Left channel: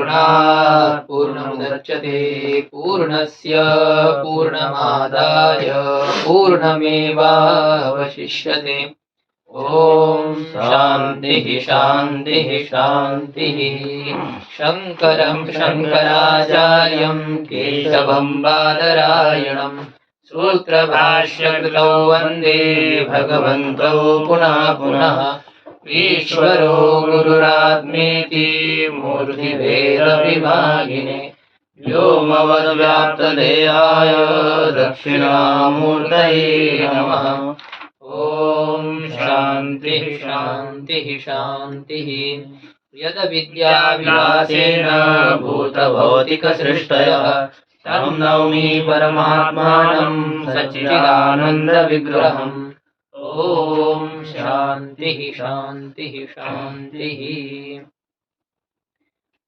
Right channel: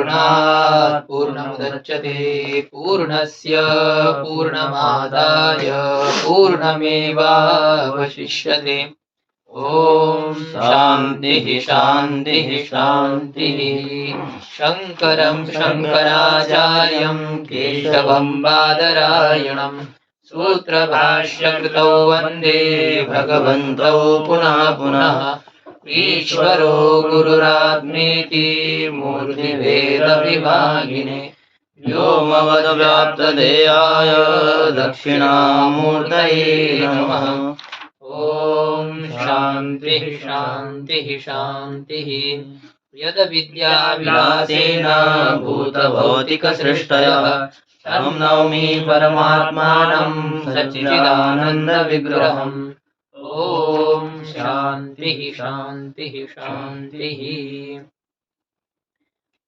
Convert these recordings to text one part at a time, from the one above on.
पूर्णात् पूर्णमुदच्यते पूर्णस्य पूर्णमादाय पूर्णमेवावशिष्यते। ओम शांतिः शांतिः शांतिः। शंकरं शंकराचार्यं केशवं बादरायणं सूत्रभाष्यकृतौ वन्दे भगवन्तौ पुनः पुनः। ईश्वरो गुरुरात्मेति मूर्तिभेदविभागिने व्योमवद्व्याप्तदेहाय दक्षिणामूर्तये नमः। ओम शांतिः शांतिः शांतिः। यद विद्याविलासेन भूतभौतिकसृष्टयः तं नौमि परमात्मानं सच्चिदानन्दविग्रहम्। ओम शांतिः शांतिः शांतिः।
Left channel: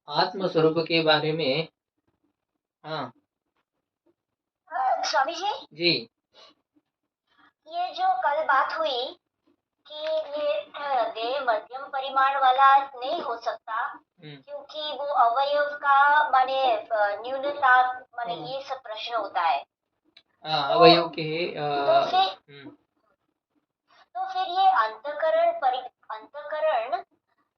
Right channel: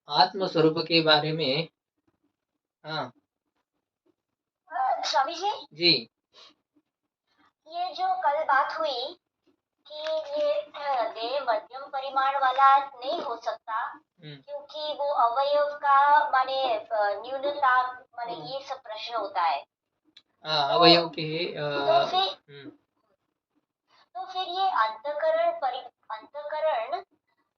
आत्मस्वरूप के बारे में हाँ स्वामी जी जी, ये जो कल बात हुई कि ये देह मध्यम परिमाण वाला नहीं हो सकता क्योंकि वो अवयव का माने न्यूनता माने ये सब प्रश्न होता है। अवयव के तो फिर ये अंतकरण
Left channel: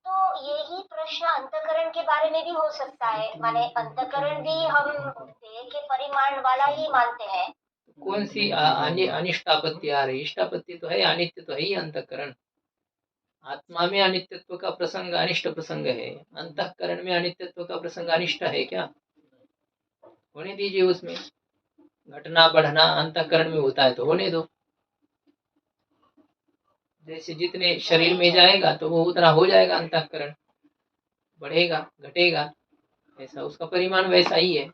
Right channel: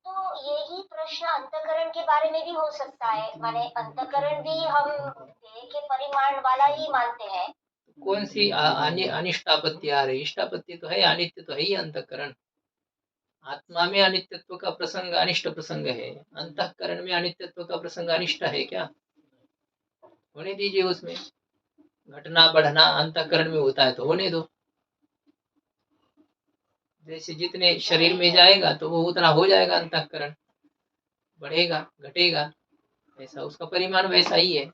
तो यही प्रश्न अंतकरण के बारे में भी हो सकता है। माने अंतकरण भी हम देह के परिमाण वाला ही मानते हैं। कौन सी अनिष्टापत्ति आ रही? इष्टापत्ति तो है, अनित्य तो है ही अंतकरण। आत्मा में अनित्यत्व का प्रसंग अनिष्ट प्रसंग है, अंतःकरण में अनित्यत्व का प्रसंग अनिष्ट है क्या? होने दीजिए, उसमें घटना बढ़ना अंतःकरण में होता है तो होने दो। जैसे जितने शरीर में जाएगा तो वो उतना हो जाएगा, अंतःकरण बढ़ेगा घटेगा, ऐसा उसका परिमाण वैसा ही है।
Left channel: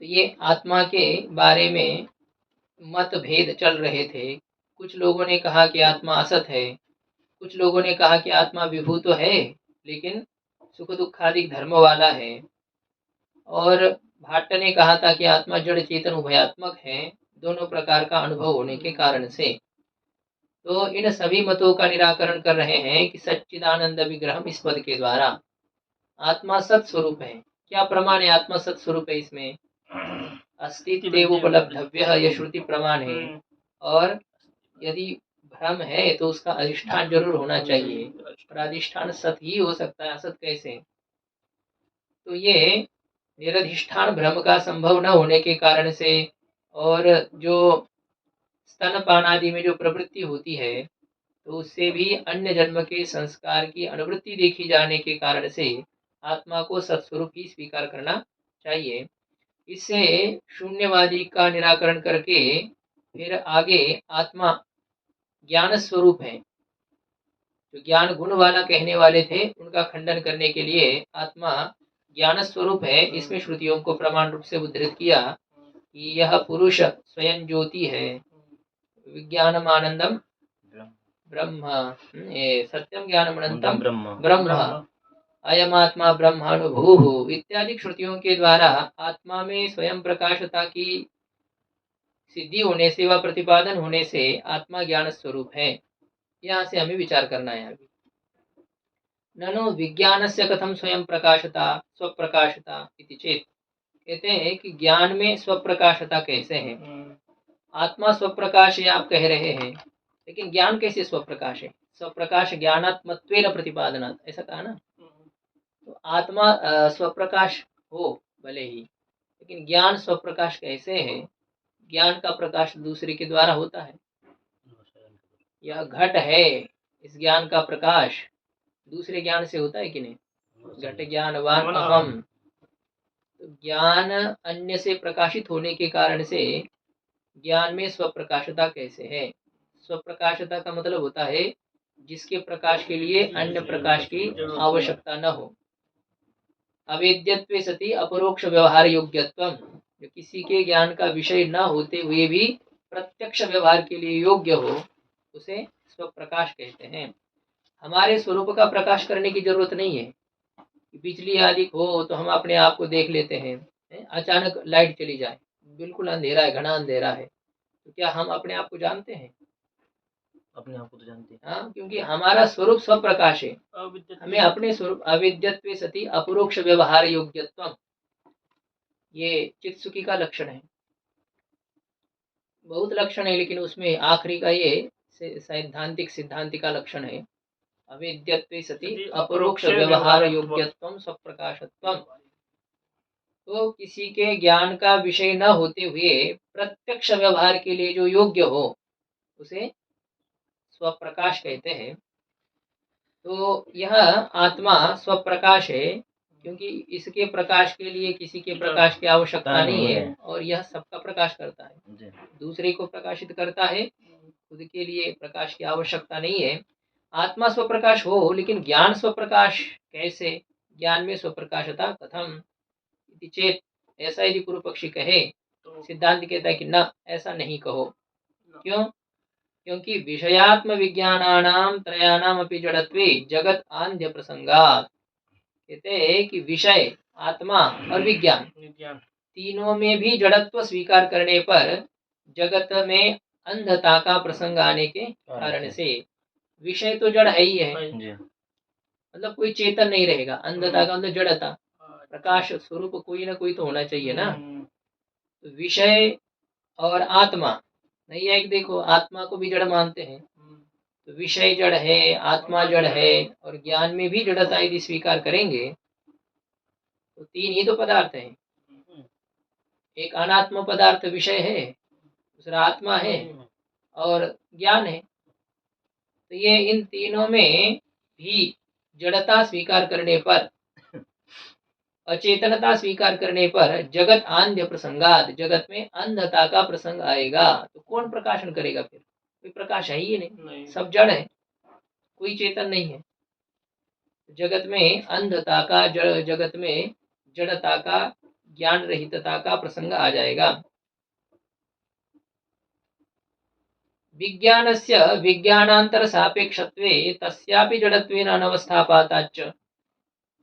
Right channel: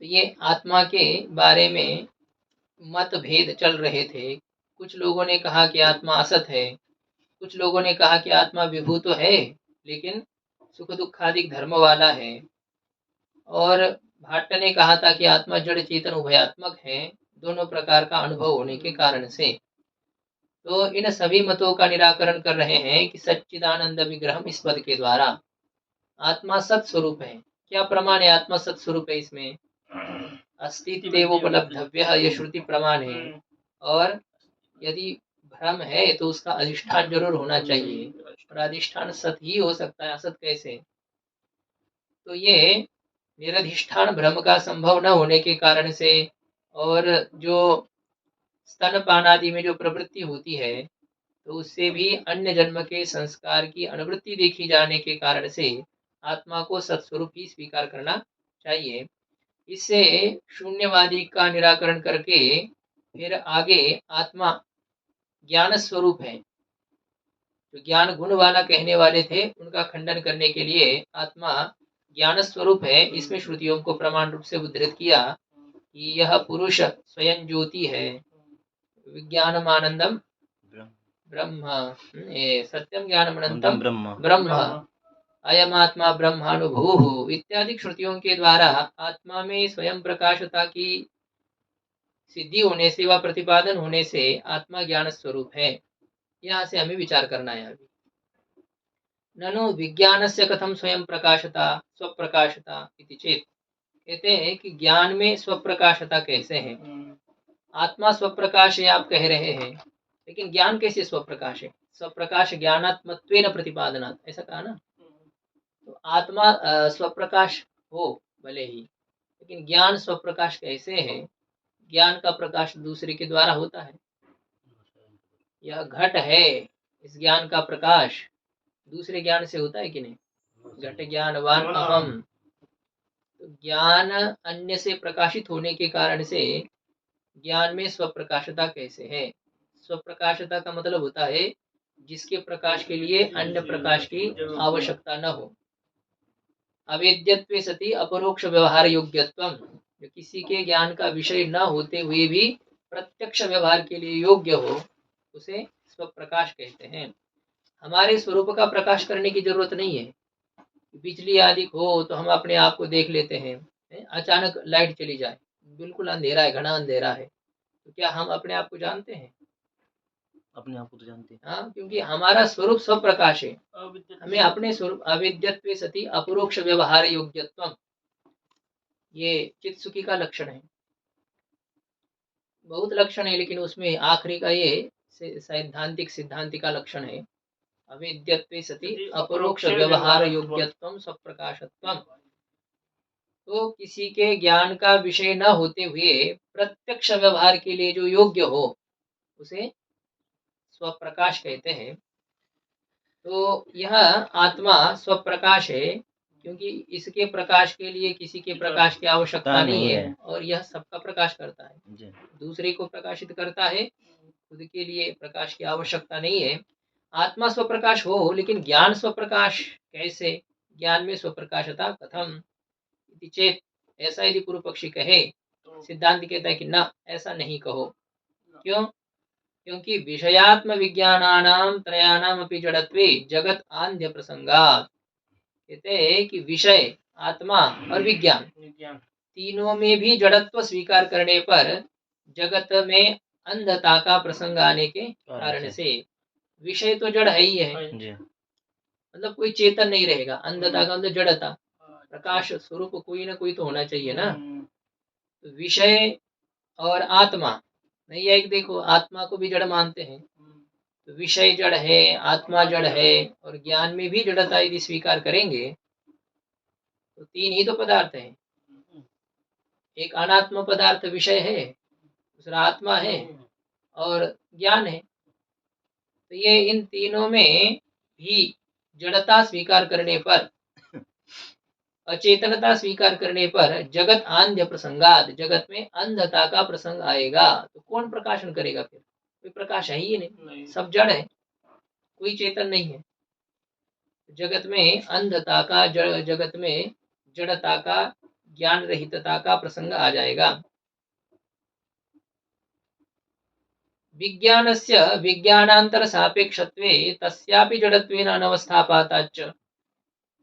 तो ये आत्मा के बारे में मतभेद चल रहे थे। कुछ लोगों ने कहा कि आत्मा असत है, कुछ लोगों ने कहा कि आत्मा विभू तो है लेकिन सुख दुखादि धर्म वाला है, और भाट्ट ने कहा था कि आत्मा जड़ चेतन उभयात्मक है, दोनों प्रकार का अनुभव होने के कारण से। तो इन सभी मतों का निराकरण कर रहे हैं कि सच्चिदानंद विग्रह इस पद के द्वारा आत्मा सत स्वरूप है। क्या प्रमाण है आत्मा सत स्वरूप है? इसमें अस्तित्व उपलब्धव्य यह श्रुति प्रमाण है, और यदि भ्रम है तो उसका अधिष्ठान जरूर होना चाहिए, और अधिष्ठान सत ही हो सकता है, असत कैसे? तो ये निरधिष्ठान भ्रम का संभव न होने के कारण से, और जो स्तनपान आदि में जो प्रवृत्ति होती है तो उससे भी अन्य जन्म के संस्कार की अनुवृत्ति देखी जाने के कारण से आत्मा को सत्स्वरूप ही स्वीकार करना चाहिए। इससे शून्यवादी का निराकरण करके फिर आगे आत्मा ज्ञान स्वरूप है, जो ज्ञान गुण वाला कहने वाले थे उनका खंडन करने के लिए आत्मा ज्ञान स्वरूप है। इसमें श्रुतियों को प्रमाण रूप से उद्धृत किया कि यह पुरुष स्वयं ज्योति है, विज्ञानम आनंदम ब्रह्म, सत्यम ज्ञानम अनंतम ब्रह्म, अयम आत्मा ब्रह्मानुभूः इत्यादि श्रुतियों के द्वारा आत्मा में स्वयं प्रकाशता की सिद्धि होने से व प्रतिपादन होने से आत्मा ज्ञान स्वरूप है। यहाँ से हमें विचार करना है अभी। ननु विज्ञानस्य कथम स्वयं प्रकाशता स्वप्रकाशता इति चेत, कहते हैं कि ज्ञान में स्वप्रकाशता कैसे है? आत्मा स्वप्रकाश है आप कह रहे हैं, लेकिन ज्ञान कैसे स्वप्रकाश है? स्वप्रकाश ज्ञानात्मत्वेन प्रतिपादनात्, ऐसा कहा ना। तो आत्मा स्वप्रकाश हो भले ही, लेकिन ज्ञान स्वप्रकाश कैसे है? ज्ञान का प्रकाश दूसरे के द्वारा होता है। यह घट है, इस ज्ञान का प्रकाश दूसरे ज्ञान से होता है कि नहीं? घट ज्ञानवान अहम, तो ज्ञान अन्य से प्रकाशित होने के कारण से ज्ञान में स्वप्रकाशता कैसे है? स्वप्रकाशता का मतलब होता है जिसके प्रकाश के लिए अन्य प्रकाश की आवश्यकता न हो। अवेद्यत्वे सति अपरोक्ष व्यवहार योग्यत्वम, जो किसी के ज्ञान का विषय न होते हुए भी प्रत्यक्ष व्यवहार के लिए योग्य हो, उसे स्वप्रकाश कहते हैं। हमारे स्वरूप का प्रकाश करने की जरूरत नहीं है। बिजली आदि हो तो हम अपने आप को देख लेते हैं, अचानक लाइट चली जाए, बिल्कुल अंधेरा है, घना अंधेरा है, तो क्या हम अपने आप को जानते हैं? अपने आप को तो जानते हैं। हाँ, क्योंकि हमारा स्वरूप स्वप्रकाश है। हमें अपने स्वरूप अविद्यत्वे सति अपरोक्ष व्यवहार योग्यत्वम, ये चित्सुखी का लक्षण है। बहुत लक्षण है, लेकिन उसमें आखिरी का ये सैद्धांतिक सिद्धांति का लक्षण है। अविद्यत्वे सति अपरोक्ष व्यवहार योग्यत्वम स्वप्रकाशत्वम। तो किसी के ज्ञान का विषय न होते हुए प्रत्यक्ष व्यवहार के लिए जो योग्य हो उसे स्वप्रकाश कहते हैं। तो यह आत्मा स्वप्रकाश है, क्योंकि इसके प्रकाश के लिए किसी के प्रकाश की आवश्यकता नहीं है, और यह सबका प्रकाश करता है, दूसरे को प्रकाशित करता है, खुद के लिए प्रकाश की आवश्यकता नहीं है। आत्मा स्वप्रकाश हो, लेकिन ज्ञान स्वप्रकाश कैसे? ज्ञान में स्वप्रकाशता कथम इति चेत, ऐसा यदि पूर्व पक्षी कहे, सिद्धांत कहता है कि न, ऐसा नहीं कहो। क्यों? क्योंकि विषयात्म विज्ञानानाम त्रयाणाम अपि जड़त्वे जगत आंध्य प्रसंगात। कहते हैं कि विषय, आत्मा और विज्ञान तीनों में भी जड़त्व स्वीकार करने पर जगत में अंधता का प्रसंग आने के कारण से, विषय तो जड़ है ही है, मतलब कोई चेतन नहीं रहेगा। अंधता का मतलब जड़ता, प्रकाश स्वरूप कोई ना कोई तो होना चाहिए ना। तो विषय और आत्मा, नहीं है, देखो आत्मा को भी जड़ मानते हैं, तो विषय जड़ है, आत्मा जड़ है, और ज्ञान में भी जड़ता यदि स्वीकार करेंगे तो तीन ही तो पदार्थ हैं। एक अनात्म पदार्थ विषय है, दूसरा आत्मा है, और ज्ञान है। तो ये इन तीनों में भी जड़ता स्वीकार करने पर, अचेतनता स्वीकार करने पर जगत आंध्य प्रसंगात, जगत में अंधता का प्रसंग आएगा। तो कौन प्रकाशन करेगा फिर? कोई प्रकाश है ही नहीं, सब जड़ है, कोई चेतन नहीं है। जगत में अंधता का, जगत में जड़ता का, ज्ञान रहितता का प्रसंग आ जाएगा। विज्ञानस्य विज्ञानांतर सापेक्षत्वे तस्यापि जड़त्वेन अनवस्थापाताच्च।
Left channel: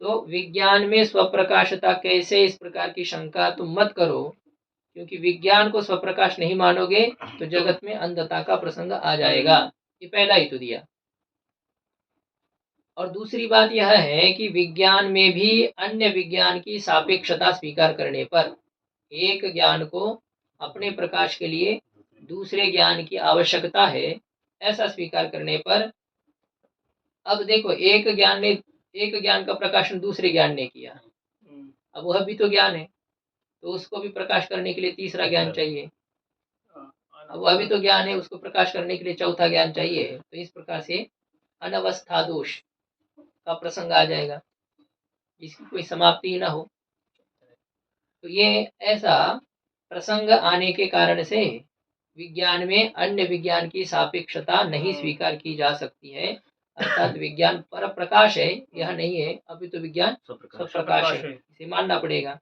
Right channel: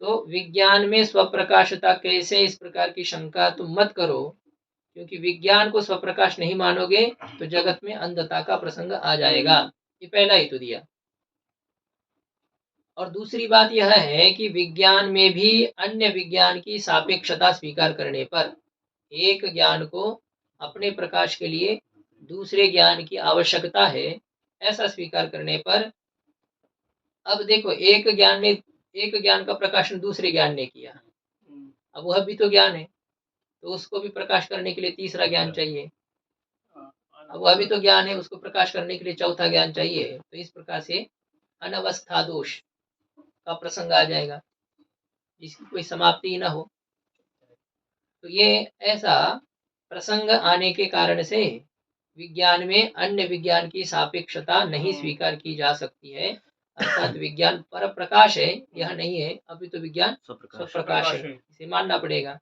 तो विज्ञान में स्वप्रकाशता कैसे, इस प्रकार की शंका तुम मत करो, क्योंकि विज्ञान को स्वप्रकाश नहीं मानोगे तो जगत में अंधता का प्रसंग आ जाएगा। ये पहला ही तो दिया। और दूसरी बात यह है कि विज्ञान में भी अन्य विज्ञान की सापेक्षता स्वीकार करने पर, एक ज्ञान को अपने प्रकाश के लिए दूसरे ज्ञान की आवश्यकता है, ऐसा स्वीकार करने पर, अब देखो एक ज्ञान का प्रकाशन दूसरे ज्ञान ने किया, अब वह भी तो ज्ञान है, तो उसको भी प्रकाश करने के लिए तीसरा ज्ञान चाहिए। अब वह भी तो ज्ञान है, उसको प्रकाश करने के लिए चौथा ज्ञान चाहिए। तो इस प्रकार से अनवस्था दोष का प्रसंग आ जाएगा, जिसकी कोई समाप्ति ना हो। तो ये ऐसा प्रसंग आने के कारण से विज्ञान में अन्य विज्ञान की सापेक्षता नहीं स्वीकार की जा सकती है। अर्थात विज्ञान पर प्रकाश है, यह नहीं है, अभी तो विज्ञान स्वप्रकाश है, इसे मानना पड़ेगा।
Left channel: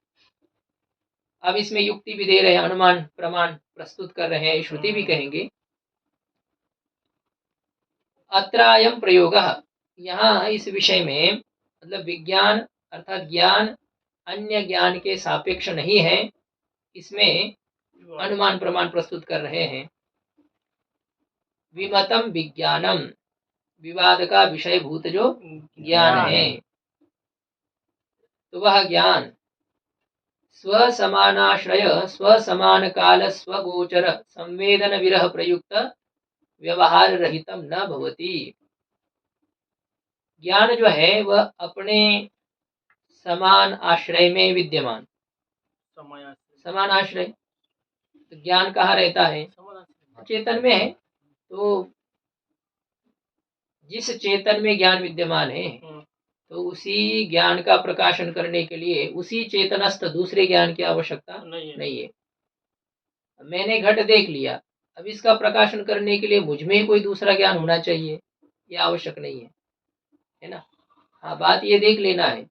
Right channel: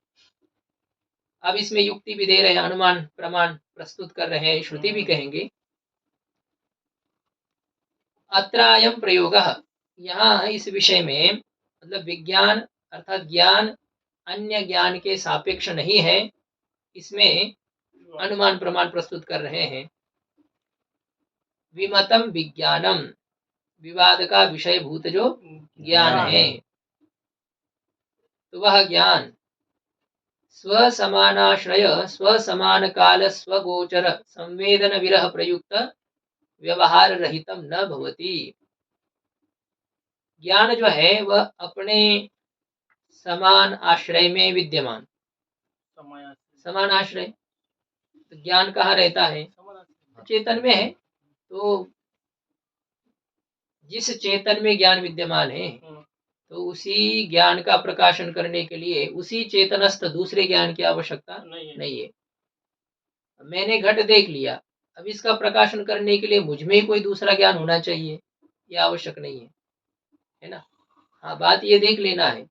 अब इसमें युक्ति भी दे रहे हैं, अनुमान प्रमाण प्रस्तुत कर रहे हैं, श्रुति भी कहेंगे। अत्रायम प्रयोग, यहाँ इस विषय में, मतलब विज्ञान अर्थात ज्ञान अन्य ज्ञान के सापेक्ष नहीं है, इसमें अनुमान प्रमाण प्रस्तुत कर रहे हैं। विमतम विज्ञानम, विवाद का विषय भूत जो ज्ञान है, तो वह ज्ञान स्वसमानाश्रय स्वसमान काल स्वगोचर संवेदन विरह प्रयुक्त व्यवहार रहितम न भवति। ज्ञान जो है वह अपने समान आश्रय में विद्यमान, समान आश्रय, तो ज्ञान कहाँ रहता है? चेतन में है। तो जिस चेतन में ज्ञान विद्यमान है, तो उसी ज्ञान का प्रकाशन करने के लिए उसी चेतनस्थ दूसरे ज्ञान की आवश्यकता नहीं है। मैंने घट देख लिया, अब इसका प्रकाशन करने के लिए मुझ में कोई दूसरा ज्ञान होना चाहिए, यह आवश्यक नहीं है ना। हाँ, बात ये देख लेना है।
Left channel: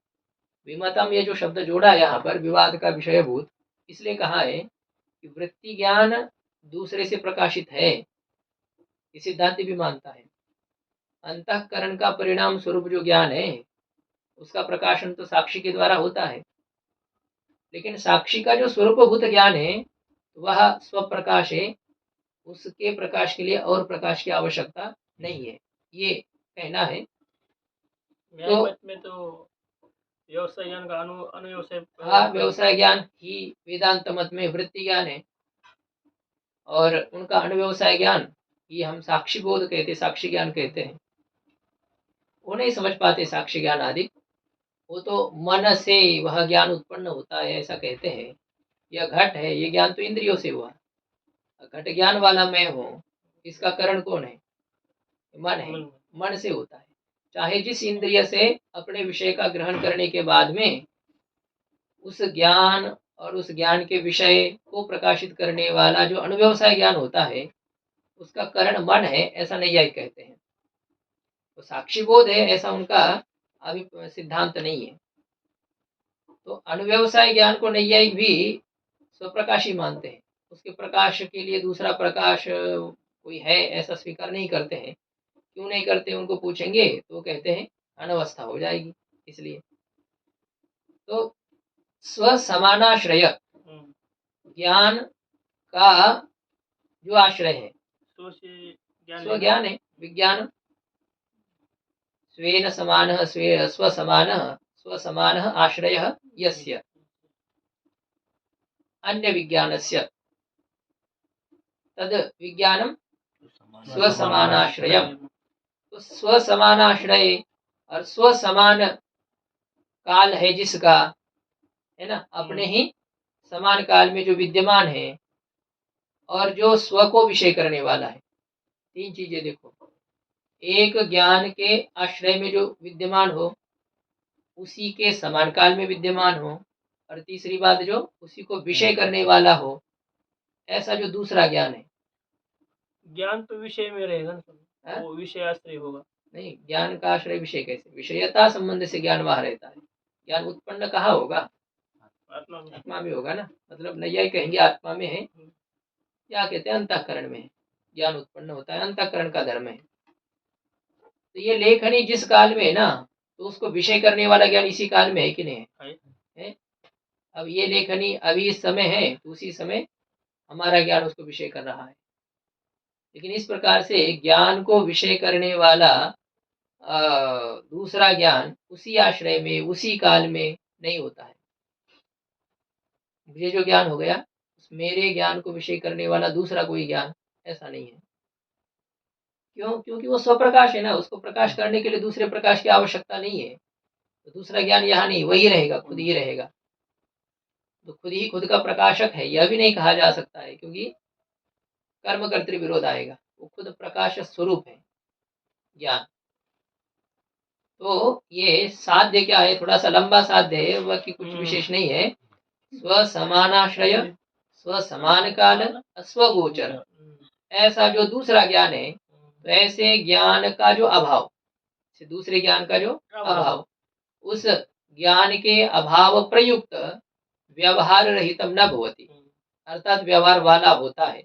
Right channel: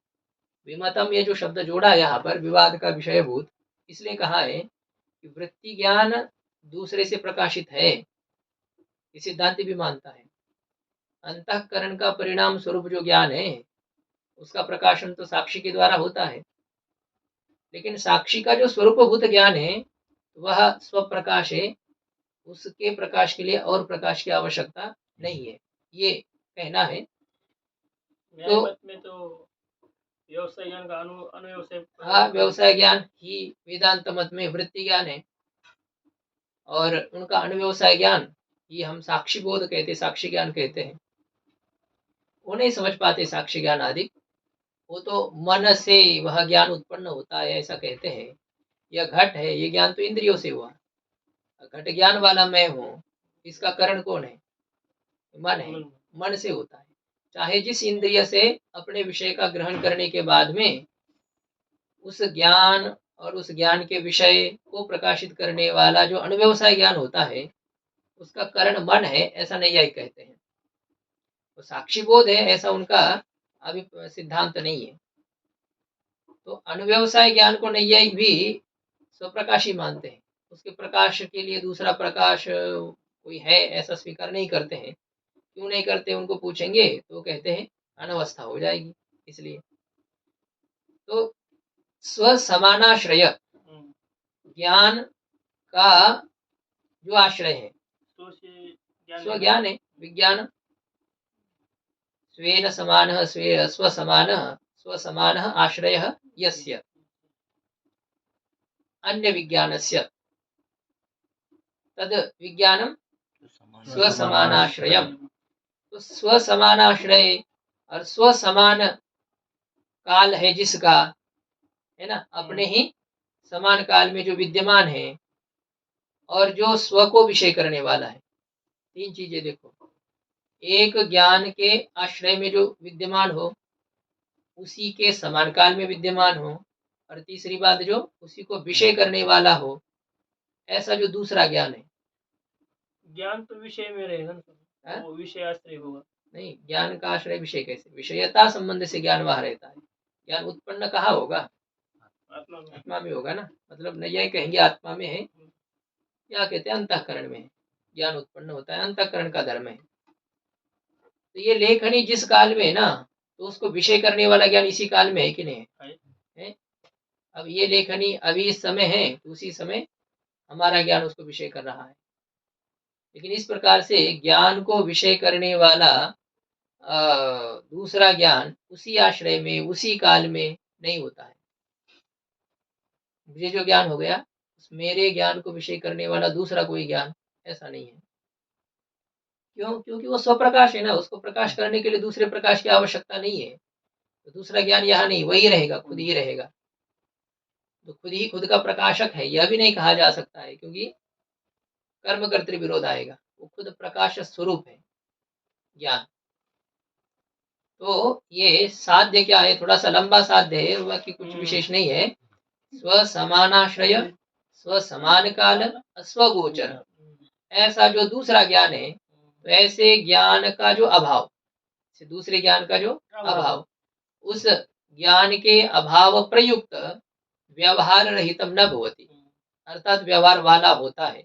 विमतम, ये जो शब्द जोड़ा है यहाँ पर, विवाद का विषय भूत, इसलिए कहा है कि वृत्ति ज्ञान दूसरे से प्रकाशित है, ये सिद्धांत भी मानता है। अंतःकरण का परिणाम स्वरूप जो ज्ञान है, उसका प्रकाशन तो साक्षी के द्वारा होता है, लेकिन साक्षी का जो स्वरूपभूत ज्ञान है वह स्वप्रकाश है, उसके प्रकाश के लिए और प्रकाश की आवश्यकता नहीं है, ये कहना है। न्याय मत में तो व्यवसाय ज्ञान का अनुव्यवसाय हाँ, व्यवसाय ज्ञान ही वेदांत मत में वृत्ति ज्ञान है, और उनका अनुव्यवसाय ज्ञान ये हम साक्षी बोध कहते, साक्षी ज्ञान कहते हैं। वो नहीं समझ पाते साक्षी ज्ञान आदि, वो तो मन से वह ज्ञान उत्पन्न होता है ऐसा कहते हैं। यह घट है, ये ज्ञान तो इंद्रियों से हुआ, घट ज्ञान वाला मैं हूँ, इसका कारण कौन है? मन है, मन से होता है। चाहे जिस इंद्रिय से अपने विषय का ग्रहण करने के बाद में उस ज्ञान और उस ज्ञान के विषय को प्रकाशित करने वाला जो अनुव्यवसाय ज्ञान होता है, उसका कारण मन है, ऐसा नैयायिक कहते हैं। तो साक्षी बोध है ऐसा उनका अभी सिद्धांत नहीं है। तो अनुव्यवसाय ज्ञान को नैयायिक भी स्वप्रकाशी मानते हैं, उसके प्रकाश के लिए दूसरा प्रकाश कोई है ऐसा स्वीकार नहीं करते हैं। क्यों नहीं करते, उनको पूछेंगे तो कहते हैं अनवस्था हो जाएगी इसलिए। तो स्वसमानाश्रय ज्ञान का जो आश्रय है, स्वज्ञान है, विज्ञान स्वेन समानः स्वसमानः स्वसमानः आश्रयः यस्य अन्य विज्ञानस्य तद विज्ञानम स्वसमानाश्रयम। तो स्वसमानाश्रय और स्वसमान काल है जिसका, है ना, अपने ही समान काल में जो विद्यमान है और जो स्व को विषय करने वाला है। तीन चीजें देखो, एक ज्ञान के आश्रय में जो विद्यमान हो, उसी के समान काल में विद्यमान हो, और तीसरी बात जो उसी को विषय करने वाला हो, ऐसा जो दूसरा ज्ञान है। ज्ञान तो विषय में रहेगा ना, वो विषय आश्रय होगा। नहीं, ज्ञान का आश्रय विषय कैसे? विषयता संबंध से ज्ञान वहां रहता है। ज्ञान उत्पन्न कहाँ होगा? आत्मा में होगा ना। मतलब नैयायिक कहेंगे आत्मा में है, या कहते हैं अंतःकरण में है ज्ञान उत्पन्न होता है, अंतःकरण का धर्म है। तो ये लेखनी जिस काल में है ना, तो उसको विषय करने वाला ज्ञान इसी काल में है कि नहीं है? अब ये लेखनी अभी इस समय है, तो उसी समय हमारा ज्ञान उसको विषय कर रहा है। लेकिन इस प्रकार से ज्ञान को विषय करने वाला दूसरा ज्ञान उसी आश्रय में उसी काल में नहीं होता है। मुझे जो ज्ञान हो गया, उस मेरे ज्ञान को विषय करने वाला दूसरा कोई ज्ञान ऐसा नहीं है। क्यों? क्योंकि वो स्वप्रकाश है ना, उसको प्रकाश करने के लिए दूसरे प्रकाश की आवश्यकता नहीं है। तो दूसरा ज्ञान यहाँ नहीं, वही रहेगा, खुद ही रहेगा। तो खुद ही खुद का प्रकाशक है यह भी नहीं कहा जा सकता है, क्योंकि कर्म कर्तृ विरोध आएगा। वो खुद प्रकाश स्वरूप है ज्ञान। तो ये साध्य क्या है, थोड़ा सा लंबा साध्य है, वह की कुछ विशेष नहीं है। स्व समानाश्रय, स्व समान काल, स्वगोचर, ऐसा जो दूसरा ज्ञान है, तो ऐसे ज्ञान का जो अभाव, दूसरे ज्ञान का जो अभाव, उस ज्ञान के अभाव प्रयुक्त व्यवहार रहितम न भवति, अर्थात व्यवहार वाला होता है।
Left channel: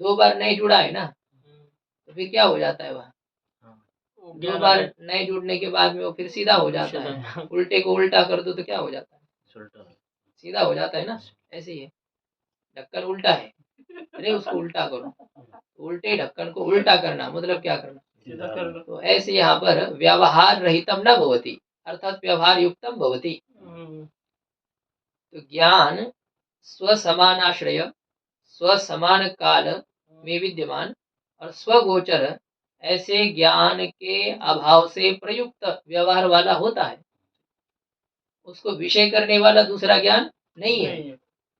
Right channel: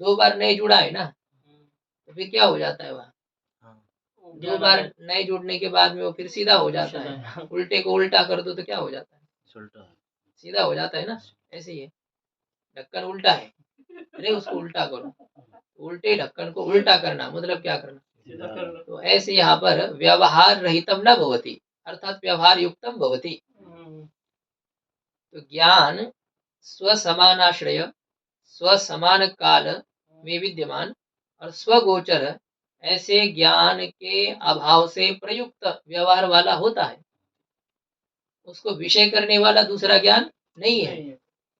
दो बार नहीं जुड़ा है ना, तो फिर क्या हो जाता है वह? दो बार नए जुड़ने के बाद में वो फिर सीधा हो जाता है। उल्टे को उल्टा कर दो तो क्या हो जाता है? सीधा हो जाता है ना। ऐसे ही है, ढक्कन उल्टा है, अरे उसको उल्टा करो। उल्टे ढक्कन को उल्टा करना मतलब क्या करना? सीधा करना। तो ऐसे यहाँ पर व्यवहार रहितम न भवति, अर्थात व्यवहार युक्तम भवति। तो ज्ञान स्वसमानाश्रय, स्वसमान काल में विद्यमान और स्वगोचर, ऐसे ज्ञान के अभाव से प्रयुक्त व्यवहार वाला होता है। उसको विषय करने वाला दूसरा ज्ञान नहीं है,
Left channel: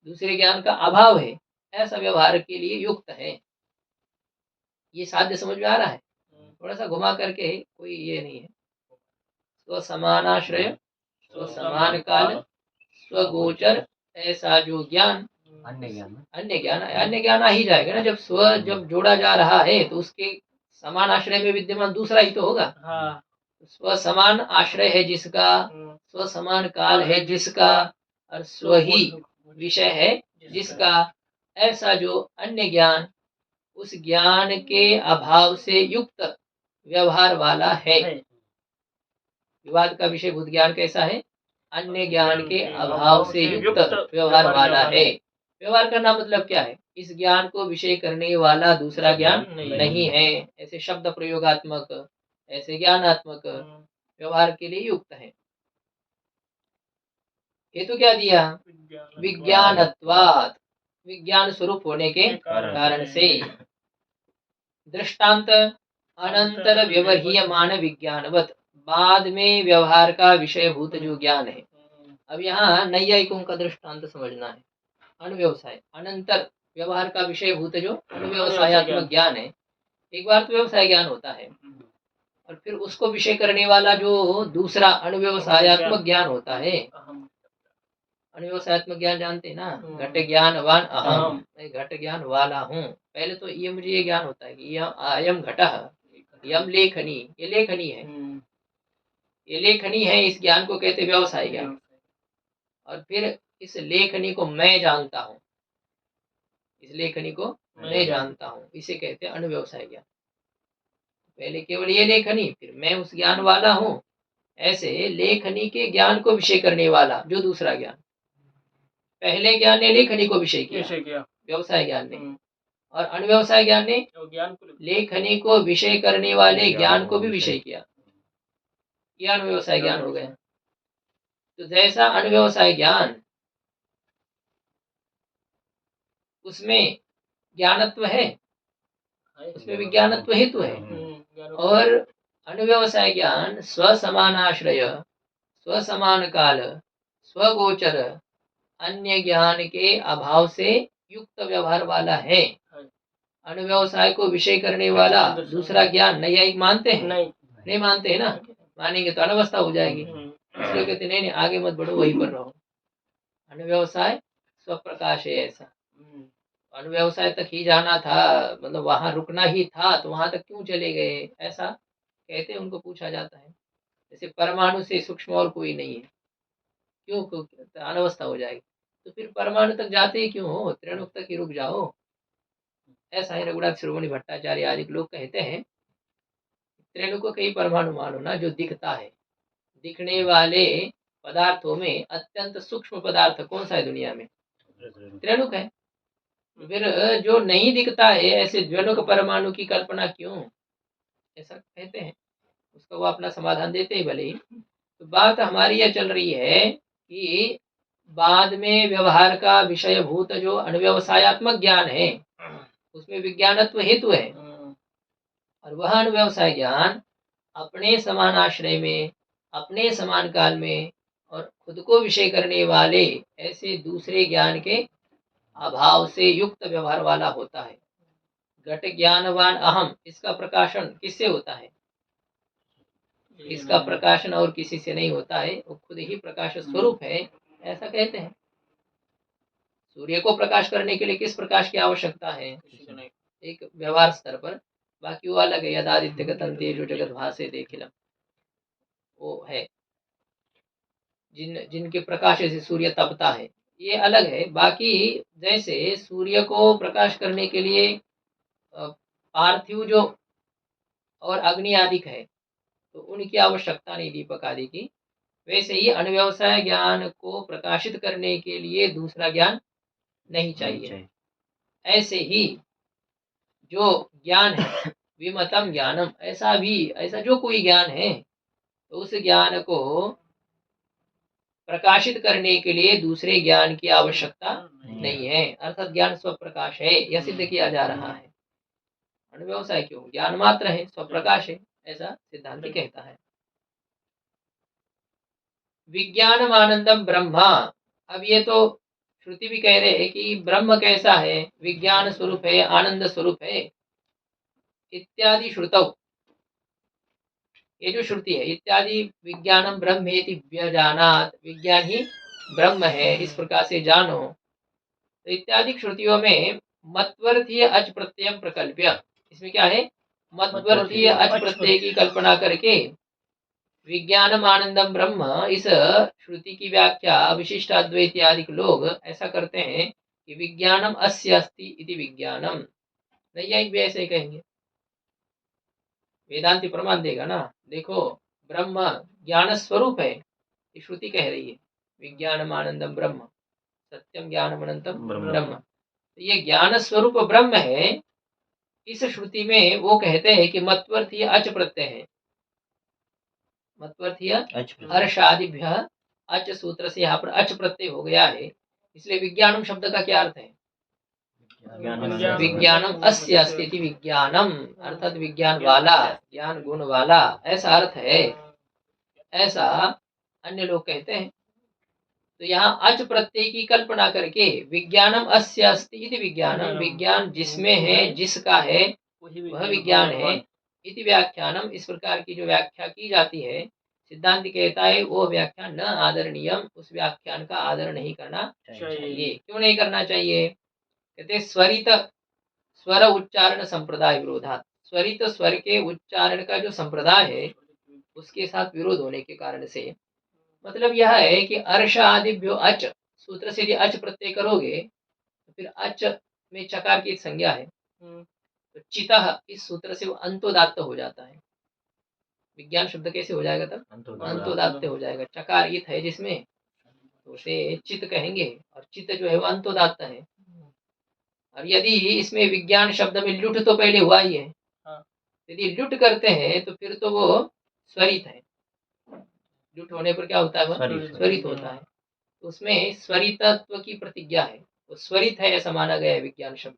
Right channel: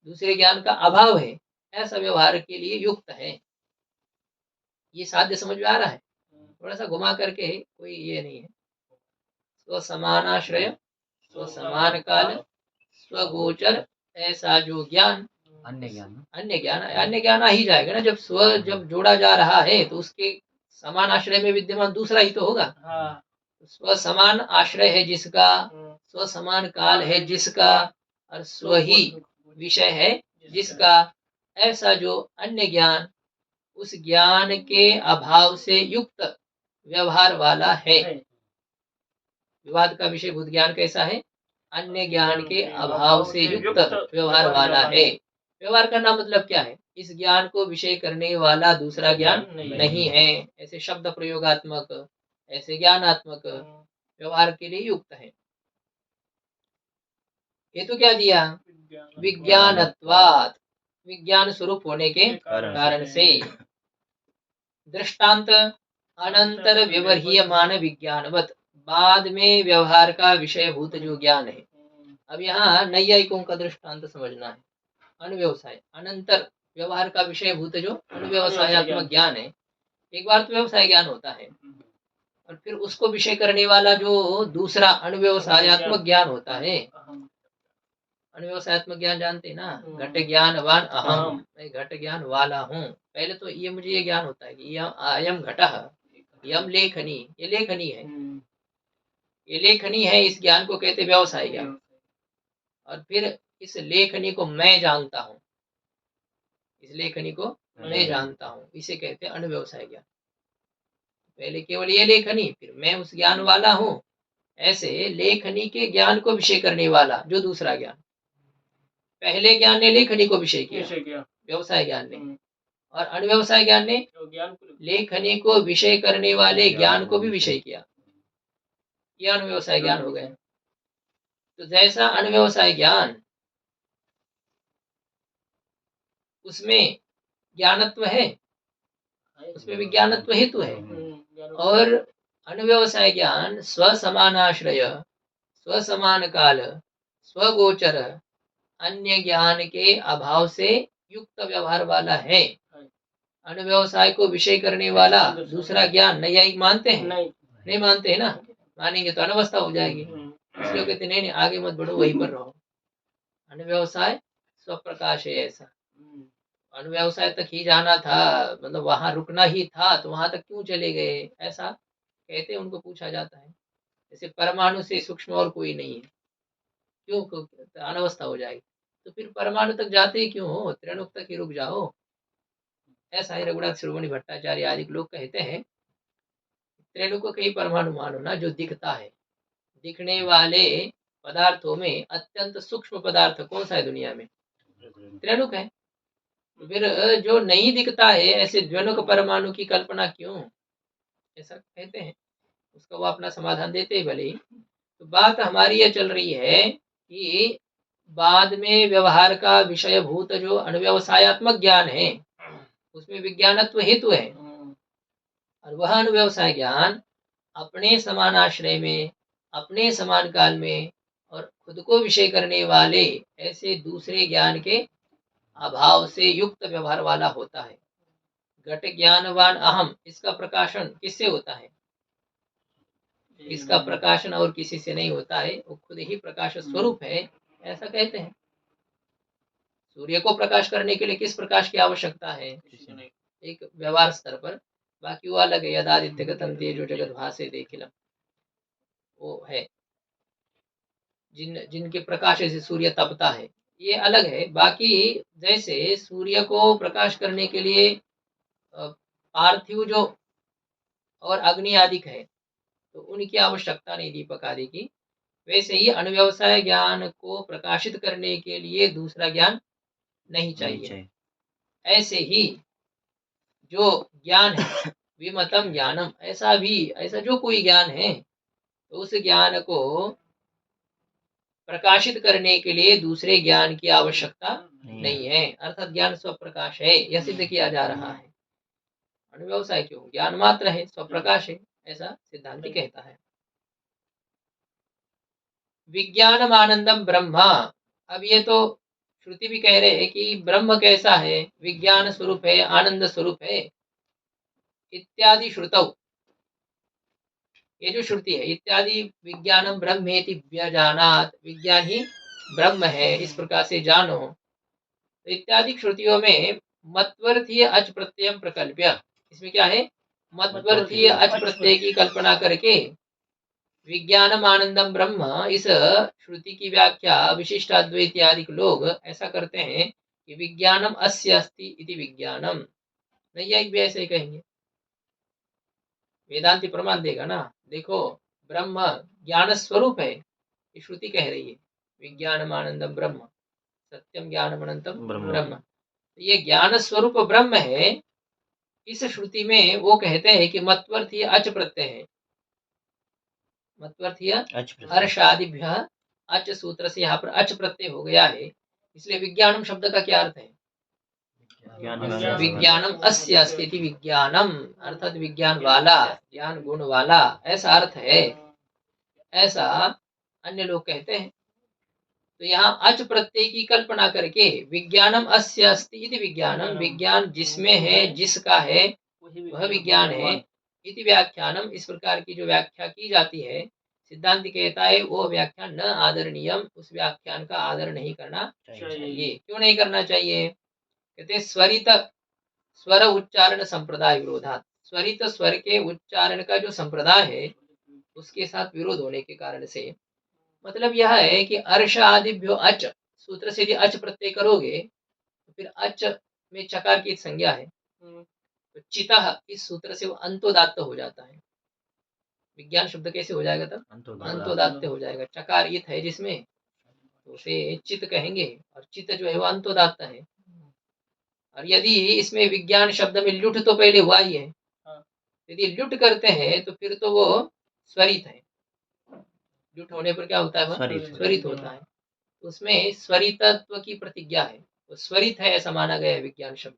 दूसरे ज्ञान का अभाव है, ऐसा व्यवहार के लिए युक्त है। ये साध्य समझ में आ रहा है? थोड़ा सा घुमा करके, कोई ये नहीं है। स्वसमानाश्रय, स्वसमान काल, स्वगोचर, ऐसा जो ज्ञान, अन्य ज्ञान आ ही जाएगा ना। जब स्व जब जोड़ा जा रहा है तो उसके समान आश्रय में विद्यमान दूसरा ही तो होगा। स्व समान आश्रय है जिसका, स्व समान काल है जिसका, और स्व ही विषय है जिसका, ऐसा जो अन्य ज्ञान उस ज्ञान के अभाव से युक्त व्यवहार वाला है। विवाद का विषय भूत ज्ञान कैसा है? अन्य ज्ञान के अभाव से युक्त व्यवहार वाला है। व्यवहार करना मतलब क्या है? इस ज्ञान को विषय करने वाला दूसरा ज्ञान नहीं है। ऐसे शब्द प्रयोगात्मक, ऐसे ज्ञानात्मक व्यवहार के लिए युक्त है। हेतु क्या दिया? विज्ञानत्वात्, विज्ञान स्वरूप होने के कारण से। दृष्टांत अनंतर व्यवहारियमान विज्ञानवत, बाद में व्यवहार का विषयभूत जो ज्ञान है। अब यहाँ नैयायिकों का दृष्टांत समझना है। अनुव्यवसाय अनंतर व्यवहार का विषयभूत जो अनुव्यवसायत्मक ज्ञान है, एक बार तो व्यवसाय ज्ञान होता है और फिर उसको विषय करने वाला जो दूसरा अनुव्यवसायत्मक ज्ञान होता है। अनुव्यवसायत्मक ज्ञान जानते हैं ना, घट ज्ञानवान अहम, मैं घट ज्ञान वाला हूँ। पहले तो ये मुझे ये ज्ञान होता है कि यह अयम घटः, यम लेखनी, ये लेखनी है, ये लेखनी है, इस ज्ञान को कहते व्यवसाय ज्ञान। और फिर इस लेखनी को मैं जानता हूँ, इस लेखनी को मैं जानता हूँ, इसे कहते हैं अनुव्यवसाय ज्ञान। पहले केवल ये लेखनी, फिर मैं उस ज्ञान वाला हूँ। ऐसे लेखनी के ज्ञान को विषय करने वाला जो दूसरा ज्ञान, पहले ज्ञान ने लेखनी को विषय किया, व्यवसाय ज्ञान ने, और अनुव्यवसाय ज्ञान ने लेखनी को विषय करने वाले ज्ञान को भी विषय किया। यह अनुव्यवसाय ज्ञान हो गया। तो जैसा अनुव्यवसाय ज्ञान, उसमें ज्ञानत्व है, उसमें विज्ञानत्व हेतु है। और अनुव्यवसाय ज्ञान स्वसमानाश्रय, स्वसमान काल, स्वगोचर, अन्य ज्ञान के अभाव से युक्त व्यवहार वाला है। अनुव्यवसाय को विषय करने वाला दूसरा ज्ञान नैयायिक मानते हैं? नहीं मानते हैं ना। मानेंगे तो अनवस्था हो जाएगी, इसलिए कहते नहीं, आगे मत बढ़ो, वहीं पर रहो। अनुव्यवसाय स्वप्रकाश है। ऐसा अनुव्यवसाय तक ही जाना था, मतलब वहां रुकना ही था, तो वहां तक क्यों चले गए, ऐसा कहते हैं। उनको पूछा जाता है, जैसे परमाणु से सूक्ष्म और कोई नहीं है, क्यों? अनवस्था हो जाएगी। तो फिर परमाणु तक जाते ही क्यों हो, त्रिणुक तक ही रुक जाओ। ऐसा ही रघुनाथ शिरोमणि भट्टाचार्य आदि लोग कहते हैं, त्रिणुक को कई परमाणु मानो ना, जो दिखता है। दिखने वाले पदार्थों में अत्यंत सूक्ष्म पदार्थ कौन सा है दुनिया में? त्रिणुक है। फिर जो नहीं दिखता है, ऐसे द्विणुक परमाणु की कल्पना क्यों, ऐसा कहते हैं। उसका वो अपना समाधान देते हैं भले ही। तो बात हमारी यह चल रही है कि बाद में व्यवहार का विषयभूत जो अनुव्यवसायत्मक ज्ञान है, उसमें विज्ञानत्व हेतु है। और वह अनुव्यवसाय ज्ञान अपने समान आश्रय में, अपने समान काल में और खुद को विषय करने वाले ऐसे दूसरे ज्ञान के अभाव से युक्त व्यवहार वाला होता है। घट ज्ञानवान अहम, इसका प्रकाशन किससे होता है? इसका प्रकाशन और किसी से नहीं होता है, वो खुद ही प्रकाश स्वरूप है, ऐसा कहते हैं। सूर्य को प्रकाश करने के लिए किस प्रकाश की आवश्यकता है? एक व्यवहार स्तर पर, बाकी वो अलग है। यदादित्य गतम तेजो जगत भासे देखिलम, वो है जिनके प्रकाश से सूर्य तपता है, ये अलग है। बाकी जैसे सूर्य को प्रकाश करने के लिए पार्थिव जो और अग्नि आदि है, तो उनकी आवश्यकता नहीं दीपक आदि की, वैसे ही अनुव्यवसाय ज्ञान को प्रकाशित करने के लिए दूसरा ज्ञान नहीं चाहिए। ऐसे ही जो ज्ञान है विमतम ज्ञानम, ऐसा जो कोई ज्ञान है, तो उस ज्ञान को प्रकाशित करने के लिए दूसरे ज्ञान की आवश्यकता नहीं है। अर्थात ज्ञान स्वप्रकाश है, यह सिद्ध किया जा रहा है। अनुव्यवसाय क्यों? ज्ञान मात्र है, स्वप्रकाश है, ऐसा सिद्धांत कहता है। विज्ञानम आनंदम ब्रह्मा, अब ये तो श्रुति भी कह रहे हैं कि ब्रह्म कैसा है, विज्ञान स्वरूप है, आनंद स्वरूप है इत्यादि श्रुतौ। ये जो श्रुति है इत्यादि विज्ञानम ब्रह्मेति व्यजानात, विज्ञान ही ब्रह्म है इस प्रकार से जानो। तो इत्यादि श्रुतियों में मत्वर्थीय अच प्रत्यय प्रकल्प्य, इसमें क्या है? मत्वर्थीय अच प्रत्यय की कल्पना करके विज्ञानम आनंदम ब्रह्म, इस श्रुति की व्याख्या विशिष्ट अद्वैत आदि लोग ऐसा करते हैं कि विज्ञानम अस्य अस्ति इति विज्ञानम। नैयायिक भी ऐसे ही कहेंगे, वेदांति प्रमाण देगा ना। देखो, ब्रह्म ज्ञान स्वरूप है, ये श्रुति कह रही है विज्ञानम आनंदम ब्रह्म। सत्यम ज्ञानम अनंतम ब्रह्म। तो ये ज्ञान स्वरूप ब्रह्म है। इस श्रुति में वो कहते हैं कि मत्वर्थीय अच प्रत्यय है। मत्वर्थीय अर्षादिभ्य अच सूत्र से यहाँ पर अच प्रत्यय हो गया है। इसलिए विज्ञानम शब्द का क्या अर्थ है? विज्ञानम अस्य अस्ति विज्ञानम, अर्थात विज्ञान वाला, ज्ञान गुण वाला, ऐसा अर्थ है। ऐसा अन्य लोग कहते हैं। तो यहाँ अच प्रत्यय की कल्पना करके विज्ञानम अस्य अस्ति इति विज्ञानम, विज्ञान जिसमें है, जिसका है, वह विज्ञान है। इति व्याख्यानम, इस प्रकार की जो व्याख्या की जाती है, सिद्धांत कहता है वो व्याख्यान न आदरणीयम, उस व्याख्यान का आदर नहीं करना चाहिए। क्यों नहीं करना चाहिए? कहते स्वरित स्वर उच्चारण संप्रदाय विरोधात, स्वरित स्वर के उच्चारण का जो संप्रदाय है उसके साथ विरोध होने के कारण से, मतलब यह है कि अर्ष आदिभ्यो अच सूत्र से यदि अच प्रत्यय करोगे तो फिर अच में चकार की संज्ञा है, तो चितः इस सूत्र से वो अंतोदात्त हो जाता है। विज्ञान शब्द कैसे हो जाएगा तब? अंतोदात्त हो जाएगा। चकार इत है जिसमें, तो उसे चित कहेंगे, और चित जो है वो अंतोदात्त है। और यदि इसमें विज्ञान शब्द में लुट तो पहले हुआ ही है, यदि लुट करते हैं तो फिर तो वो स्वरित है। लुट होने पर क्या होता है? वह स्वरित होता है। तो उसमें स्वरितत्व की प्रतिज्ञा है, वो स्वरित है ऐसा माना गया है। विज्ञान शब्द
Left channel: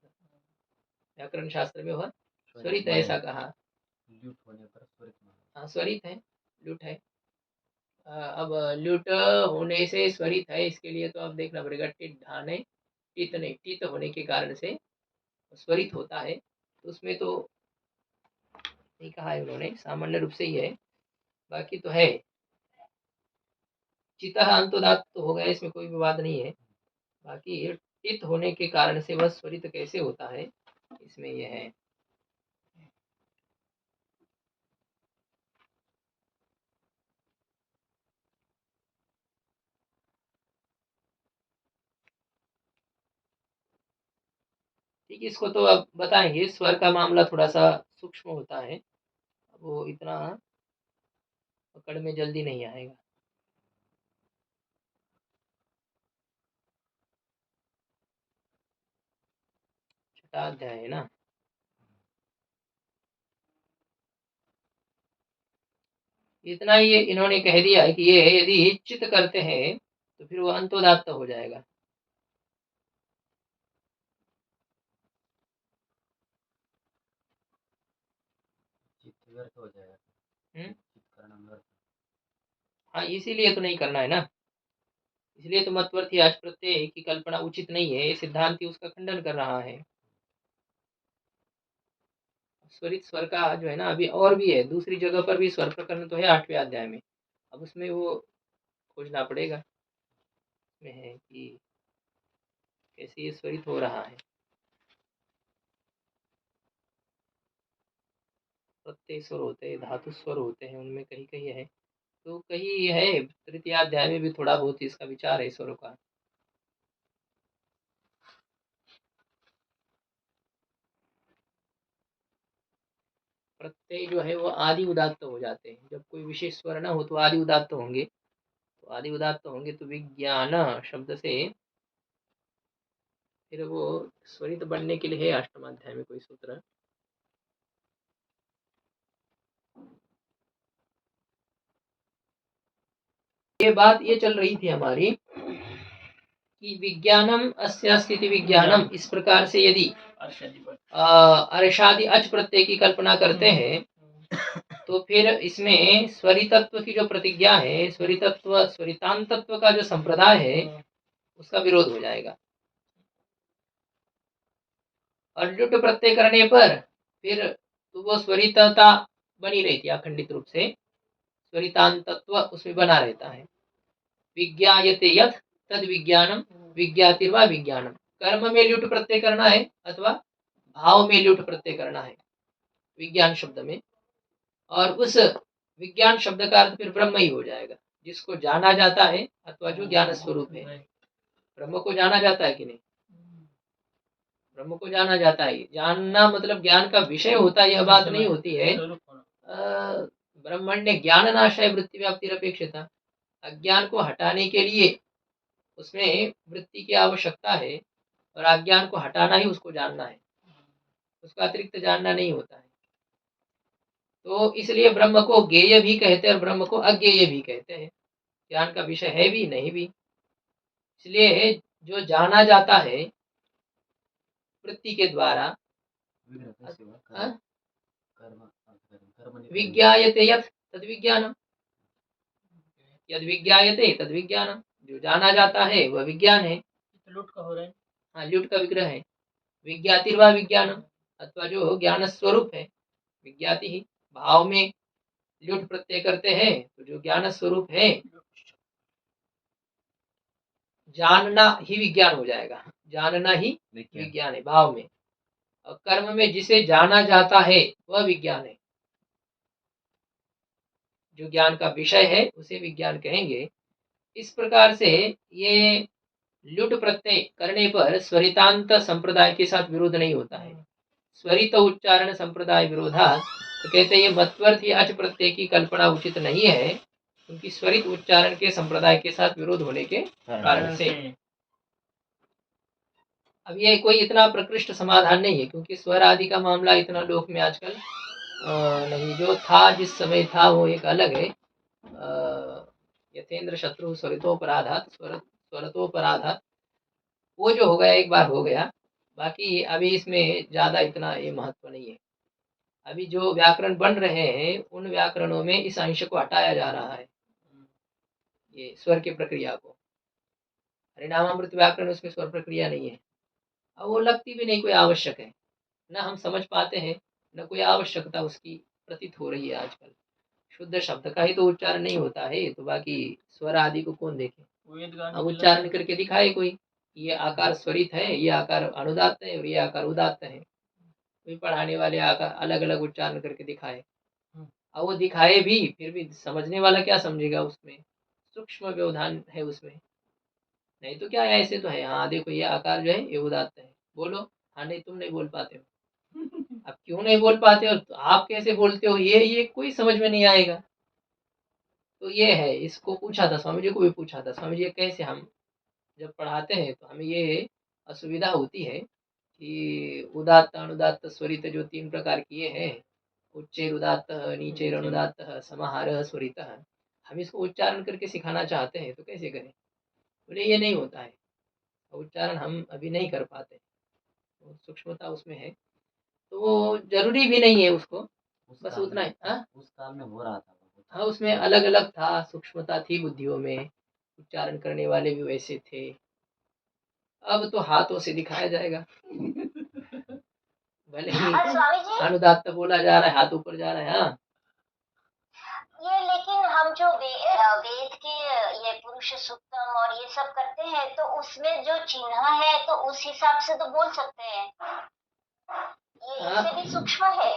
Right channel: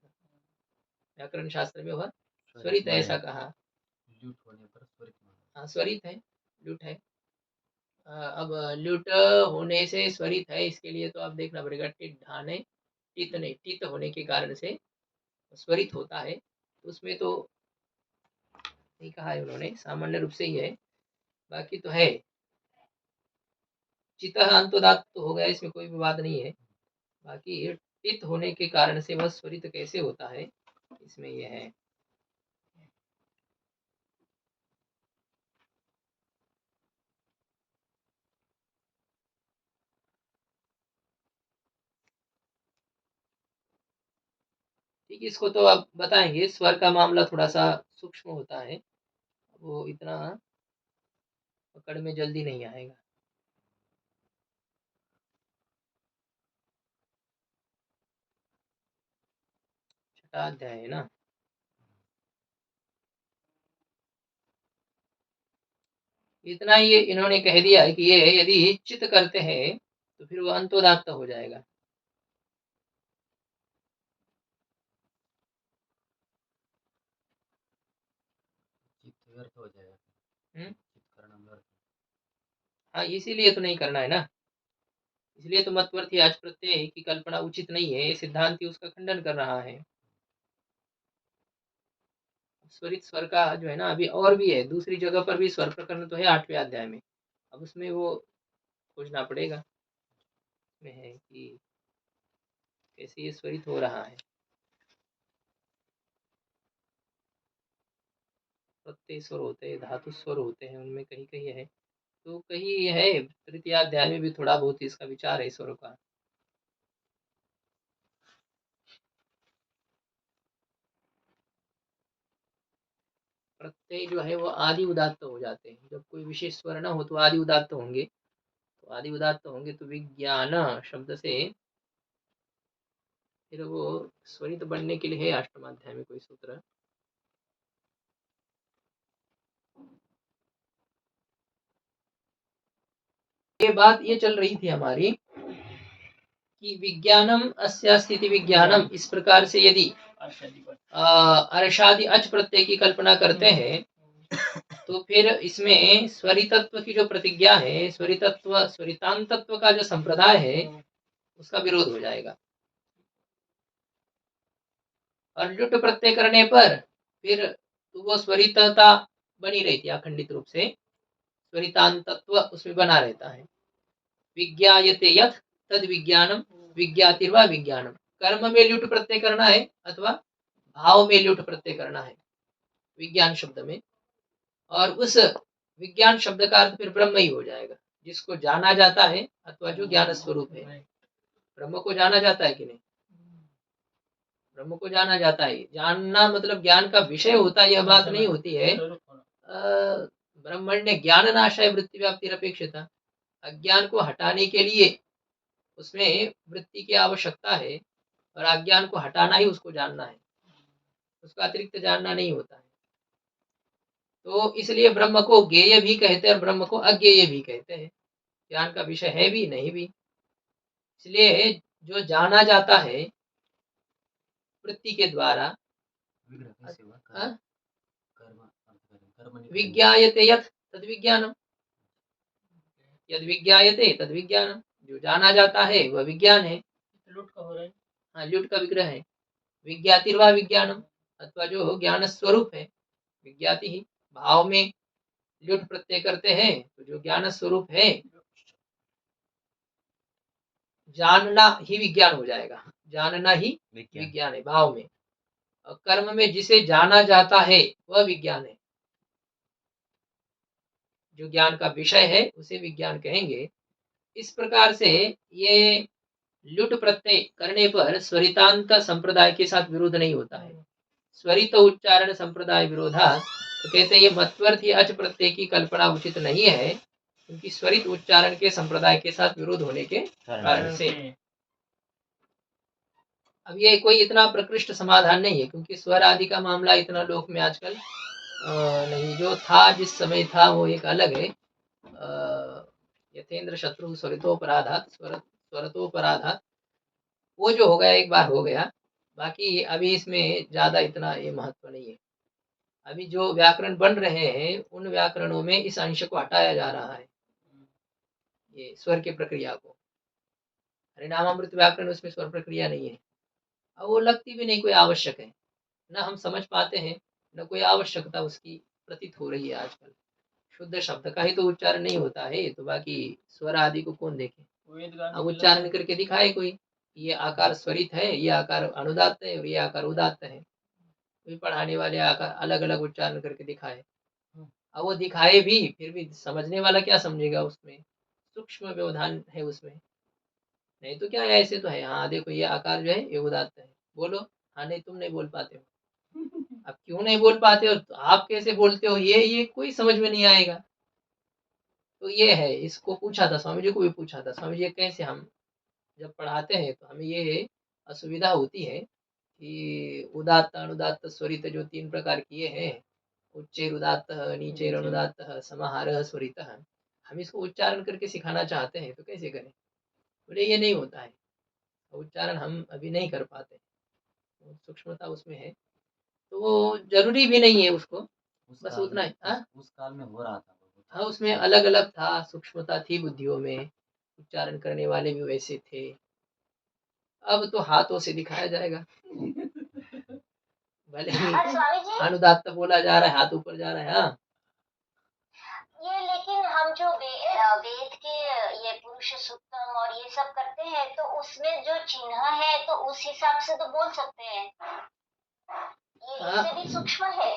व्याकरण शास्त्र में वह स्वरित है ऐसा कहा। हाँ, स्वरित है, लुट है। अब लुट होने से स्वरित है, इसके लिए तो आप देखना पड़ेगा। टिट ढाने, टित नहीं, टित होने के कारण से स्वरित होता है। तो उसमें तो नहीं कहा है उन्होंने, सामान्य रूप से ही है। बाकी तो है चितः अंतोदात्त तो हो गया, इसमें कोई विवाद नहीं है। बाकी टित होने के कारण से वह स्वरित कैसे होता है, इसमें यह है। ठीक, इसको तो अब बताएंगे। स्वर का मामला थोड़ा सा सूक्ष्म होता है, वो इतना पकड़ में जल्दी नहीं आएगा। छठा अध्याय है ना। इतना ही इन्होंने कह दिया है कि ये यदि चित करते हैं तो फिर वो अंतोदात्त हो जाएगा। हाँ, इसीलिए तो नहीं करना है ना। इसलिए तो मत्वर्थी आज प्रत्यय की कल्पना उचित नहीं है, सिद्धांति उसका खंडन कर रहा है। स्वरित स्वर का जो है ना, अभी और भी है, दूसरी जगह पर भी स्वर प्रकरण तो है 8वें अध्याय में। अब उसमें वो खोजना पड़ेगा में है कि कैसे ये स्वरित हो रहा है। प्रत्यय स्वर होते हैं, धातु स्वर होते हैं, उनमें कहीं कहीं है, तो कहीं है तृतीय अध्याय में भी थोड़ा बहुत इसका विचार है स्वरों का। प्रत्यय जो है वो आदि उदात्त हो जाते हैं। जब कोई विशेष स्वर न हो तो आदि उदात्त होंगे, तो आदि उदात्त होंगे तो विज्ञान शब्द से फिर वो स्वरित बनने के लिए है अष्टमाध्याय में कोई सूत्र। ये बात ये चल रही थी हमारी कि विज्ञानम अस्य स्थिति विज्ञानम, इस प्रकार से यदि अर्षादि अच प्रत्यय की कल्पना करते हैं तो फिर इसमें स्वरितत्व की जो प्रतिज्ञा है, स्वरितत्व स्वरितांतत्व का जो संप्रदाय है उसका विरोध हो जाएगा। और लुट प्रत्यय करने पर फिर तो वो स्वरितता बनी रहती है अखंडित रूप से, स्वरितांतत्व उसमें बना रहता है। विज्ञायते यथ तद विज्ञानम विज्ञातिर्वा विज्ञानम, कर्म में लुट प्रत्यय करना है अथवा भाव में लुट प्रत्यय करना है विज्ञान शब्द में, और उस विज्ञान शब्द का अर्थ फिर ब्रह्म ही हो जाएगा, जिसको जाना जाता है अथवा जो ज्ञान स्वरूप है। ब्रह्म को जाना जाता है कि नहीं? ब्रह्म को जाना जाता है। जानना मतलब ज्ञान का विषय होता है, यह बात नहीं होती है। ब्रह्मण्य ज्ञान नाशाय वृत्ति व्याप्ति अपेक्षिता, अज्ञान को हटाने के लिए उसमें वृत्ति की आवश्यकता है और अज्ञान को हटाना ही उसको जानना है, उसका अतिरिक्त जानना नहीं होता है। तो इसलिए ब्रह्म को ज्ञेय भी कहते हैं और ब्रह्म को अज्ञेय भी कहते हैं, ज्ञान का विषय है भी नहीं भी। इसलिए जो जाना जाता है वृत्ति के द्वारा, विज्ञायते यत् तद विज्ञानम, यद विज्ञायते तद विज्ञानम, जो जाना जाता है वह विज्ञान है। लुट का हो रहा है। हाँ, लुट का विग्रह है। विज्ञातिर्वा विज्ञानम, अथवा जो ज्ञान स्वरूप है, विज्ञाति ही भाव में लुट प्रत्यय करते हैं तो जो ज्ञान स्वरूप है, जानना ही विज्ञान हो जाएगा, जानना ही विज्ञान है भाव में। और कर्म में जिसे जाना जाता है वह विज्ञान है, जो ज्ञान का विषय है उसे विज्ञान कहेंगे। इस प्रकार से ये लुट प्रत्यय करने पर स्वरितांत संप्रदाय के साथ विरोध नहीं होता है। स्वरित उच्चारण संप्रदाय विरोधा, तो कहते हैं ये मत्वर्थी अच प्रत्यय की कल्पना उचित नहीं है, क्योंकि स्वरित उच्चारण के संप्रदाय के साथ विरोध होने के कारण से। अब ये कोई इतना प्रकृष्ट समाधान नहीं है, क्योंकि स्वर आदि का मामला इतना लोक में आजकल नहीं, जो था जिस समय था वो एक अलग है। यथेंद्र शत्रु स्वरितोपराधात स्वरतोपराधात, वो जो हो गया एक बार हो गया, बाकी अभी इसमें ज्यादा इतना ये महत्व नहीं है। अभी जो व्याकरण बन रहे हैं उन व्याकरणों में इस अंश को हटाया जा रहा है, ये स्वर की प्रक्रिया को। हरिनामामृत व्याकरण उसमें स्वर प्रक्रिया नहीं है, अब वो लगती भी नहीं कोई आवश्यक है, न हम समझ पाते हैं, न कोई आवश्यकता उसकी प्रतीत हो रही है आजकल। शुद्ध शब्द का ही तो उच्चारण नहीं होता है, तो बाकी स्वर आदि को कौन देखे। अब उच्चारण करके दिखाए कोई, ये आकार स्वरित है, ये आकार अनुदात्त है और ये आकार उदात्त है, कोई पढ़ाने वाले आकार अलग अलग उच्चारण करके दिखाए। अब वो दिखाए भी, फिर भी समझने वाला क्या समझेगा, उसमें सूक्ष्म व्यवधान है उसमें। नहीं तो क्या है, ऐसे तो है, हाँ देखो ये आकार जो है ये उदात्त है, बोलो। हाँ नहीं, तुम नहीं बोल पाते हो। अब क्यों नहीं बोल पाते हो, तो आप कैसे बोलते हो, ये कोई समझ में नहीं आएगा। तो ये है, इसको पूछा था स्वामी जी को भी पूछा था, स्वामी जी कैसे हम जब पढ़ाते हैं तो हमें ये असुविधा होती है कि उदात्त अनुदात्त स्वरित जो 3 प्रकार किए हैं, उच्चैर उदात्त नीचैर अनुदात्त समाहार स्वरित, हम इसको उच्चारण करके सिखाना चाहते हैं तो कैसे करें। बोले ये नहीं होता है, उच्चारण हम अभी नहीं कर पाते, तो सूक्ष्मता उसमें है, तो वो जरूरी भी नहीं है उसको, बस उतना है। उस काल में हो रहा था, हाँ उसमें अलग अलग था, सूक्ष्मता थी बुद्धियों में, उच्चारण करने वाले भी वैसे थे। अब तो हाथों से दिखाया जाएगा। भले ही स्वामी जी, अनुदात्त बोला जा रहा है, हाथ ऊपर जा रहा है। हाँ ये लेकिन हम जो वेद के ये पुरुष सूक्तम और ये सब करते हैं तो उसमें जो चिन्ह है तो उस हिसाब से तो बोल सकते हैं, ये इससे भी सूक्ष्म है।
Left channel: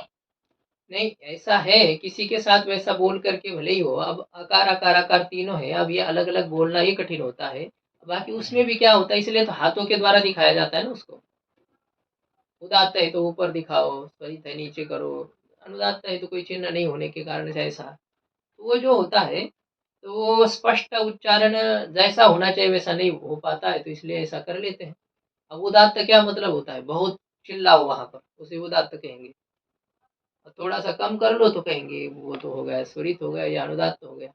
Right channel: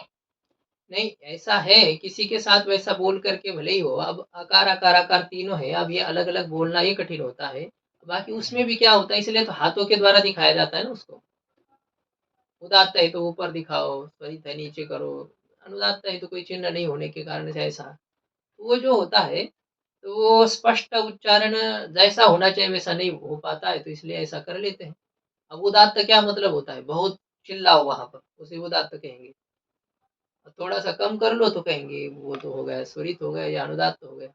नहीं ऐसा है, किसी के साथ वैसा बोल करके भले ही हो। अब आकार आकार आकार तीनों है, अब ये अलग अलग बोलना ही कठिन होता है, बाकी उसमें भी क्या होता है, इसलिए तो हाथों के द्वारा दिखाया जाता है ना उसको। उदात्त है तो ऊपर दिखाओ, स्वरित है नीचे करो, अनुदात्त है तो कोई चिन्ह नहीं होने के कारण से ऐसा, तो वो जो होता है तो वो स्पष्ट उच्चारण जैसा होना चाहिए वैसा नहीं हो पाता है, तो इसलिए ऐसा कर लेते हैं। अब उदात्त क्या मतलब होता है, बहुत चिल्लाओ वहां पर, उसे उदात्त कहेंगे। और थोड़ा सा कम कर लो तो कहेंगे वो तो हो गया स्वरित हो गया या अनुदात्त हो गया,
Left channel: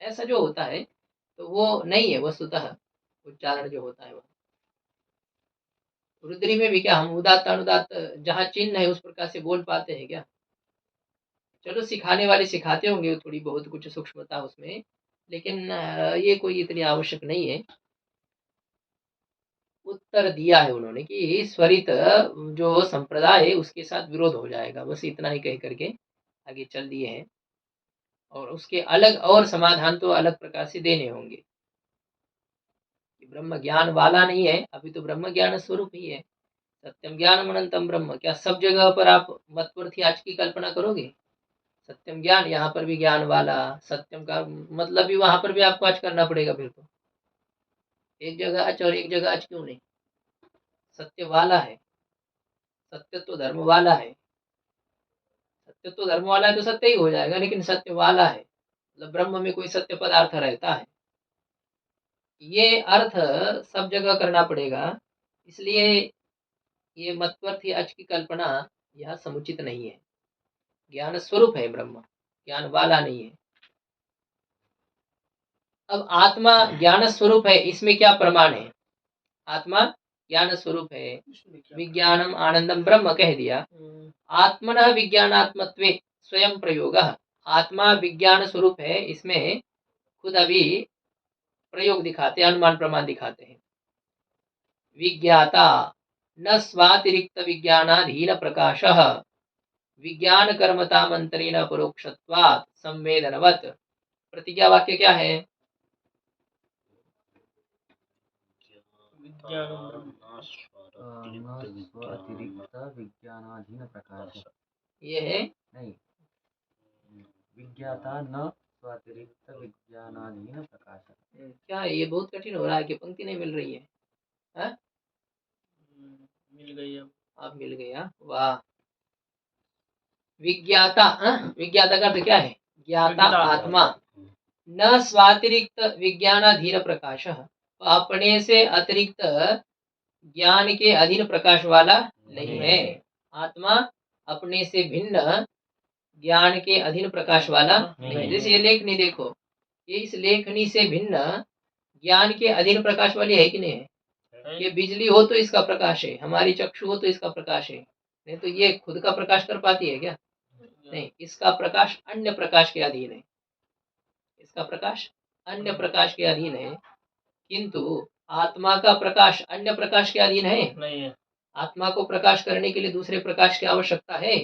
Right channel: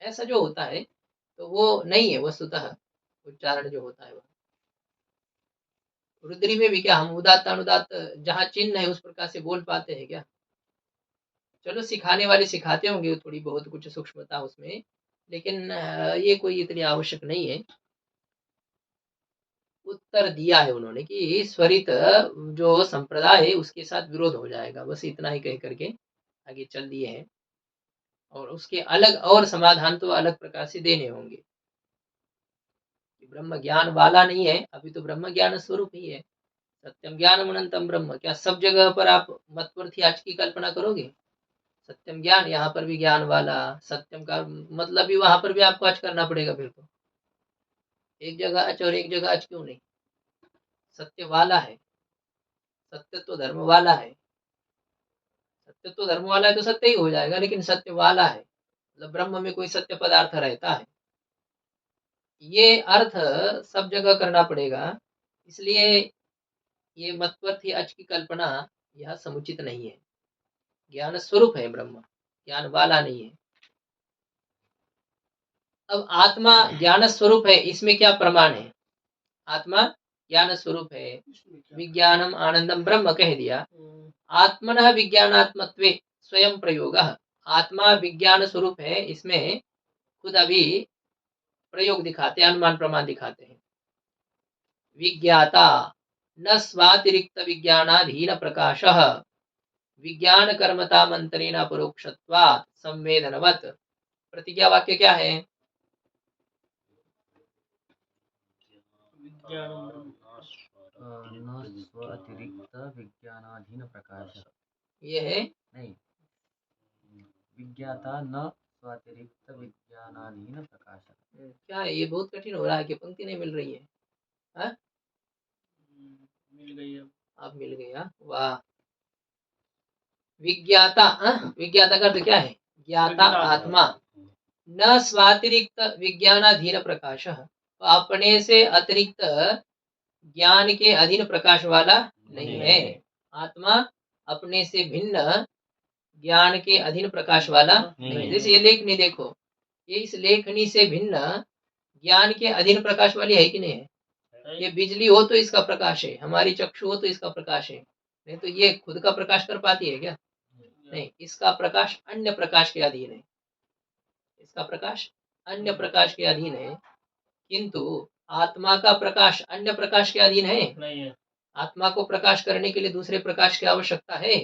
ऐसा जो होता है तो वो नहीं है वस्तुतः उच्चारण जो होता है वह। रुद्री में भी क्या हम उदात्त अनुदात्त जहाँ चिन्ह है उस प्रकार से बोल पाते हैं क्या। चलो सिखाने वाले सिखाते होंगे थोड़ी बहुत कुछ सूक्ष्मता उसमें, लेकिन ये कोई इतनी आवश्यक नहीं है। उत्तर दिया है उन्होंने कि स्वरित जो संप्रदाय है उसके साथ विरोध हो जाएगा, बस इतना ही कह करके आगे चल दिए हैं, और उसके अलग और समाधान तो अलग प्रकार से देने होंगे। ब्रह्म ज्ञान वाला नहीं है, अभी तो ब्रह्म ज्ञान स्वरूप ही है। सत्यम ज्ञान अनंतम ब्रह्म, क्या सब जगह पर आप मतवर्थी आज की कल्पना करोगे। सत्यम ज्ञान, यहाँ पर भी ज्ञान वाला, सत्यम का मतलब भी वहां पर भी आपको आज करना पड़ेगा फिर तो, एक जगह अच और एक जगह अच क्यों नहीं, सत्य वाला है, सत्य तो धर्म वाला है, सत्य तो धर्म वाला है तो सत्य ही हो जाएगा, लेकिन सत्य वाला है मतलब ब्रह्म में कोई सत्य पदार्थ रहता है। ये अर्थ सब जगह करना पड़ेगा, इसलिए ये मत्वर्थी अच की कल्पना यह समुचित नहीं है। ज्ञान स्वरूप है ब्रह्म, ज्ञान वाला नहीं है। अब आत्मा ज्ञान स्वरूप है, इसमें क्या प्रमाण है? आत्मा ज्ञान स्वरूप है, विज्ञानम आनंदम ब्रह्म कह दिया। आत्मनः विज्ञानात्मत्वे स्वयं प्रयोग, आत्मा विज्ञान स्वरूप है, इसमें खुद अभी प्रयोग दिखाते हैं, अनुमान प्रमाण दिखाते हैं। विज्ञाता न स्वातिरिक्त विज्ञानाधीन प्रकाशः विज्ञान कर्मता मंत्रेण परोक्षत्वात् संवेदनवत्। प्रतिज्ञा वाक्य क्या है? अतिरिक्त विज्ञानाधीन प्रकाश, ये है नहीं, विज्ञाता न स्वातिरिक्त विज्ञानाधीन प्रकाश। क्या है? ये बहुत कठिन हो रहा है कि पंक्ति नहीं मिल रही है। हा? मिल गई अब। आप मिल गया, वाह। विज्ञाता, विज्ञाता का अर्थ क्या है? ज्ञाता आत्मा, न स्वातिरिक्त विज्ञानाधीन प्रकाश, अपने से अतिरिक्त ज्ञान के अधीन प्रकाश वाला नहीं है। आत्मा अपने से भिन्न ज्ञान के अधीन प्रकाश वाला नहीं है। जैसे ये लेखनी देखो, ये इस लेखनी से भिन्न ज्ञान के अधीन प्रकाश वाली है कि नहीं है? ये बिजली हो तो इसका प्रकाश है, हमारी चक्षु हो तो इसका प्रकाश है, नहीं तो ये खुद का प्रकाश कर पाती है क्या? नहीं, इसका प्रकाश अन्य प्रकाश के अधीन है, इसका प्रकाश अन्य प्रकाश के अधीन है। किंतु आत्मा का प्रकाश अन्य प्रकाश के अधीन है? नहीं है। आत्मा को प्रकाश करने के लिए दूसरे प्रकाश की आवश्यकता है?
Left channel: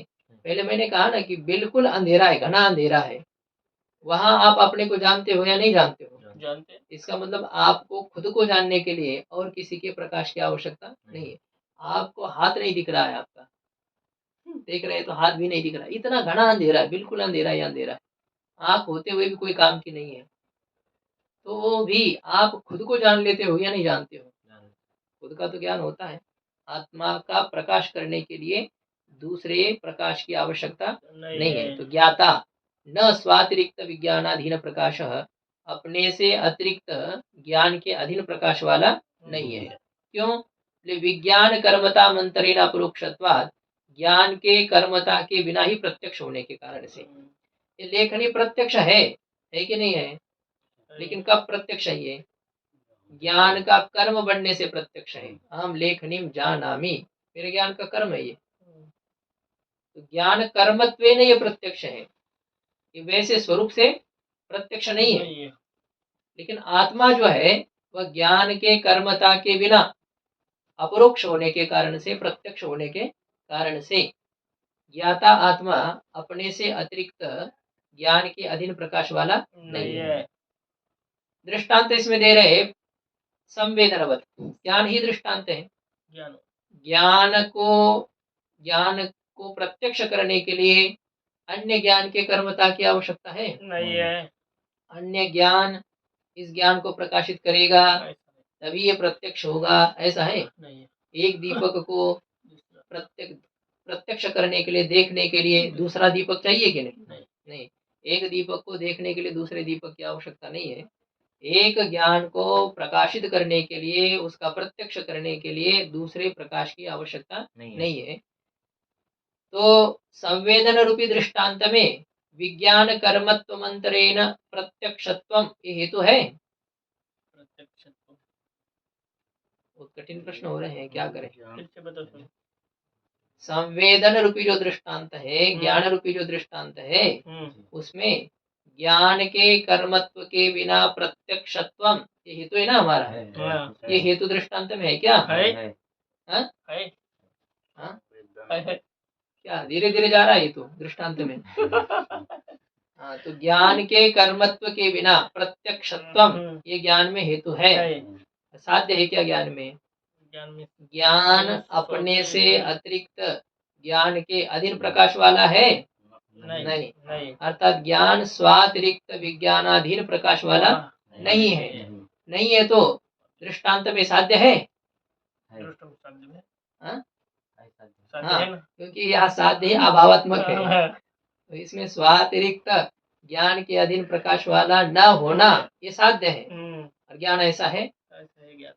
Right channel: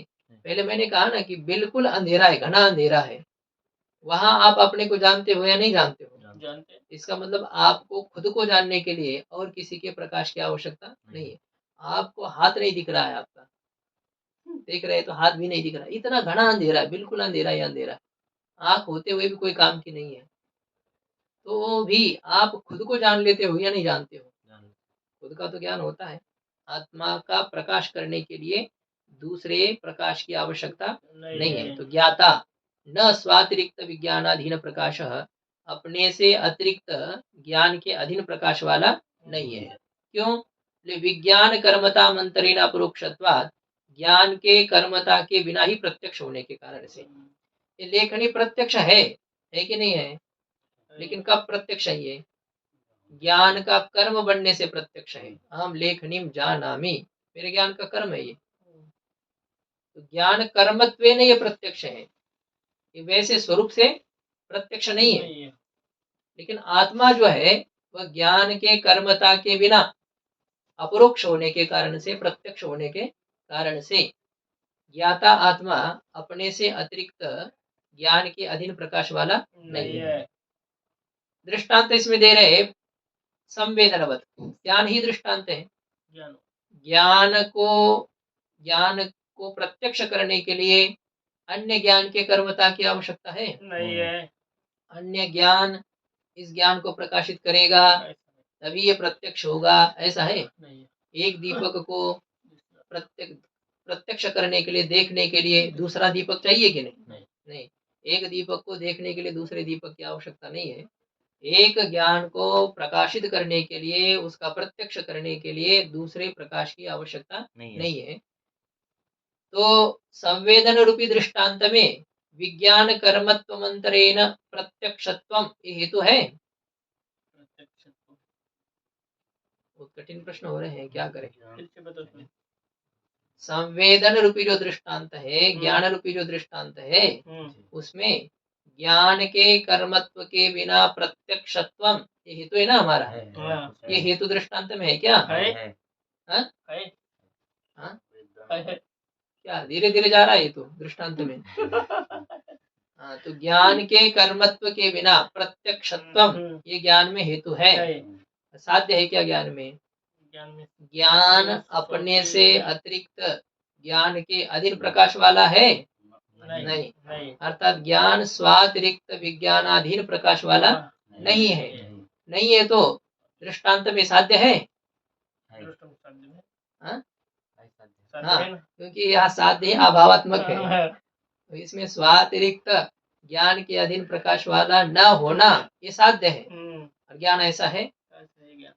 पहले मैंने कहा ना कि बिल्कुल अंधेरा है, घना अंधेरा है, वहां आप अपने को जानते हो या नहीं जानते हो? जानते। इसका मतलब आपको खुद को जानने के लिए और किसी के प्रकाश की आवश्यकता नहीं है। आपको हाथ नहीं दिख रहा है, आपका देख रहे तो हाथ भी नहीं दिख रहा, इतना घना अंधेरा है, बिल्कुल अंधेरा ही अंधेरा है, आंख होते हुए भी कोई काम की नहीं है। तो भी आप खुद को जान लेते हो या नहीं जानते हो? खुद का तो ज्ञान होता है। आत्मा का प्रकाश करने के लिए दूसरे प्रकाश की आवश्यकता नहीं है। तो ज्ञाता न स्वातिरिक्त विज्ञानाधीन प्रकाश, अपने से अतिरिक्त ज्ञान के अधीन प्रकाश वाला नहीं है। क्यों? विज्ञान कर्मता मंत्रेण अपरोक्षत्वात्, ज्ञान के कर्मता के बिना ही प्रत्यक्ष होने के कारण से। ये लेखनी प्रत्यक्ष है कि नहीं है? लेकिन कब प्रत्यक्ष है? ये ज्ञान का कर्म बनने से प्रत्यक्ष है। हम लेखनीम जानामि, मेरे ज्ञान का कर्म है ये। तो ज्ञान कर्मत्वेन ये प्रत्यक्ष है, ये वैसे स्वरूप से प्रत्यक्ष नहीं है। लेकिन आत्मा जो है वह ज्ञान के कर्मता के बिना अपरोक्ष होने के कारण से, प्रत्यक्ष होने के कारण से, ज्ञाता आत्मा अपने से अतिरिक्त ज्ञान के अधीन प्रकाश वाला नहीं है। दृष्टांत इसमें दे रहे संवेदनवत, ज्ञान ही दृष्टांत है। ज्ञान को प्रत्यक्ष करने के लिए अन्य ज्ञान के कर्मता की आवश्यकता है? नहीं है। अन्य ज्ञान इस ज्ञान को प्रकाशित करेगा तभी ये प्रत्यक्ष होगा, ऐसा है? नहीं। एक दीपक को प्रत्यक्ष करने के लिए, देखने के लिए दूसरा दीपक चाहिए कि नहीं? नहीं। एक दीपक को देखने के लिए दूसरे दीपक की आवश्यकता नहीं है। एक ज्ञान को प्रकाशित करने के लिए, उसका प्रत्यक्ष करने के लिए दूसरे प्रकाश की आवश्यकता नहीं है। तो संवेदन रूपी दृष्टांत में विज्ञान कर्मत्व मंत्रेण प्रत्यक्षत्वम ये हेतु है? बहुत कठिन प्रश्न हो रहे हैं, क्या करें? संवेदन रूपी जो दृष्टांत है, ज्ञान रूपी जो दृष्टांत है, उसमें ज्ञान के कर्मत्व के बिना प्रत्यक्षत्वम ये हेतु है ना हमारा? ये हेतु दृष्टांत में है क्या? क्या धीरे धीरे जा रहा है ये तो दृष्टांत में? हाँ, तो ज्ञान के कर्मत्व के बिना प्रत्यक्षत्वम ये ज्ञान में हेतु है। साध्य है क्या ज्ञान में? ज्ञान अपने से अतिरिक्त ज्ञान के अधीन प्रकाश वाला है? नहीं। अर्थात ज्ञान स्वातिरिक्त विज्ञानाधीन प्रकाश वाला नहीं है। नहीं है तो दृष्टांत में साध्य है? हाँ, क्योंकि यह साध्य अभावात्मक है, तो इसमें स्वातिरिक्त ज्ञान के अधीन प्रकाश वाला न होना ये साध्य है, और ज्ञान ऐसा है। ऐसा है ज्ञान।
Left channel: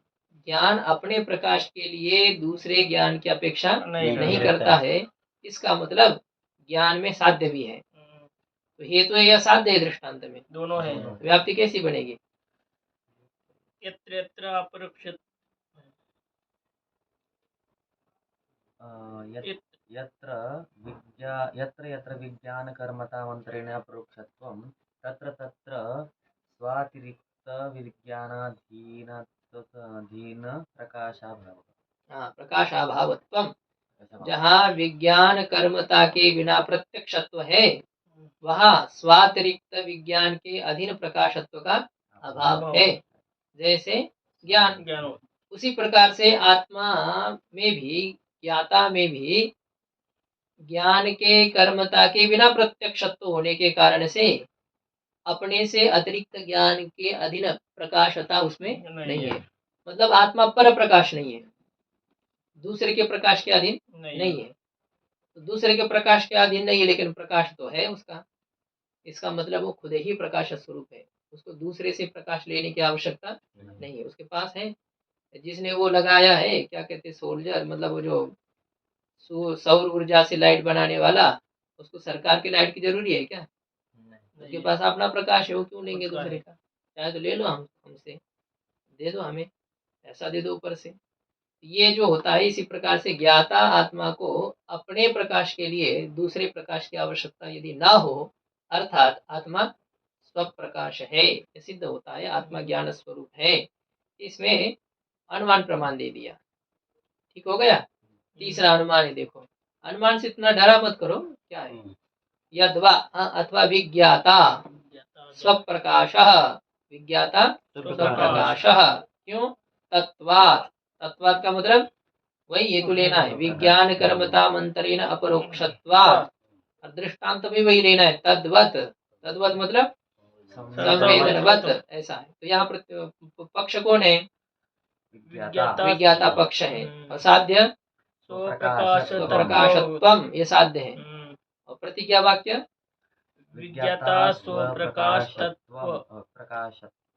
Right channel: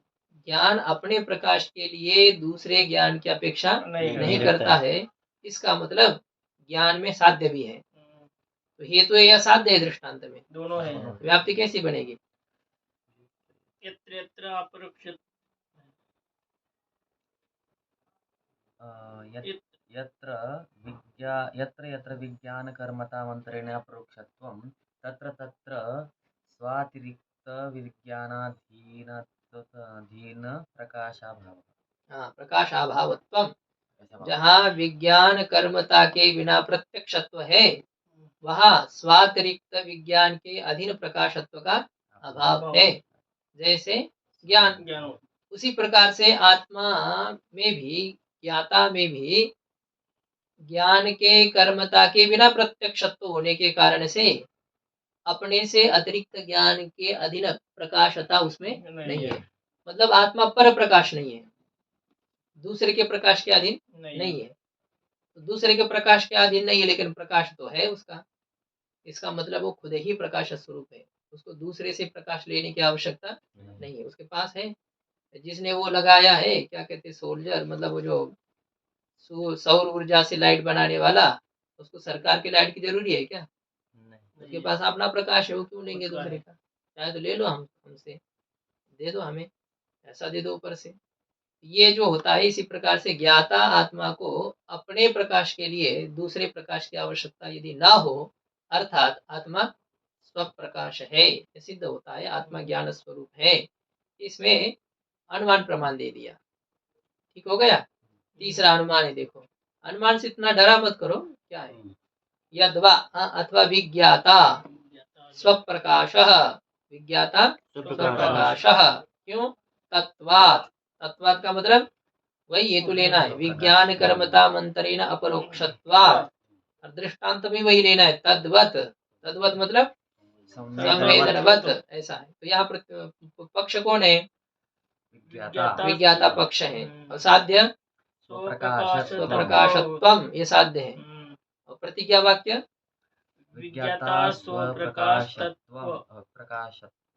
ज्ञान अपने प्रकाश के लिए दूसरे ज्ञान की अपेक्षा नहीं रहता करता है, इसका मतलब ज्ञान में साध्य भी है। तो हेतु है या साध्य है दृष्टांत में? दोनों है। तो व्याप्ति कैसी बनेगी? यत्र यत्र अपरोक्षित यत्र यत्र विज्ञानकर्मतामन्तरेण अपरोक्षत्वं तत्र तत्र स्वातिरिक्त विज्ञानाधीन प्रकाशाभाव। हाँ, प्रकाशाभावत्वम। जहाँ विज्ञान कर्मता के बिना प्रत्यक्षत्व है, वहाँ स्वातिरिक्त विज्ञान के अधीन प्रकाशत्व का अभाव है। जैसे ज्ञान, उसी प्रकार से आत्मा में भी, ज्ञाता में भी ज्ञान के कर्मता के बिना प्रत्यक्षत्व होने के कारण से अपने से अतिरिक्त ज्ञान के अधीन प्रकाशता उसमें नहीं है। मतलब आत्मा पर प्रकाश नहीं है, दूसरे के प्रकाश के अधीन नहीं है। तो दूसरे के प्रकाश के अधीन नहीं है, लेकिन प्रकाश तो है उसका। इसका मतलब वो खुद ही प्रकाश स्वरूप है, उसको दूसरे से प्रकाश लेने की आवश्यकता नहीं है, उसके पास है। जिसने वो लगाया है, क्या कहते हैं, सोल्जर, मतलब वो जो सौर ऊर्जा से लाइट बनाने वाला, उसको सरकार की लाइट की जरूरी है क्या? उसके पास अपना प्रकाश है, वो क्यों लेंगे दूसरे का? चाहे तो ले लो, हमसे दे दो, हमें ऐसा दे दो ऊपर से। ये जो होता है, इसी प्रकार से ज्ञाता आत्मा को अपने प्रकाश के लिए दूसरे प्रकाश की आवश्यकता यदि ना हो, अर्थात आत्मा स्वप्रकाश है, ये सिद्ध होता है, आत्मा ज्ञान स्वरूप है। इसमें अनुमान प्रमाण दे दिया, ठीक हो गया। तीसरा अनुमान है, देखो, अनुमान से इतना डरा मत करो, क्या है? यद्वा अथवा विज्ञाता स्वप्रकाशः, विज्ञाता स्वप्रकाशः। क्यों? तत्वात्, तत्वात् का मतलब वही हेतु लेना है, विज्ञान कर्मता मंत्रेण अपरोक्षत्वात्, और दृष्टांत भी वही लेना है, तद्वत। तद्वत मतलब संवेदनवत, ऐसा है। तो यहाँ पक्ष कौन है? विज्ञाता पक्ष है, और साध्य स्वप्रकाशत्वम, ये साध्य है। और प्रतिज्ञा वाक्य विज्ञाता स्वप्रकाशत्व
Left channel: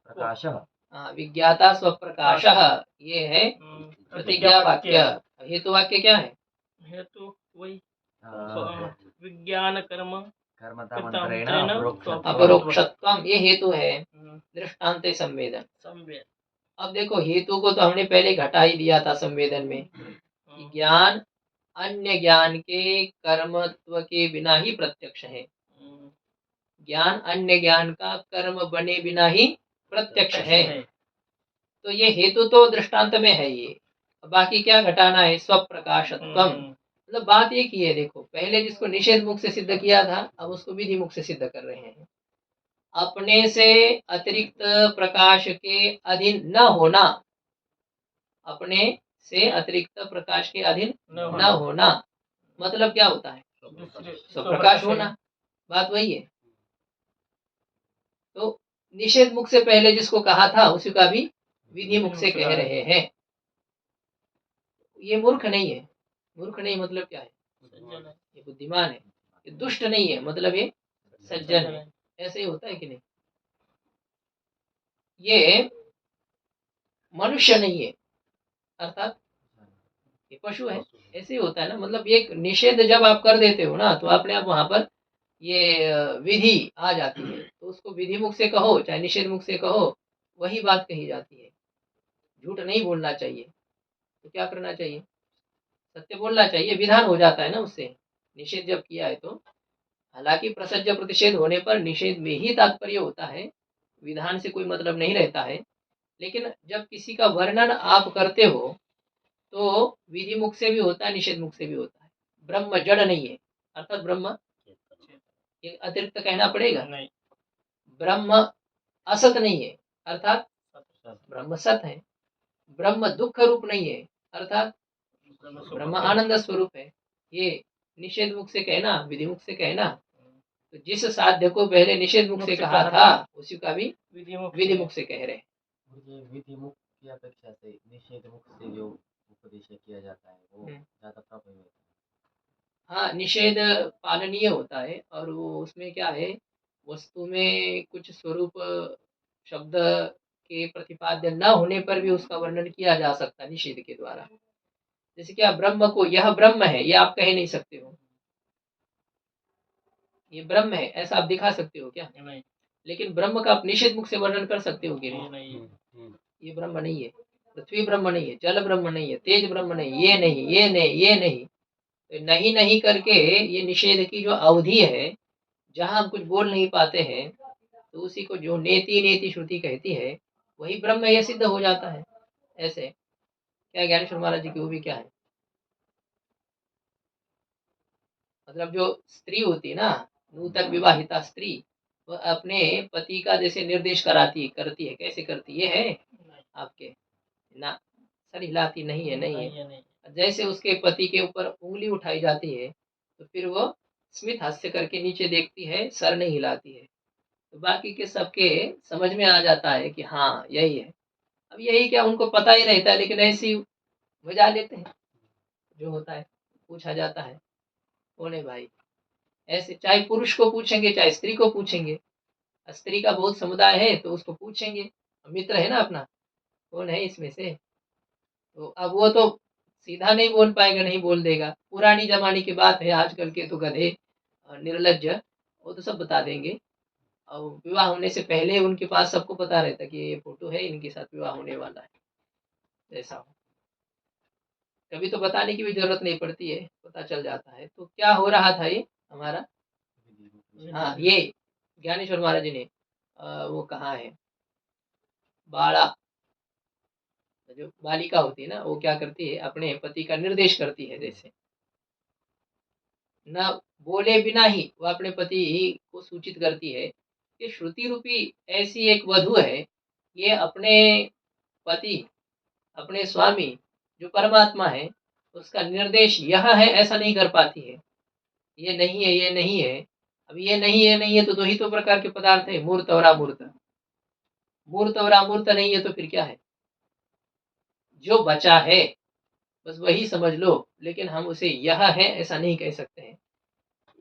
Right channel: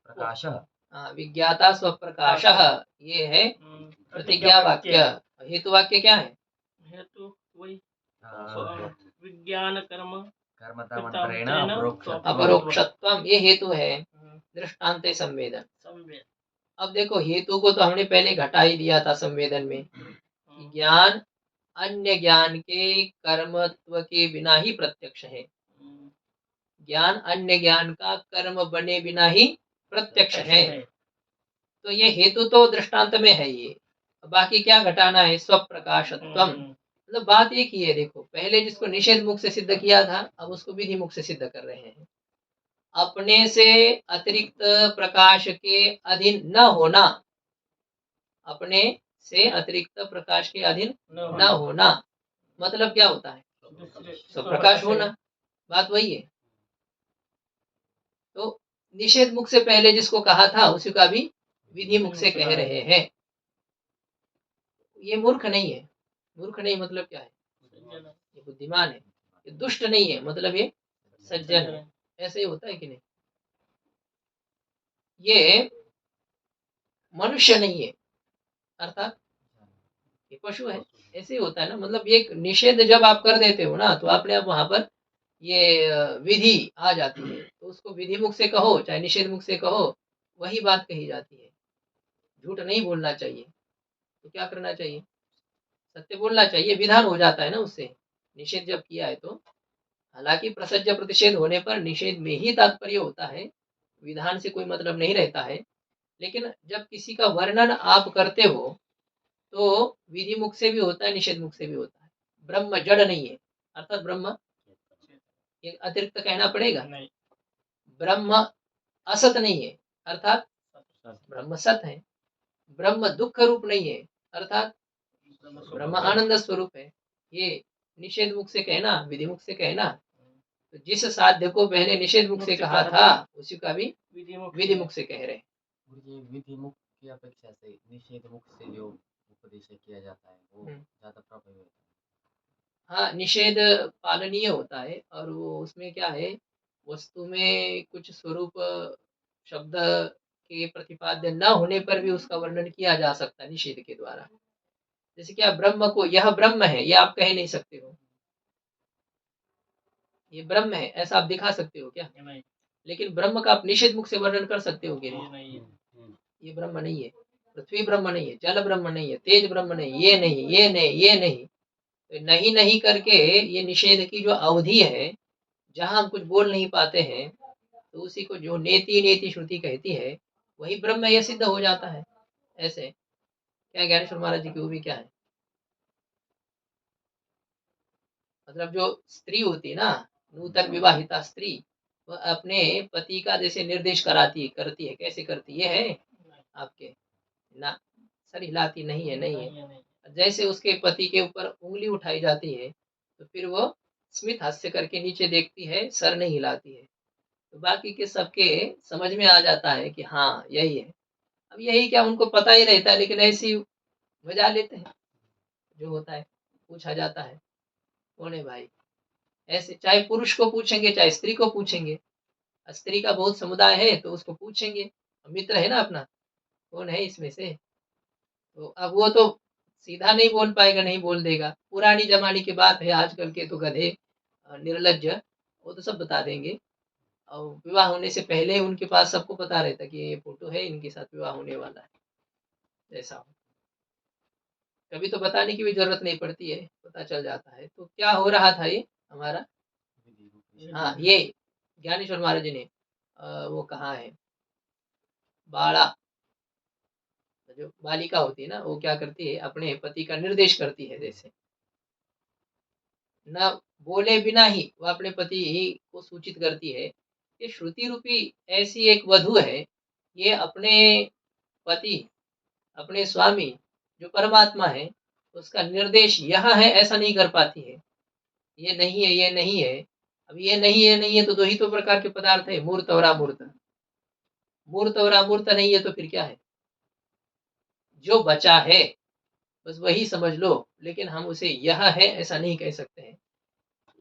प्रकाशः। हाँ, विज्ञाता स्वप्रकाशः, ये है प्रतिज्ञा वाक्य। हेतु वाक्य क्या है? हेतु वही विज्ञान कर्म कर्मतामन्तरेण अपरोक्षत्वम, ये हेतु है। दृष्टांत संवेदन। अब देखो, हेतु को तो हमने पहले घटा ही दिया था संवेदन में, कि ज्ञान अन्य ज्ञान के कर्मत्व के बिना ही प्रत्यक्ष है। ज्ञान अन्य ज्ञान का कर्म बने बिना ही प्रत्यक्ष है। तो ये हेतु तो दृष्टांत में है ये, बाकी क्या घटाना है? स्वप्रकाशत्वम। मतलब बात एक ही है। देखो, पहले जिसको निषेध मुख से सिद्ध किया था, अब उसको विधि मुख से सिद्ध कर रहे हैं। अपने से अतिरिक्त प्रकाश के अधीन न होना, अपने से अतिरिक्त प्रकाश के अधीन न होना मतलब क्या होता है? स्वप्रकाश होना, बात वही है। तो निषेध मुख से पहले जिसको कहा था, उसी का भी विधि मुख से कह रहे हैं। ये मूर्ख नहीं है। मूर्ख नहीं मतलब क्या है? ये बुद्धिमान है। ये दुष्ट नहीं है, मतलब ये सज्जन है। ऐसे ही होता है कि नहीं? ये मनुष्य नहीं है, अर्थात ये पशु है। ऐसे ही होता है ना। मतलब ये निषेध जब आप कर देते हो ना, तो अपने आप वहां पर ये विधि आ जाती है। तो उसको विधि मुख से कहो चाहे निषेध मुख से कहो, वही बात कही जाती है। झूठ नहीं बोलना चाहिए, तो क्या करना चाहिए? सत्य बोलना चाहिए। विधान हो जाता है ना उससे, निषेध जब किया है तो। हालांकि प्रसज्ज प्रतिषेध होने पर निषेध में ही तात्पर्य होता है, विधान से कोई मतलब नहीं रहता है। लेकिन जब किसी का वर्णन आप करते हो, तो विधि मुख से भी होता है, निषेध मुख से भी होता है। ब्रह्म जड़ नहीं है, अर्थात ब्रह्म, ये अतिरिक्त कहना पड़ेगा। ब्रह्म असत नहीं है, अर्थात ब्रह्म सत है। ब्रह्म दुख रूप नहीं है, अर्थात ब्रह्म आनंद स्वरूप है। ये निषेध मुख से कहना, विधि मुख से कहना। तो जिस साध्य को पहले निषेध मुख से कहा था, उसी का भी विधि मुख से कह रहे हैं। विधि मुख की अपेक्षा से निषेध मुख से जो उपदेश किया जाता है वो ज्यादा प्रभावी होता है। हाँ, निषेध पालनीय होता है, और वो उसमें क्या है वस्तु में कुछ स्वरूप शब्द के प्रतिपाद्य न होने पर भी उसका वर्णन किया जा सकता है निषेध के द्वारा। जैसे कि आप ब्रह्म को यह ब्रह्म है, ये आप कह नहीं सकते हो, ये ब्रह्म है ऐसा आप दिखा सकते हो क्या? नहीं, लेकिन ब्रह्म का आप निषेध मुख से वर्णन कर सकते हो कि नहीं? नहीं, ये ब्रह्म नहीं है, पृथ्वी ब्रह्म नहीं है, जल ब्रह्म नहीं है, तेज ब्रह्म नहीं, ये नहीं, ये नहीं, ये नहीं। तो नहीं नहीं करके ये निषेध की जो अवधि है, जहां हम कुछ बोल नहीं पाते हैं, तो उसी को जो नेति नेति श्रुति कहती है, वही ब्रह्म यह सिद्ध हो जाता है। ऐसे क्या ज्ञानेश्वर महाराज जी की वो भी क्या है, मतलब जो स्त्री होती है ना, नूतन विवाहिता स्त्री, वह अपने पति का जैसे निर्देश करती है, कैसे करती है आपके ना, सर हिलाती नहीं है, नहीं है। जैसे उसके पति के ऊपर उंगली उठाई जाती है, तो फिर वो स्मित हास्य करके नीचे देखती है, सर नहीं हिलाती है। तो बाकी के सबके समझ में आ जाता है कि हाँ यही है। अब यही क्या उनको पता ही रहता है, लेकिन ऐसे ही बजा लेते हैं, जो होता है पूछा जाता है कौन है भाई, ऐसे चाहे पुरुष को पूछेंगे चाहे स्त्री को पूछेंगे, स्त्री का बहुत समुदाय है तो उसको पूछेंगे, मित्र है ना अपना, कौन है इसमें से, तो अब वो तो सीधा नहीं बोल पाएगा, नहीं बोल देगा, पुरानी जमाने की बात है, आजकल के तो गधे निर्लज्ज, वो तो सब बता देंगे। और विवाह होने से पहले उनके पास सबको पता रहता कि ये फोटो है, इनके साथ विवाह होने वाला है, ऐसा हो। कभी तो बताने की भी जरूरत नहीं पड़ती है, पता चल जाता है। तो क्या हो रहा था ये हमारा, हाँ ये ज्ञानेश्वर महाराज जी ने वो कहा है, बाड़ा, जो बालिका होती है ना, वो क्या करती है, अपने पति का निर्देश करती है, जैसे न बोले बिना ही वह अपने पति को सूचित करती है कि श्रुति रूपी ऐसी एक वधु है, ये अपने पति, अपने स्वामी जो परमात्मा है, उसका निर्देश यह है ऐसा नहीं कर पाती है, ये नहीं है, ये नहीं है। अब ये नहीं है, नहीं है तो दो ही तो प्रकार के पदार्थ है, मूर्त और अमूर्त। मूर्त और अमूर्त नहीं है तो फिर क्या है, जो बचा है बस वही समझ लो, लेकिन हम उसे यह है ऐसा नहीं कह सकते हैं।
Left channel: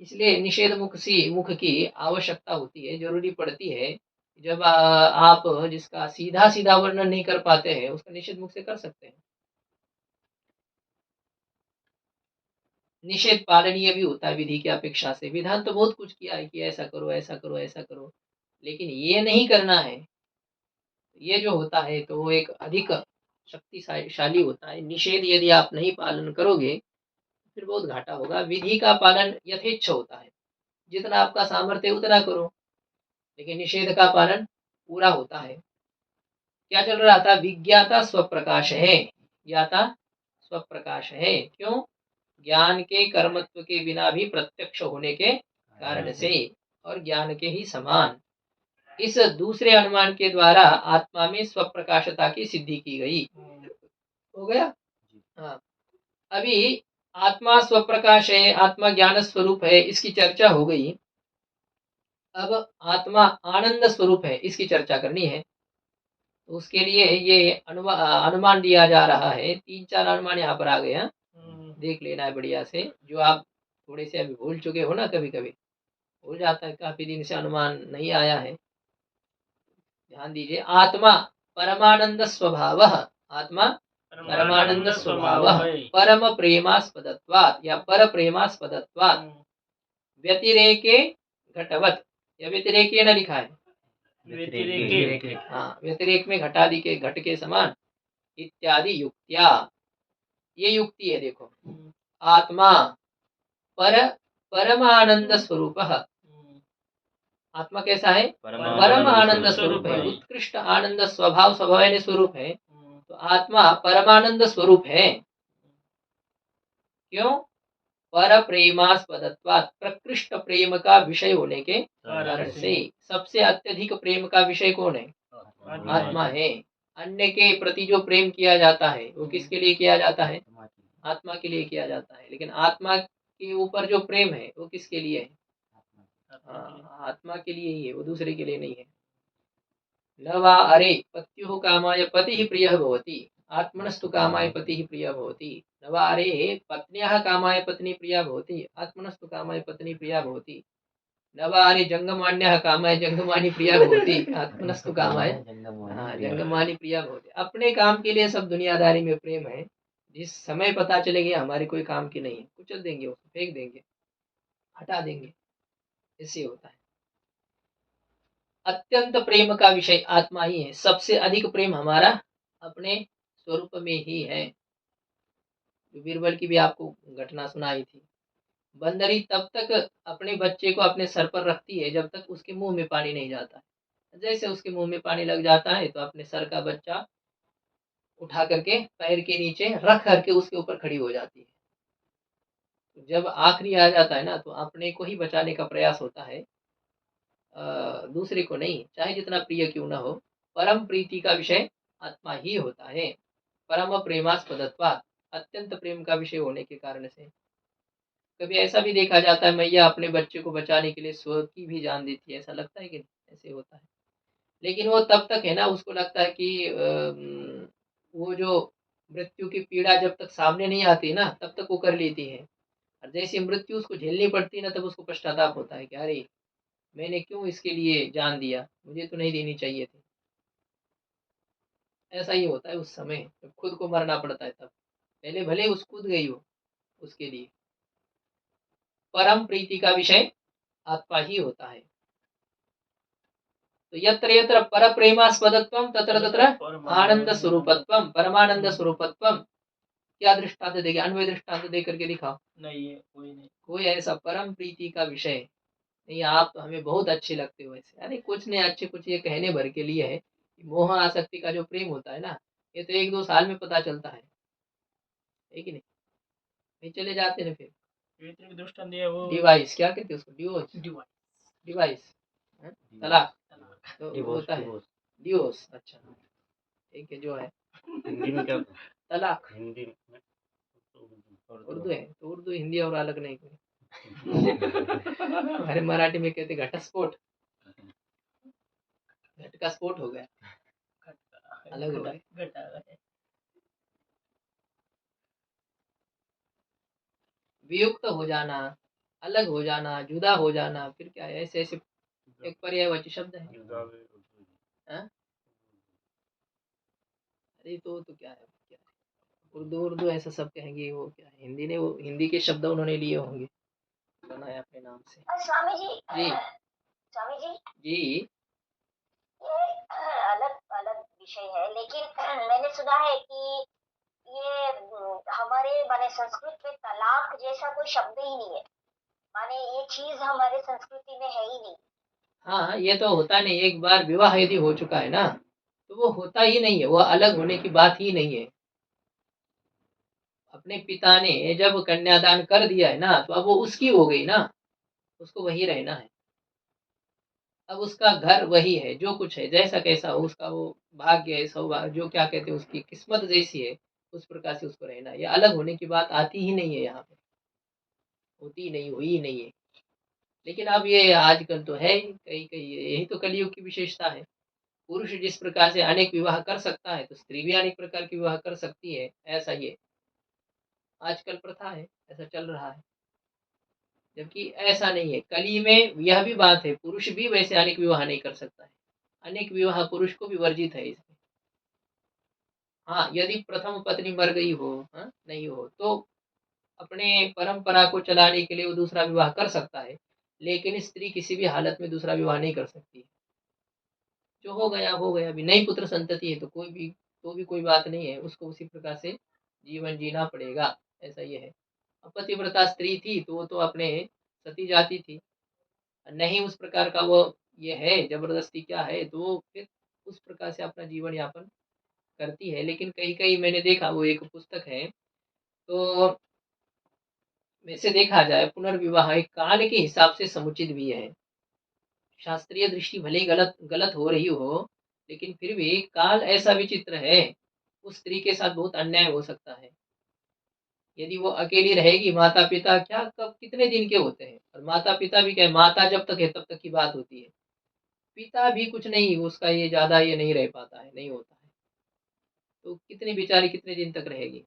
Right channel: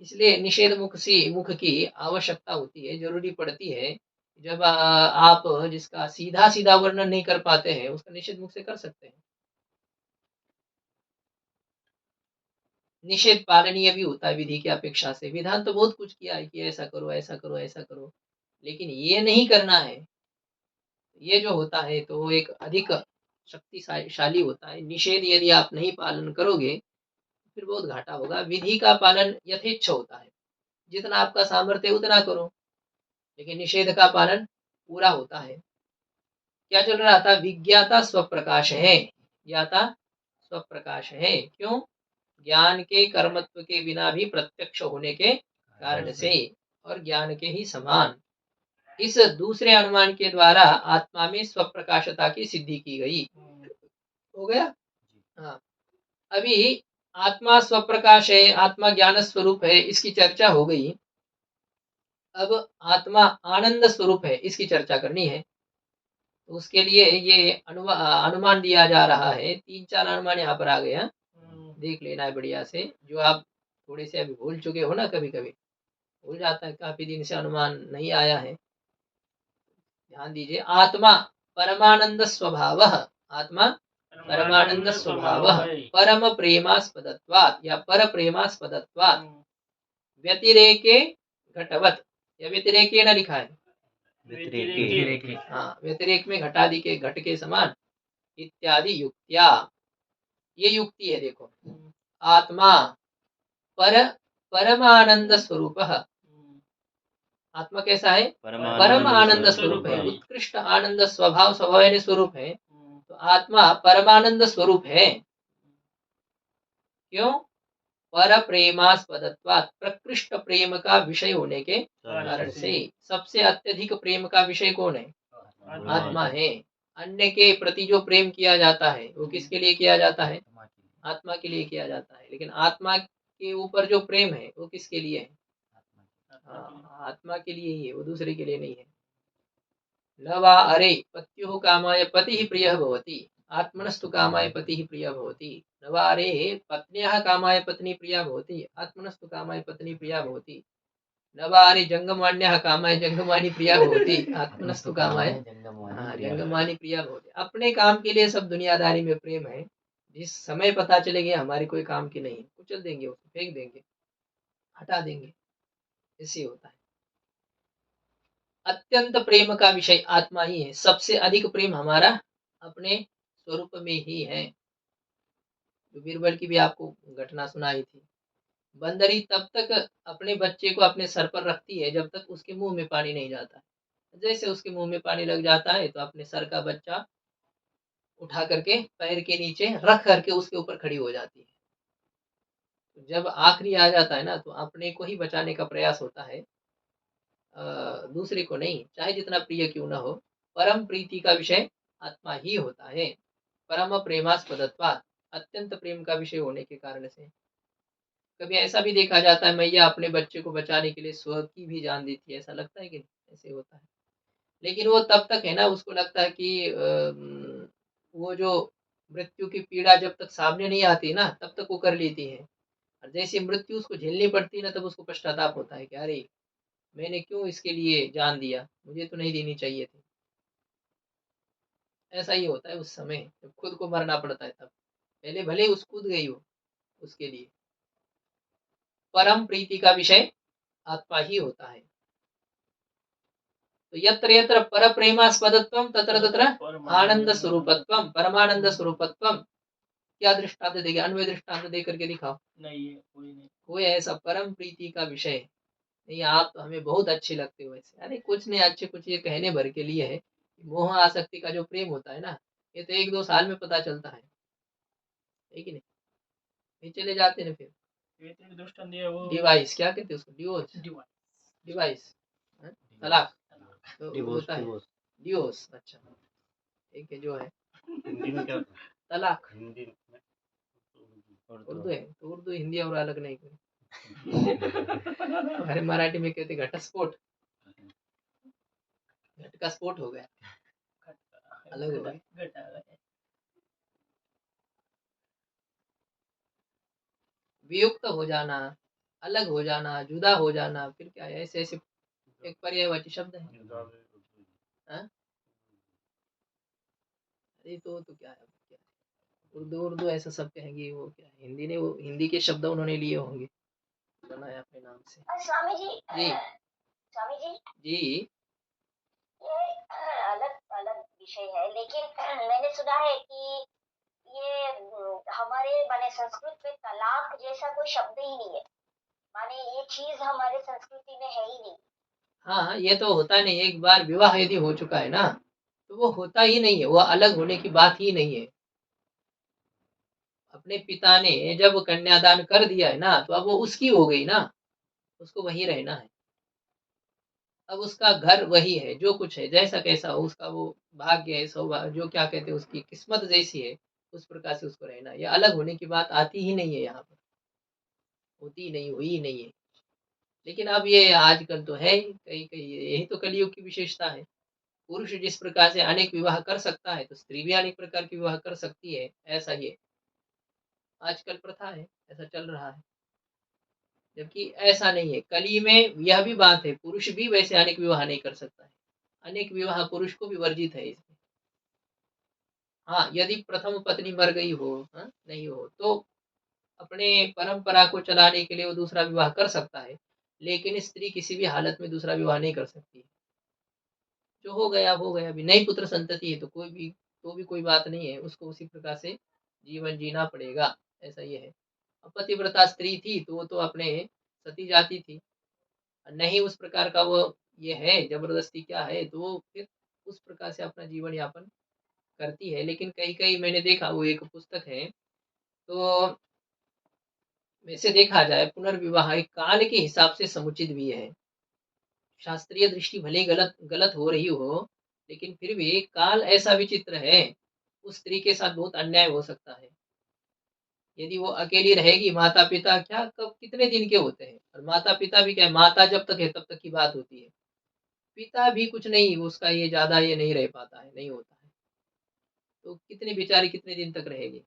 इसलिए निषेध मुख की आवश्यकता होती है, जरूरी पड़ती है। जब आप जिसका सीधा सीधा वर्णन नहीं कर पाते हैं, उसका निषेध मुख से कर सकते हैं। निषेध पालनीय भी होता है विधि की अपेक्षा से। विधान तो बहुत कुछ किया है कि ऐसा करो, ऐसा करो, ऐसा करो, लेकिन ये नहीं करना है, ये जो होता है तो वो एक अधिक शक्तिशाली होता है। निषेध यदि आप नहीं पालन करोगे, फिर बहुत घाटा होगा। विधि का पालन यथेच्छ होता है, जितना आपका सामर्थ्य है उतना करो, लेकिन निषेध का पालन पूरा होता है। क्या चल रहा था, विज्ञाता स्वप्रकाश है, ज्ञाता स्वप्रकाश है, क्यों, ज्ञान के कर्मत्व के बिना भी प्रत्यक्ष होने के कारण से, और ज्ञान के ही समान इस दूसरे अनुमान के द्वारा आत्मा में स्वप्रकाशता की सिद्धि की गई। हो गया, हाँ। अभी आत्मा स्वप्रकाश है, आत्मा ज्ञान स्वरूप है, इसकी चर्चा हो गई। अब आत्मा आनंद स्वरूप है, इसकी चर्चा करनी है। तो उसके लिए ये अनुमान दिया जा रहा है, 3-4 अनुमान यहाँ पर आ गए हैं, देख लेना है बढ़िया से। जो आप थोड़े से अभी भूल चुके हो ना, कभी कभी भूल जाता है, काफी दिन से अनुमान नहीं आया है, ध्यान दीजिए। आत्मा परमानंद स्वभाव, आत्मा परमानंद स्वभाव, परम प्रेमास्पदत्वात् या पर प्रेमास्पदत्वात्, व्यतिरेके घटवत, या व्यतिरेके न लिखा है, हाँ, व्यतिरेक में घटादि के घट के समान, इत्यादि युक्तिया, ये युक्ति है देखो। आत्मा परमानंद स्वरूप, आत्मा कैसा है, परम आनंद स्वरूप है, उत्कृष्ट आनंद स्वभाव, स्वभाव यानी स्वरूप है। तो आत्मा परमानंद स्वरूप है, क्यों, पर प्रेमास्पदत्वात्, प्रकृष्ट प्रेम का विषय होने के कारण से। सबसे अत्यधिक प्रेम का विषय कौन है, आत्मा है। अन्य के प्रति जो प्रेम किया जाता है वो किसके लिए किया जाता है, आत्मा के लिए किया जाता है। लेकिन आत्मा के ऊपर जो प्रेम है वो किसके लिए है, हाँ, आत्मा के लिए ही है, वो दूसरे के लिए नहीं है। न वा अरे पत्युः कामाय पतिः प्रियः भवति, आत्मनस्तु कामाय पतिः प्रियः भवति। न वा अरे पत्न्याः कामाय पत्नी प्रिया भवति, आत्मनस्तु कामाय पत्नी प्रिया भवति। नवानि जंगमान्यः कामाय जंगमानि प्रिया भवति आत्मनस्तु कामाय जंगमानि प्रिया भवति। अपने काम के लिए सब दुनियादारी में प्रेम है, जिस समय पता चलेगा हमारे कोई काम की नहीं है, कुचल देंगे, उसको फेंक देंगे, हटा देंगे, ऐसे होता है। अत्यंत प्रेम का विषय आत्मा ही है। सबसे अधिक प्रेम हमारा अपने स्वरूप में ही है। जो बीरबल की भी आपको घटना सुनाई थी, बंदरी तब तक अपने बच्चे को अपने सर पर रखती है जब तक उसके मुंह में पानी नहीं जाता। जैसे उसके मुंह में पानी लग जाता है तो अपने सर का बच्चा उठा करके पैर के नीचे रख करके उसके ऊपर खड़ी हो जाती है। तो जब आखिरी आ जाता है ना, तो अपने को ही बचाने का प्रयास होता है, दूसरे को नहीं, चाहे जितना प्रिय क्यों ना हो। परम प्रीति का विषय आत्मा ही होता है। परम प्रेमास्पदत्वात्, अत्यंत प्रेम का विषय होने के कारण से। कभी ऐसा भी देखा जाता है, मैया अपने बच्चे को बचाने के लिए स्व की भी जान देती है, ऐसा लगता है कि नहीं? ऐसे होता है। लेकिन वो तब तक है ना, उसको लगता है कि वो जो मृत्यु की पीड़ा जब तक सामने नहीं आती ना, तब तक वो कर लेती है। और जैसे मृत्यु उसको झेलनी पड़ती है ना, तब उसको पश्चाताप होता है कि अरे मैंने क्यों इसके लिए जान दिया, मुझे तो नहीं देनी चाहिए थी। ऐसा ही होता है उस समय जब खुद को मरना पड़ता है। तब पहले भले उस कूद गई हो उसके लिए। परम प्रीति का विषय आत्मा ही होता है। तो यत्र यत्र पर प्रेमास्पदत्वम तत्र तत्र आनंद स्वरूपत्वम, परमानंद स्वरूपत्वम। क्या दृष्टांत देगा? अन्वय दृष्टांत दे करके दिखाओ। नहीं है, कोई नहीं। कोई ऐसा परम प्रीति का विषय नहीं। आप तो हमें बहुत अच्छे लगते हो ऐसे। अरे कुछ नहीं, अच्छे कुछ ये कहने भर के लिए है। मोह आसक्ति का जो प्रेम होता है ना, ये तो 1-2 साल में पता चलता है कि नहीं? नहीं चले जाते ना फिर। एक दृष्टांत दिया वो डिवाइस क्या कहते हैं उसको? डिवोर्स, डिवाइस डिवाइस, तलाक। तो डिवोर्स, होता है डिवोर्स। डिवोर्स। अच्छा ठीक है, जो है हिंदी में क्या तलाक। हिंदी में उर्दू है तो उर्दू हिंदी और अलग नहीं कोई। हमारे मराठी में कहते घटस्फोट, घट का स्फोट हो गया, अलग हो गए। वियुक्त हो जाना, अलग हो जाना, जुदा हो जाना, फिर क्या है, ऐसे ऐसे एक पर्यायवाची शब्द है। हाँ? अरे तो क्या है, क्या है? उर्दू उर्दू ऐसा सब कहेंगे, वो क्या है, हिंदी ने वो हिंदी के शब्द उन्होंने लिए होंगे, बनाया अपने नाम से। स्वामी जी, जी स्वामी जी, जी। ये अलग अलग विषय है, लेकिन मैंने सुना है कि ये हमारे माने संस्कृत में तलाक जैसा कोई शब्द ही नहीं है। माने ये चीज हमारे संस्कृति में है ही नहीं। हाँ, ये तो होता नहीं। एक बार विवाह यदि हो चुका है ना, तो वो होता ही नहीं है, वो अलग होने की बात ही नहीं है। अपने पिता ने जब कन्यादान कर दिया है ना, तो अब वो उसकी हो गई ना, उसको वही रहना है। अब उसका घर वही है, जो कुछ है, जैसा कैसा हो उसका वो भाग्य है, सौभाग्य, जो क्या कहते हैं, उसकी किस्मत जैसी है उस प्रकार से उसको रहना है। ये अलग होने की बात आती ही नहीं है, यहाँ पर होती नहीं, हुई ही नहीं है। लेकिन अब ये आजकल तो है, कई कई यही तो कलयुग की विशेषता है। पुरुष जिस प्रकार से अनेक विवाह कर सकता है, तो स्त्री भी अनेक प्रकार की विवाह कर सकती है। ऐसा ये आजकल प्रथा है, ऐसा चल रहा है। जबकि ऐसा नहीं है, कली में यह भी बात है, पुरुष भी वैसे अनेक विवाह नहीं कर सकता है। अनेक विवाह पुरुष को भी वर्जित है इसमें। हाँ, यदि प्रथम पत्नी मर गई हो, हाँ, नहीं हो, तो अपने परंपरा को चलाने के लिए वो दूसरा विवाह कर सकता है। लेकिन स्त्री किसी भी हालत में दूसरा विवाह नहीं कर सकती है। जो हो गया, अभी नई पुत्र संतति है तो कोई भी, तो भी कोई बात नहीं है, उसको उसी प्रकार से जीवन जीना पड़ेगा। ऐसा ये है। अब पतिव्रता स्त्री थी तो वो तो अपने सती जाती थी, नहीं उस प्रकार का वो ये है, जबरदस्ती क्या है, तो वो फिर उस प्रकार से अपना जीवन यापन करती है। लेकिन कई कई मैंने देखा, वो एक पुस्तक है, तो वैसे देखा जाए पुनर्विवाह एक काल के हिसाब से समुचित भी है। शास्त्रीय दृष्टि भले ही गलत गलत हो रही हो, लेकिन फिर भी काल ऐसा विचित्र है, उस स्त्री के साथ बहुत अन्याय हो सकता है। यदि वो अकेली रहेगी, माता पिता क्या कब कितने दिन के होते हैं, और माता पिता भी क्या, माता जब तक है तब तक की बात होती है, पिता भी कुछ नहीं, उसका ये ज्यादा ये नहीं रह पाता है, नहीं होता है। तो कितनी बेचारी कितने दिन तक रहेगी,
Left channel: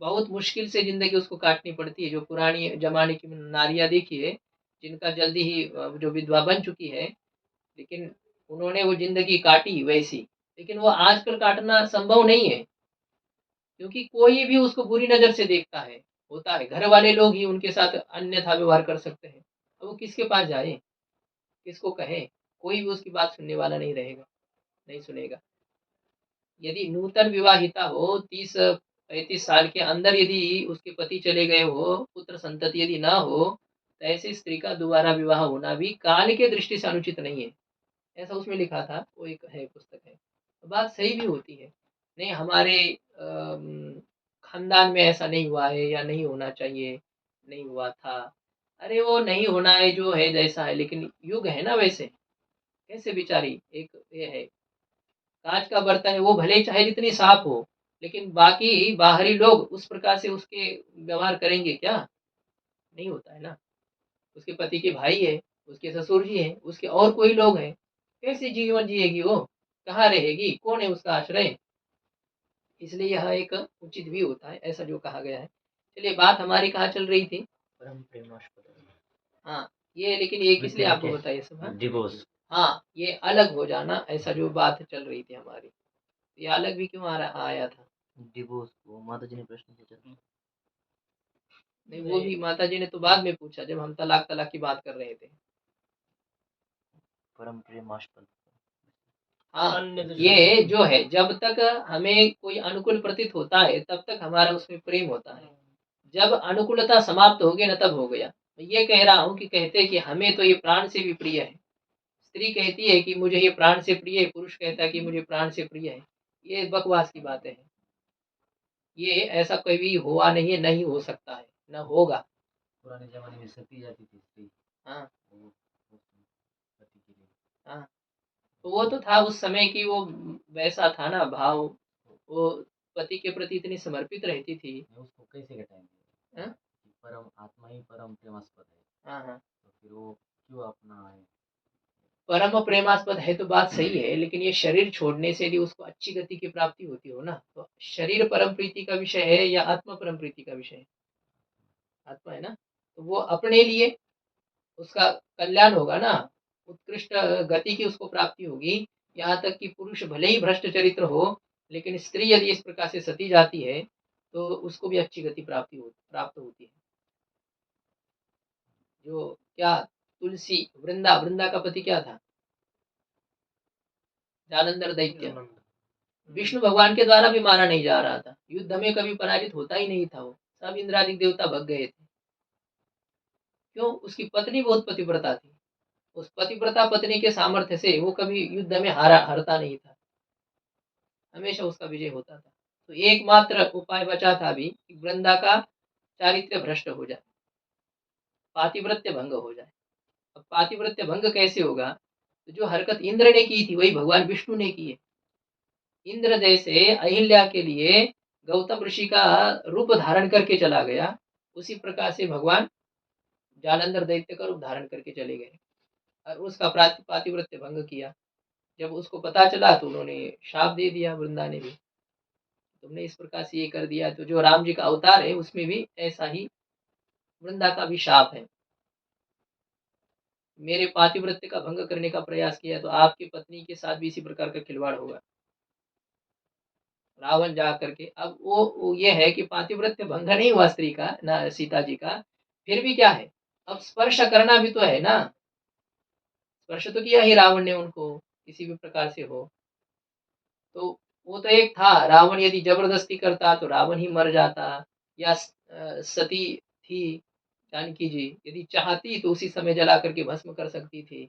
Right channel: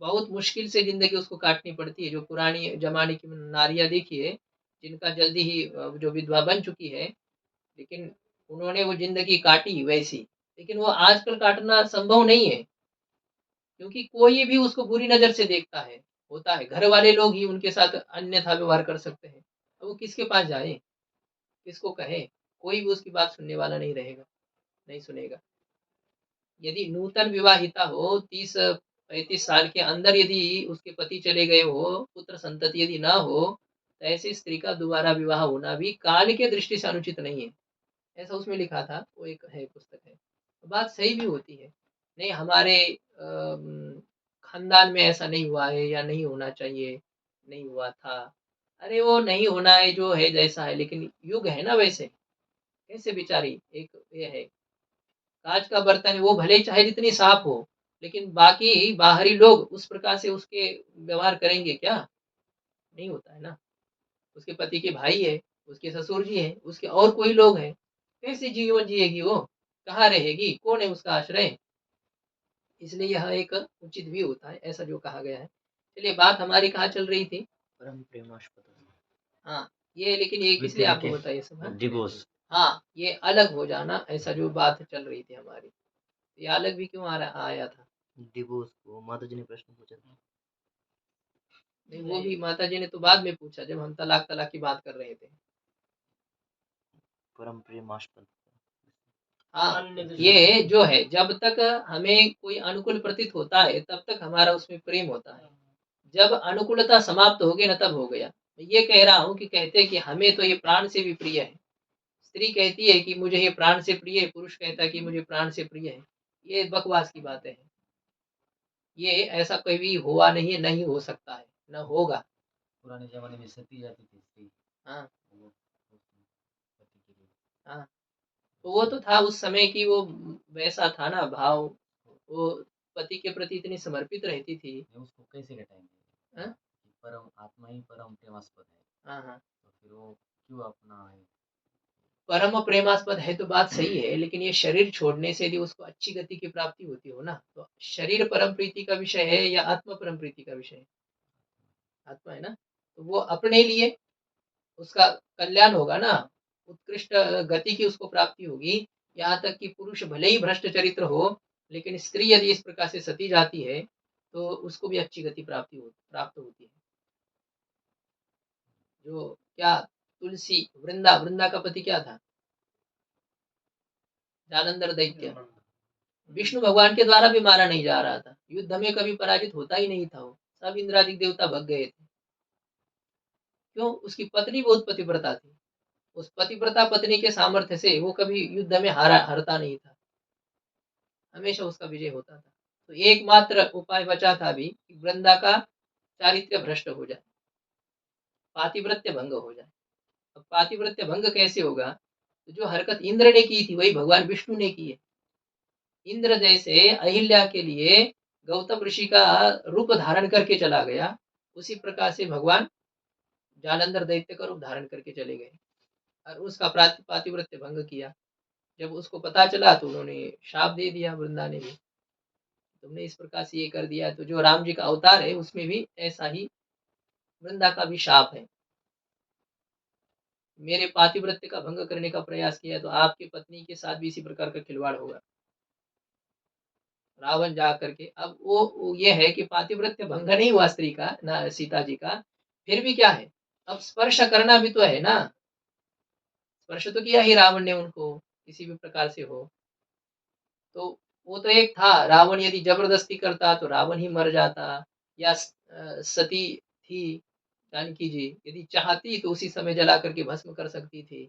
बहुत मुश्किल से जिंदगी उसको काटनी पड़ती है। जो पुरानी जमाने की नारियां देखिए, जिनका जल्दी ही जो विधवा बन चुकी है, लेकिन उन्होंने वो ज़िंदगी काटी वैसी। लेकिन वो आजकल काटना संभव नहीं है, क्योंकि कोई भी उसको बुरी नज़र से देखता है, होता है। घर वाले लोग ही उनके साथ अन्यथा व्यवहार कर सकते हैं। अब वो किसके पास जाए? किसको कहे? कोई भी उसकी बात सुनने वाला नहीं रहेगा, नहीं सुनेगा। यदि नूतन विवाहिता हो, 30-35 साल के अंदर यदि उसके पति चले गए हो, पुत्र संतति यदि ना हो, तो ऐसी स्त्री का दोबारा विवाह होना भी काल के दृष्टि से अनुचित नहीं है। ऐसा उसमें लिखा था, वो एक है पुस्तक है। बात सही भी होती है। नहीं हमारे खानदान में ऐसा नहीं हुआ है या नहीं होना चाहिए, नहीं हुआ था। अरे वो नहीं होना है जो है जैसा है, लेकिन युग है ना वैसे। कैसे बेचारी एक ये है, काँच का बर्तन है, वो भले ही चाहे जितनी साफ हो, लेकिन बाकी बाहरी लोग उस प्रकार से उसके व्यवहार करेंगे क्या? नहीं होता है ना। उसके पति के भाई है, उसके ससुर जी हैं, उसके और कोई लोग हैं। कैसे जीवन जिएगी वो? कहाँ रहेगी? कौन है उसका आश्रय? इसलिए यह एक उचित भी होता है, ऐसा जो कहा गया है। चलिए बात हमारी कहाँ चल रही थी? परम प्रेमास्पद हाँ, ये लेकिन ये किस लिए आपको बताइए सब? हाँ? डिवोर्स। हाँ, ये अलग हो जाना, ऐसा जो बात चल रही थी हमारी। ये अलग भी क्यों आया था? डिवोर्स को माता जी ने प्रश्न पूछा था। नहीं वो भी माताजी ने तो बाद में पूछा, जब हम तलाक की बात कर रहे थे। परम प्रेमास्पद। हाँ, अन्य ये दृष्टि। जो है जब तक हमें कोई अनुकूल प्रतीत होता है, तब तक हमारा उसमें प्रेम होता है। जब अनुकूलता समाप्त होगी ना, तब हो गया। मैं ये कह रहा हूँ कि कहते हैं कि हमें तो ये प्राण से भी प्रिय है। स्त्री कहती है कि मुझे ये प्राण से प्रिय है, पुरुष कहता है कि मुझे प्राण से प्रिय है। ये बकवास की बातें हैं। ये ऐसा कभी हुआ नहीं है, नहीं हो सकता है, ना होगा। पुराने जमाने में सती जाती थी स्त्री, हाँ, वो पति के लिए। हाँ। तो वो तो था उस समय की, वो वैसा था ना भाव, वो पति के प्रति इतनी समर्पित रहती थी। मैं उसको कैसे घटाएंगे हाँ, कि परम आत्मा ही परम प्रेमास्पद है, हाँ, हाँ। तो फिर वो क्यों अपना है। परम प्रेमास्पद है तो बात सही है, लेकिन ये शरीर छोड़ने से यदि उसको अच्छी गति की प्राप्ति होती हो ना, तो शरीर परम प्रीति का विषय है या आत्मा परम प्रीति का विषय है? आत्मा है ना। तो वो अपने लिए उसका कल्याण होगा ना, उत्कृष्ट गति की उसको प्राप्ति होगी। यहाँ तक कि पुरुष भले ही भ्रष्ट चरित्र हो, लेकिन स्त्री यदि इस प्रकार से सती जाती है, तो उसको भी अच्छी गति प्राप्त होती है। जो क्या तुलसी, वृंदा का पति क्या था? जालंधर दैत्य। विष्णु भगवान के द्वारा भी मारा नहीं जा रहा था, युद्ध में कभी पराजित होता ही नहीं था वो, सब इंद्रादिक देवता भग गए थे। क्यों? उसकी पत्नी बहुत पतिव्रता थी। उस पतिव्रता पत्नी के सामर्थ्य से वो कभी युद्ध में हारता नहीं था, हमेशा उसका विजय होता था। तो एकमात्र उपाय बचा था अभी कि वृंदा का चारित्र्य भ्रष्ट हो जाए, पातिव्रत्य भंग हो जाए। अब पातिव्रत्य भंग कैसे होगा? तो जो हरकत इंद्र ने की थी, वही भगवान विष्णु ने की है। इंद्र जैसे अहिल्या के लिए गौतम ऋषि का रूप धारण करके चला गया, उसी प्रकार से भगवान जालंधर दैत्य का रूप धारण करके चले गए और उसका पातिव्रत्य भंग किया। जब उसको पता चला तो उन्होंने शाप दे दिया, वृंदा ने भी, तुमने इस प्रकार से ये कर दिया। तो जो राम जी का अवतार है उसमें भी ऐसा ही वृंदा का भी शाप है, मेरे पातिव्रत्य का भंग करने का प्रयास किया तो आपकी पत्नी के साथ भी इसी प्रकार का खिलवाड़ होगा। रावण जा करके, अब वो ये है कि पातिव्रत्य भंग नहीं हुआ स्त्री का ना, सीता जी का, फिर भी क्या है, अब स्पर्श करना भी तो है ना। स्पर्श तो किया ही रावण ने उनको, किसी भी प्रकार से हो। तो वो तो एक था, रावण यदि जबरदस्ती करता तो रावण ही मर जाता, या सती थी जानकी जी, यदि चाहती तो उसी समय जला करके भस्म कर सकती थी।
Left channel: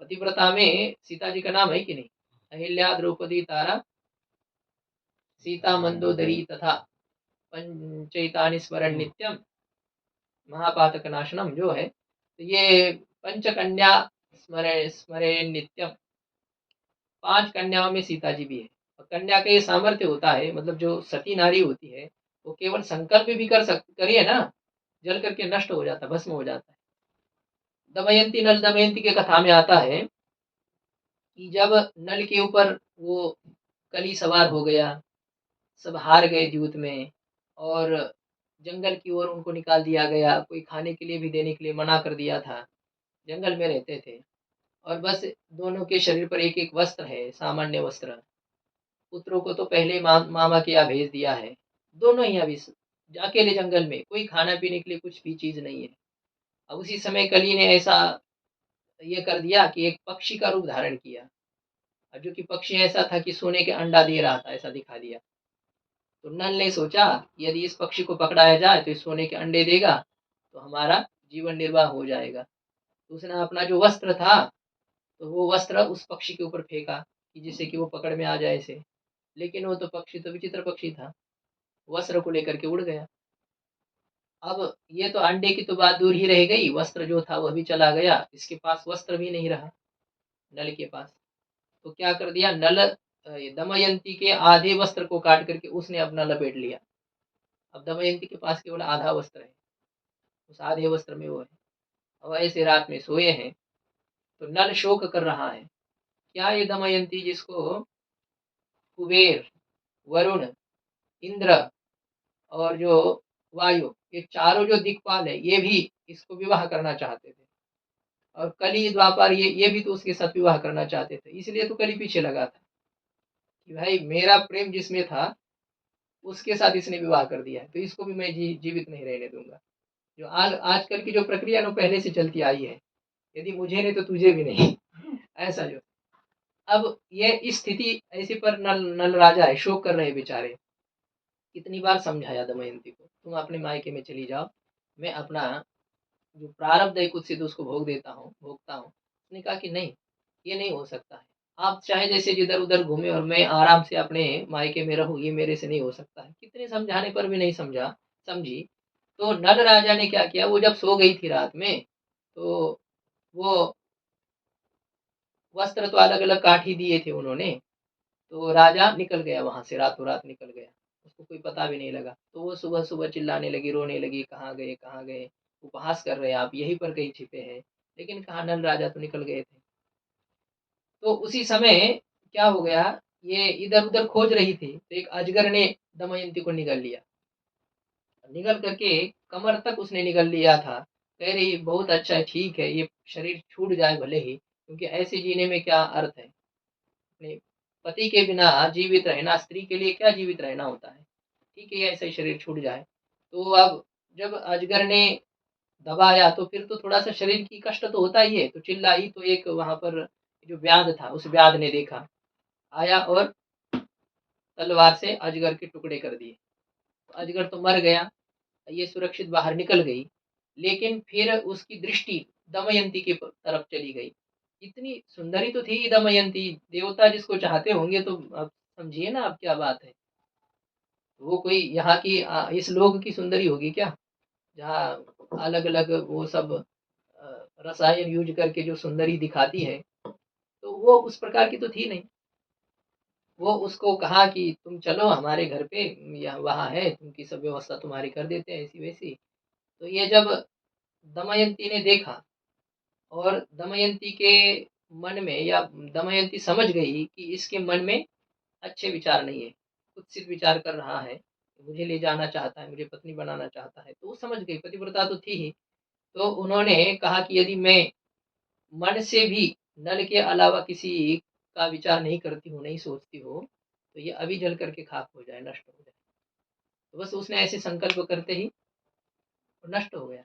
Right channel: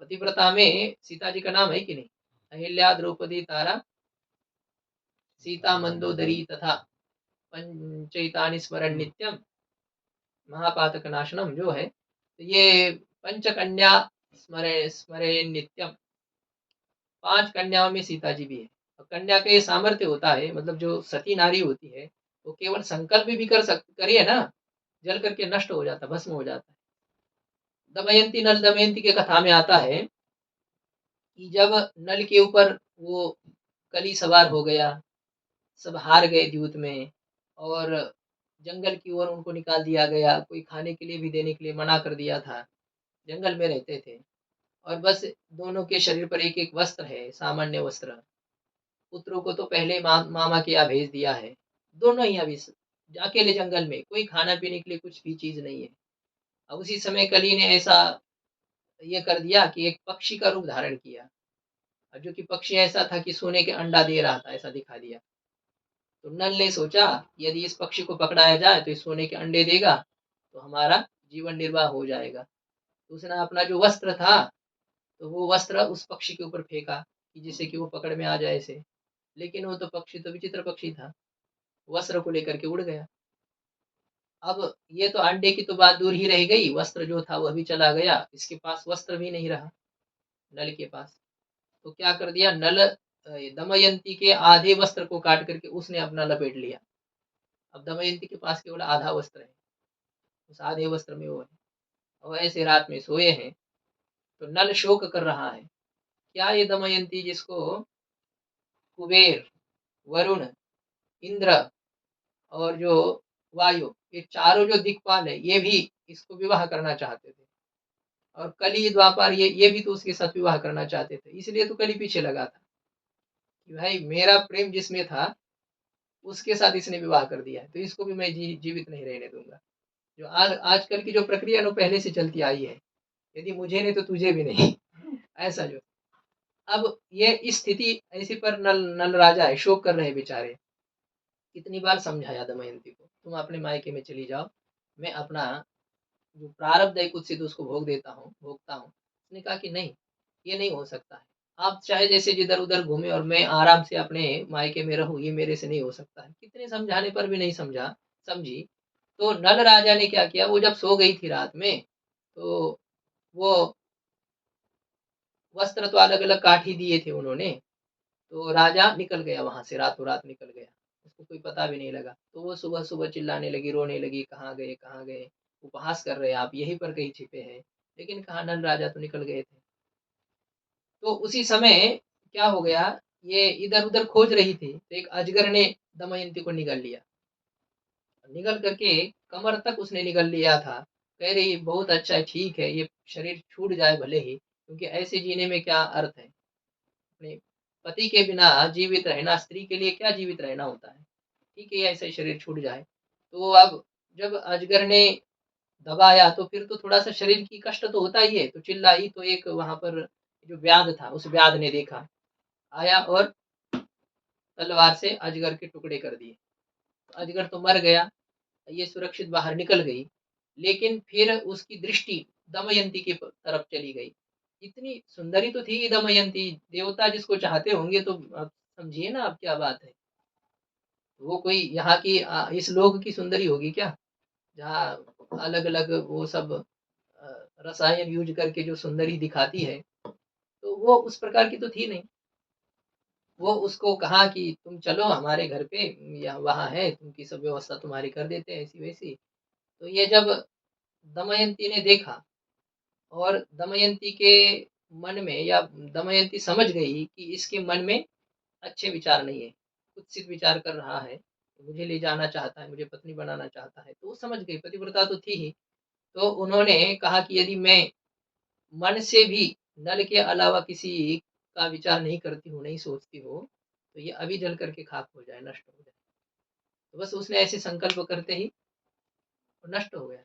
पतिव्रता में सीता जी का नाम है कि नहीं? अहिल्या, द्रौपदी, तारा, सीता, मंदोदरी तथा पंचैतानि स्मरण नित्यम महापातक नाशनम जो है, तो ये पंचकन्या स्मरे स्मरे नित्यम, 5 कन्याओं में सीता जी भी है। और कन्या का ये सामर्थ्य होता है, मतलब जो सती नारी होती है, वो केवल संकल्प भी करिए ना, जल करके नष्ट हो जाता, भस्म हो जाता है। दमयंती, नल दमयंती के कथा में आता है कि जब नल के ऊपर वो कली सवार हो गया, सब हार गए द्यूत में, और जंगल की ओर उनको निकाल दिया गया, कोई खाने के लिए भी देने के लिए मना कर दिया था। जंगल में रहते थे और बस दोनों के शरीर पर एक-एक वस्त्र है, सामान्य वस्त्र। पुत्रों को तो पहले मामा के यहाँ भेज दिया है। दोनों ही अभी अकेले जंगल में, कोई खाना-पीने के लिए कुछ भी चीज़ नहीं है। अब उसी समय कली ने ऐसा ये कर दिया कि एक पक्षी का रूप धारण किया। और जो कि पक्षी ऐसा था कि सोने के अंडा दे रहा था, ऐसा दिखा दिया। तो नल ने सोचा यदि इस पक्षी को पकड़ाया जाए तो इस सोने के अंडे देगा, तो हमारा जीवन निर्वाह हो जाएगा। तो उसने अपना जो वस्त्र था, तो वो वस्त्र उस पक्षी के ऊपर फेंका कि जिससे कि वो पकड़ में आ जाए इसे। लेकिन वो तो पक्षी तो विचित्र पक्षी था, वस्त्र को लेकर के उड़ गया। अब ये तो अंडे की तो बात दूर ही रह गई, वस्त्र जो था वह भी चला गया, इसके पास वस्त्र भी नहीं रहा, नल के पास। तो क्या कर दिया नल, दमयंती के आधे वस्त्र को काट करके उसने अपना लपेट लिया। अब दमयंती के पास केवल आधा वस्त्र है, उस आधे वस्त्र में वो है। और ऐसे रात में सोए हैं, तो नल शोक कर रहा है। क्या ये दमयंती जिसको कुबेर, वरुण, इंद्र और जो वायु, ये चारों जो दिक्पाल है, ये भी इसको विवाह करना चाहते थे। और कली द्वापर ये भी तो उसके साथ विवाह करना चाहते थे, इसलिए तो कली पीछे लगा था कि भाई मेरा प्रेम जिसमें था उसके साथ इसने विवाह कर दिया है, तो इसको भी मैं जीवित नहीं रहने दूंगा। जो आजकल की जो प्रक्रिया है, पहले से चलती आई है, यदि मुझे नहीं तो तुझे भी नहीं। ऐसा जो अब ये स्थिति ऐसी पर नल नल राजा है, शोक कर रहे बेचारे। कितनी बार समझाया दमयंती को, तुम अपने मायके में चली जाओ, मैं अपना जो प्रारब्ध है कुछ सिद्ध उसको भोगता हूँ। उसने कहा कि नहीं, ये नहीं हो सकता है। आप चाहे जैसे जिधर उधर घूमे और मैं आराम से अपने मायके में रहूं, ये मेरे से नहीं हो सकता है। कितने समझाने पर भी नहीं समझी। तो नल राजा ने क्या किया, वो जब सो गई थी रात में, तो वो वस्त्र तो अलग अलग काट ही दिए थे उन्होंने। तो राजा निकल गया वहां से, रातों रात निकल गया, उसको कोई पता भी नहीं लगा। तो वो सुबह सुबह चिल्लाने लगी, रोने लगी, कहाँ गए कहाँ गए, उपहास कर रहे हैं आप, यहीं पर कहीं छिपे हैं। लेकिन कहा नल राजा तो निकल गए थे। तो उसी समय क्या हो गया, ये इधर उधर खोज रही थी, तो एक अजगर ने दमयंती को निगल लिया। निगल करके कमर तक उसने निगल लिया था। कह रही बहुत अच्छा है, ठीक है, ये शरीर छूट जाए भले ही, क्योंकि ऐसे जीने में क्या अर्थ है। अपने पति के बिना जीवित रहना, स्त्री के लिए क्या जीवित रहना होता है। ठीक है, ऐसा ही शरीर छूट जाए। तो अब जब अजगर ने दबाया तो फिर तो थोड़ा सा शरीर की कष्ट तो होता ही है, तो चिल्लाई। तो एक वहां पर जो व्याध था, उस व्याध ने देखा, आया और तलवार से अजगर के टुकड़े कर दिए। तो अजगर तो मर गया, ये सुरक्षित बाहर निकल गई। लेकिन फिर उसकी दृष्टि दमयंती की तरफ चली गई। इतनी सुंदरी तो थी दमयंती, देवता जिसको चाहते होंगे, तो अब समझिए ना आप क्या बात है। वो कोई यहाँ की इस लोक की सुंदरी होगी क्या, जहाँ अलग अलग वो सब रसायन यूज करके जो सुंदरी दिखाती है, तो वो उस प्रकार की तो थी नहीं। वो उसको कहा कि तुम चलो हमारे घर पे, या वहाँ है, तुमकी सब व्यवस्था तुम्हारी कर देते हैं ऐसी वैसी। तो ये जब दमयंती ने देखा, और दमयंती के मन में, या दमयंती समझ गई कि इसके मन में अच्छे विचार नहीं है, कुत्सित विचार कर रहा है, मुझे ले जाना चाहता है, मुझे पत्नी बनाना चाहता है, तो वो समझ गई, पतिव्रता तो थी ही। तो उन्होंने कहा कि यदि मैं मन से भी नल के अलावा किसी का विचार नहीं करती हूँ, नहीं सोचती हूँ, तो ये अभी जल करके खाक हो जाए, नष्ट हो जाए। तो बस उसने ऐसे संकल्प करते ही वो नष्ट हो गया,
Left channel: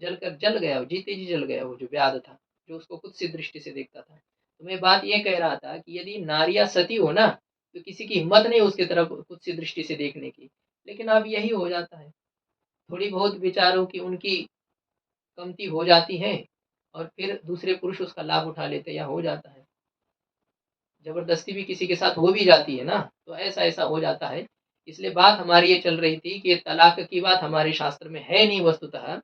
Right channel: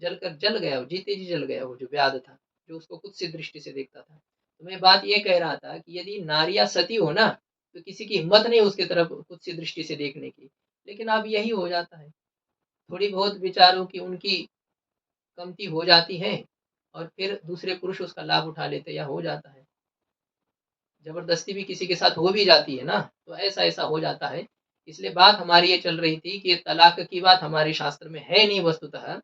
जल गया, वो जीते जी जल गया, वो जो व्याध था, जो उसको कुत्सित दृष्टि से देखता था। तो मैं बात ये कह रहा था कि यदि नारियां सती हो ना, तो किसी की हिम्मत नहीं उसकी तरफ कुत्सित दृष्टि से देखने की। लेकिन अब यही हो जाता है, थोड़ी बहुत विचारों की उनकी कमती हो जाती है, और फिर दूसरे पुरुष उसका लाभ उठा लेते, या हो जाता है, जबरदस्ती भी किसी के साथ हो भी जाती है ना, तो ऐसा ऐसा हो जाता है। इसलिए बात हमारी ये चल रही थी कि तलाक की बात हमारे शास्त्र में है नहीं वस्तुतः।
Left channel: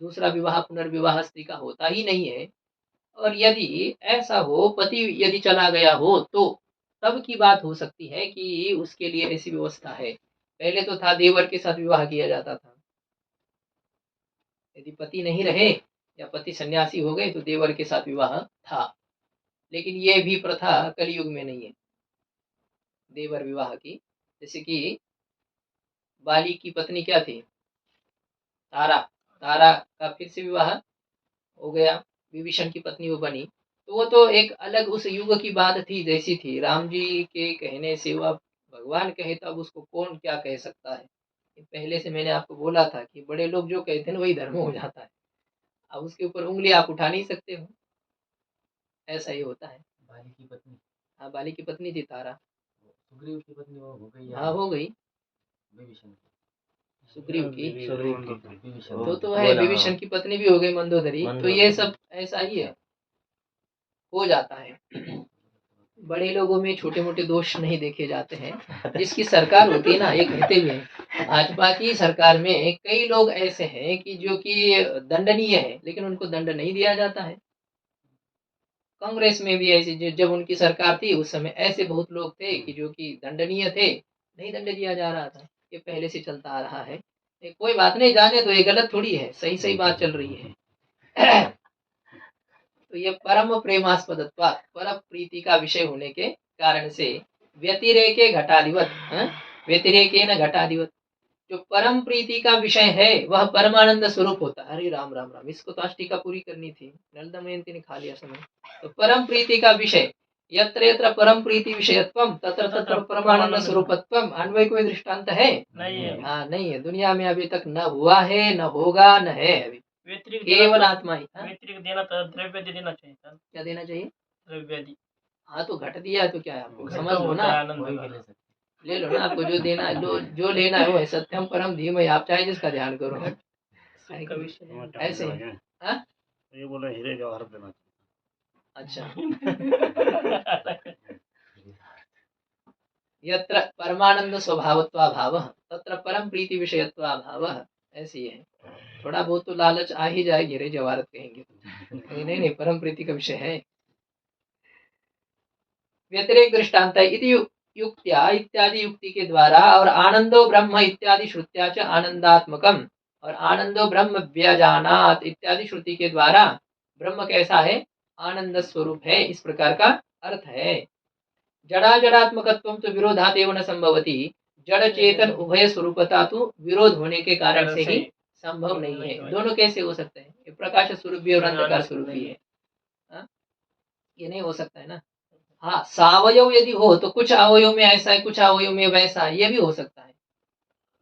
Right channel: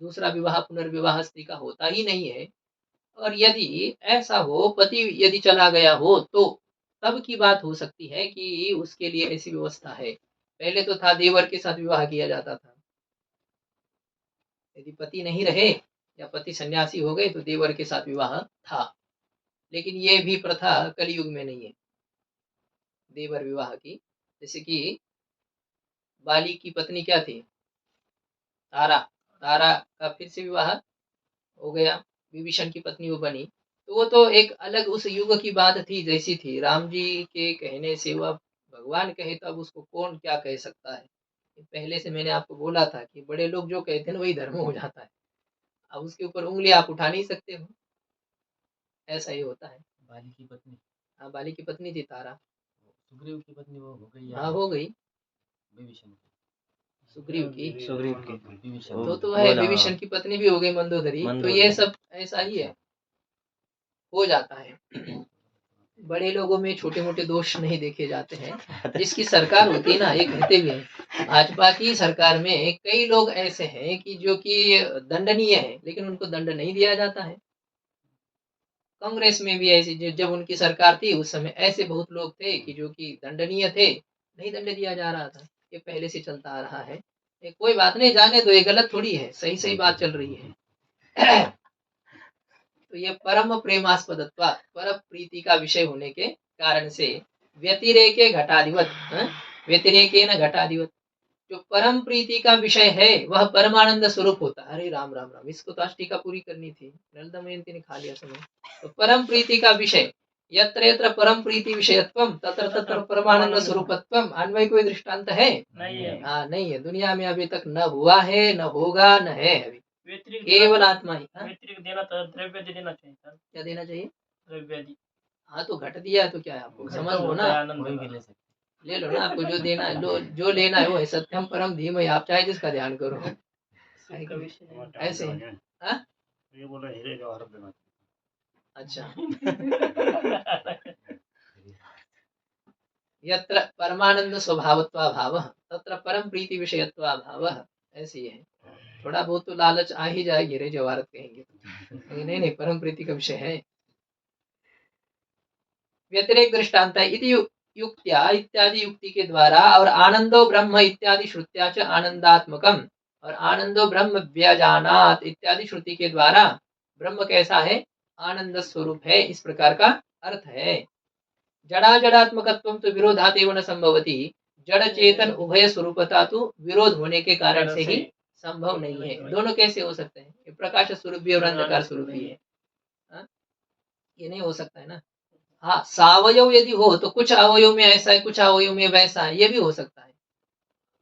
दूसरा विवाह पुनर्विवाह स्त्री का होता ही नहीं है। और यदि ऐसा हो, पति यदि चला गया हो, तो तब की बात हो सकती है कि उसके लिए ऐसी व्यवस्था है। पहले तो था देवर के साथ विवाह किया जाता था, यदि पति नहीं रहे या पति सन्यासी हो गए तो देवर के साथ विवाह था। लेकिन ये भी प्रथा कलयुग में नहीं है, देवर विवाह की। जैसे कि बाली की पत्नी क्या थी, तारा, तारा का फिर से विवाह हो गया, विभीषण की पत्नी वो बनी। तो वो तो एक अलग उस युग की बात थी, जैसी थी राम जी के कहने से, वह भगवान कहे तो अब उसको कौन क्या कह सकता है। पहले से मैंने आपको बोला था कि बड़े लोग जो कहते हैं वही धर्म हो जाता है। अब उसके ऊपर उंगली आप उठा नहीं सकते हो, ऐसा ही होता है। बाली की पत्नी, हाँ, बाली की पत्नी थी तारा। सुग्रीव की पत्नी वो हो गई या हाँ, हो गई विभीषण की? सुग्रीव की। विभीषण तो है, विभीषण की पत्नी भी हो गई मंदोदरी। तो ये सब ऐसा ही है, हो जाता है। बड़े लोगों में छोटे मोटे दोष नहीं देखे जाते हैं। जिसकी सरकार होती है ना, ये कहते हुए भाजपा की सरकार में कई लोग ऐसे हैं कि जो कि दंडनीय है, लेकिन उनको दंड नहीं दिया जाता है। कांग्रेस में भी ऐसी, जब उनकी सरकार थी उस समय ऐसे बहुत लोग थे कि जो कि दंडनीय थे, नहीं दंड दिया जा रहा था। ये पहले से चलता आ रहा है। ये कोई बात नहीं, जाने दो, ये गलत थोड़ी है, सही सही बात चल रही है। तो ये परम प्रेमास्पदत्व, पर प्रीति का विषय होने के कारण से व्यतिरेके घटाधिवत, व्यतिरेके न घटाधिवत, जो परम प्रीति का विषय है वह परमानंद स्वरूप होता है। अरे राम राम राम, इसको तो आज टीका पूरी करनी थी, नल दमयंती ने खा लिया समय। तो परम प्रीति का विषय, यत्र यत्र परम प्रीति विषयत्वम तत्र तत्र परमानंद स्वरूपत्वम, अन्वय कोई दृष्टांत है? नहीं है। हाँ, नहीं है, दुनिया में अभी तक न हुआ है, न होगा, न है अभी, केवल आत्मा ही। व्यतिरिक्त देना तो द्रव्य देना चाहिए था। क्या देना चाहिए? द्रव्य दी। हाँ, तो घट दिया है तो क्या है, आपको समझ लो ना, कोई भी ले सकते। ले लो ना, आपको जो देना है लो, जो लेना है वो है सत्यम परम धीमहि, आप चाहे जिसका ध्यान करो। ऐसे हाँ? ये बोला हीरे जवाहर देना। अच्छा। यत्र परमानंद स्वभावत्वा भाव तत्र परम प्रीति विषयत्वा भाव, ऐसी है। थोड़ा बहुत तो लालच आ ही जाए, हीरे जवाहरत कहेंगे तो, नहीं नहीं, परम प्रीति का विषय है। व्यतिरेक दृष्टांत इति युक्त्या इत्यादि युक्ति के द्वारा, और आनंदो ब्रह्म इत्यादि श्रुत्या च आनंदात्मकम, और आनंदो ब्रह्म व्यजानात इत्यादि श्रुति के द्वारा ब्रह्म कैसा है? आनंद स्वरूप है, इस प्रकार का अर्थ है। जड़ा जड़ात्मकत्वम तो विरोधादेव न संभवती, जड़ चेतन उभय स्वरूपता तो विरोध होने के कारण से ही संभव नहीं है। दोनों कैसे हो सकते हैं? ये प्रकाश स्वरूप भी और अंधकार स्वरूप भी है, ये नहीं हो सकता है ना। हाँ, सावयव यदि हो तो कुछ अवयव में ऐसा है, कुछ अवयव में वैसा है, ये भी हो सकता है।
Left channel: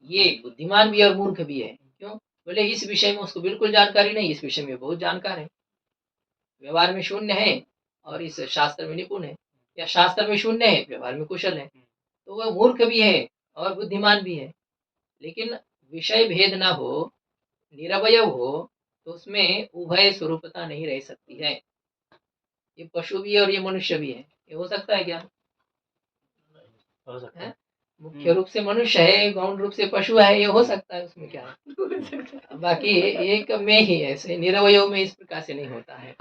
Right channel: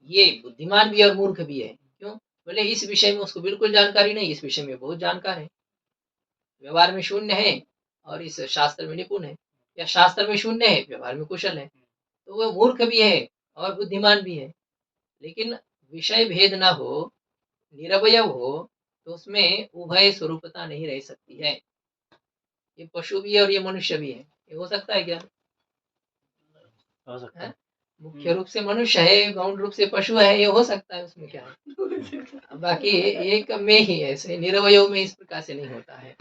ये बुद्धिमान भी और मूर्ख भी है। क्यों? बोले इस विषय में उसको बिल्कुल जानकारी नहीं, इस विषय में बहुत जानकार है। व्यवहार में शून्य है और इस शास्त्र में निपुण है, या शास्त्र में शून्य है, व्यवहार में कुशल है। तो वह मूर्ख भी है और बुद्धिमान भी है। लेकिन विषय भेद ना हो, निरवय हो, तो उसमें उभय स्वरूपता नहीं रह सकती है। ये पशु भी है और ये मनुष्य भी है, ये हो सकता है क्या? हो सकता है। मुख्य रूप से मनुष्य है, गौण रूप से पशु है, ये हो सकता है, उसमें क्या है। बाकी एक में ही ऐसे निरवय में इस प्रकार से नहीं होता है।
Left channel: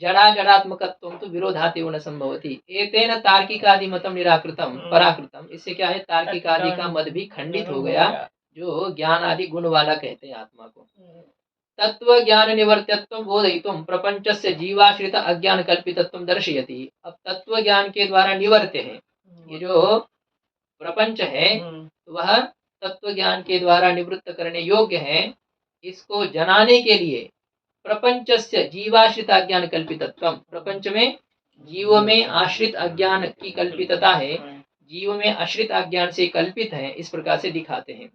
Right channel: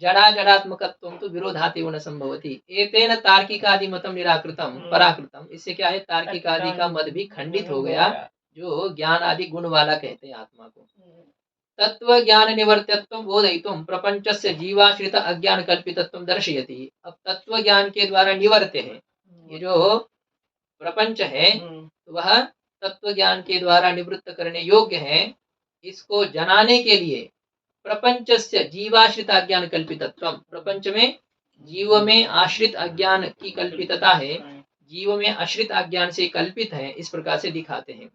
जड़ा जड़ात्मकत्वम तो विरोधातेव न संभवति, एतेन तार्किकादि मतम निराकृतम पराकृतम। इससे क्या है? तार्किक आदि का मत भी खंडित हो गया, जो ज्ञान आदि गुण वाला कहते हैं आत्मा को। तत्व ज्ञान निवर्त्यत्व बोधयितुम प्रपंचस्य जीवाश्रित अज्ञान कल्पितत्व दर्शयति। अब तत्व ज्ञान के द्वारा निवर्त्य है, ये जो प्रपंच है तो वह तत्व ज्ञान के द्वारा निवृत्त करने योग्य है। इसको जनाने के लिए प्रपंचस्य जीवाश्रित अज्ञान कल्पितत्व, प्रपंच में जीव में आश्रित अज्ञान की कल्पितता है, जीव में आश्रित अज्ञान से कल्पित है, इस प्रकार से दिखाते हैं।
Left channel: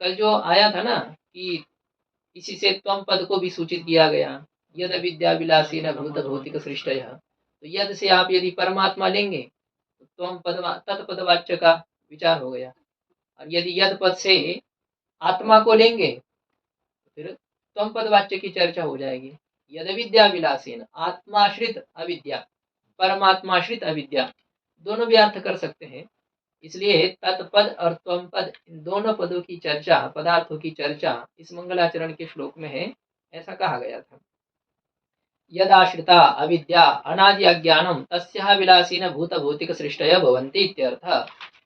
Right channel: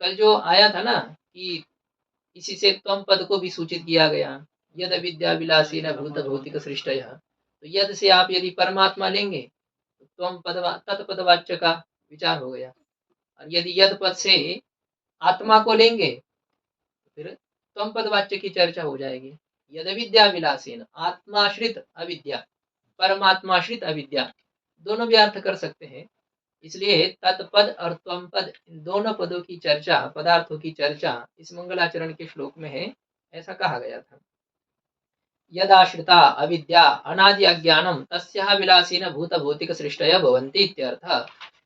कल जो आया था ना कि इसी से त्वम पद को भी सूचित किया गया, यद विद्या विलासी न भूत भौतिक सृष्टय। तो यद से आप यदि परमात्मा लेंगे तो त्वम पद तत्पदवाच्य का विचार हो गया, और यदि यद पद से आत्मा को लेंगे तो फिर त्वम पद वाच्य की चर्चा हो जाएगी। यद विद्या विलासीन, आत्माश्रित अविद्या, परमात्माश्रित अविद्या, दोनों भी अर्थ कर सकते हैं। इसलिए तत्पद और त्वम पद, इन दोनों पदों की चर्चा, पदार्थों की चर्चा इस मंगलाचरण के श्लोक में है, ऐसा कहा गया था। यदाश्रिता अविद्या अनादि अज्ञानम तस्याः विलासीन भूत भौतिक सृष्टय भवन्ति इत्यर्थ।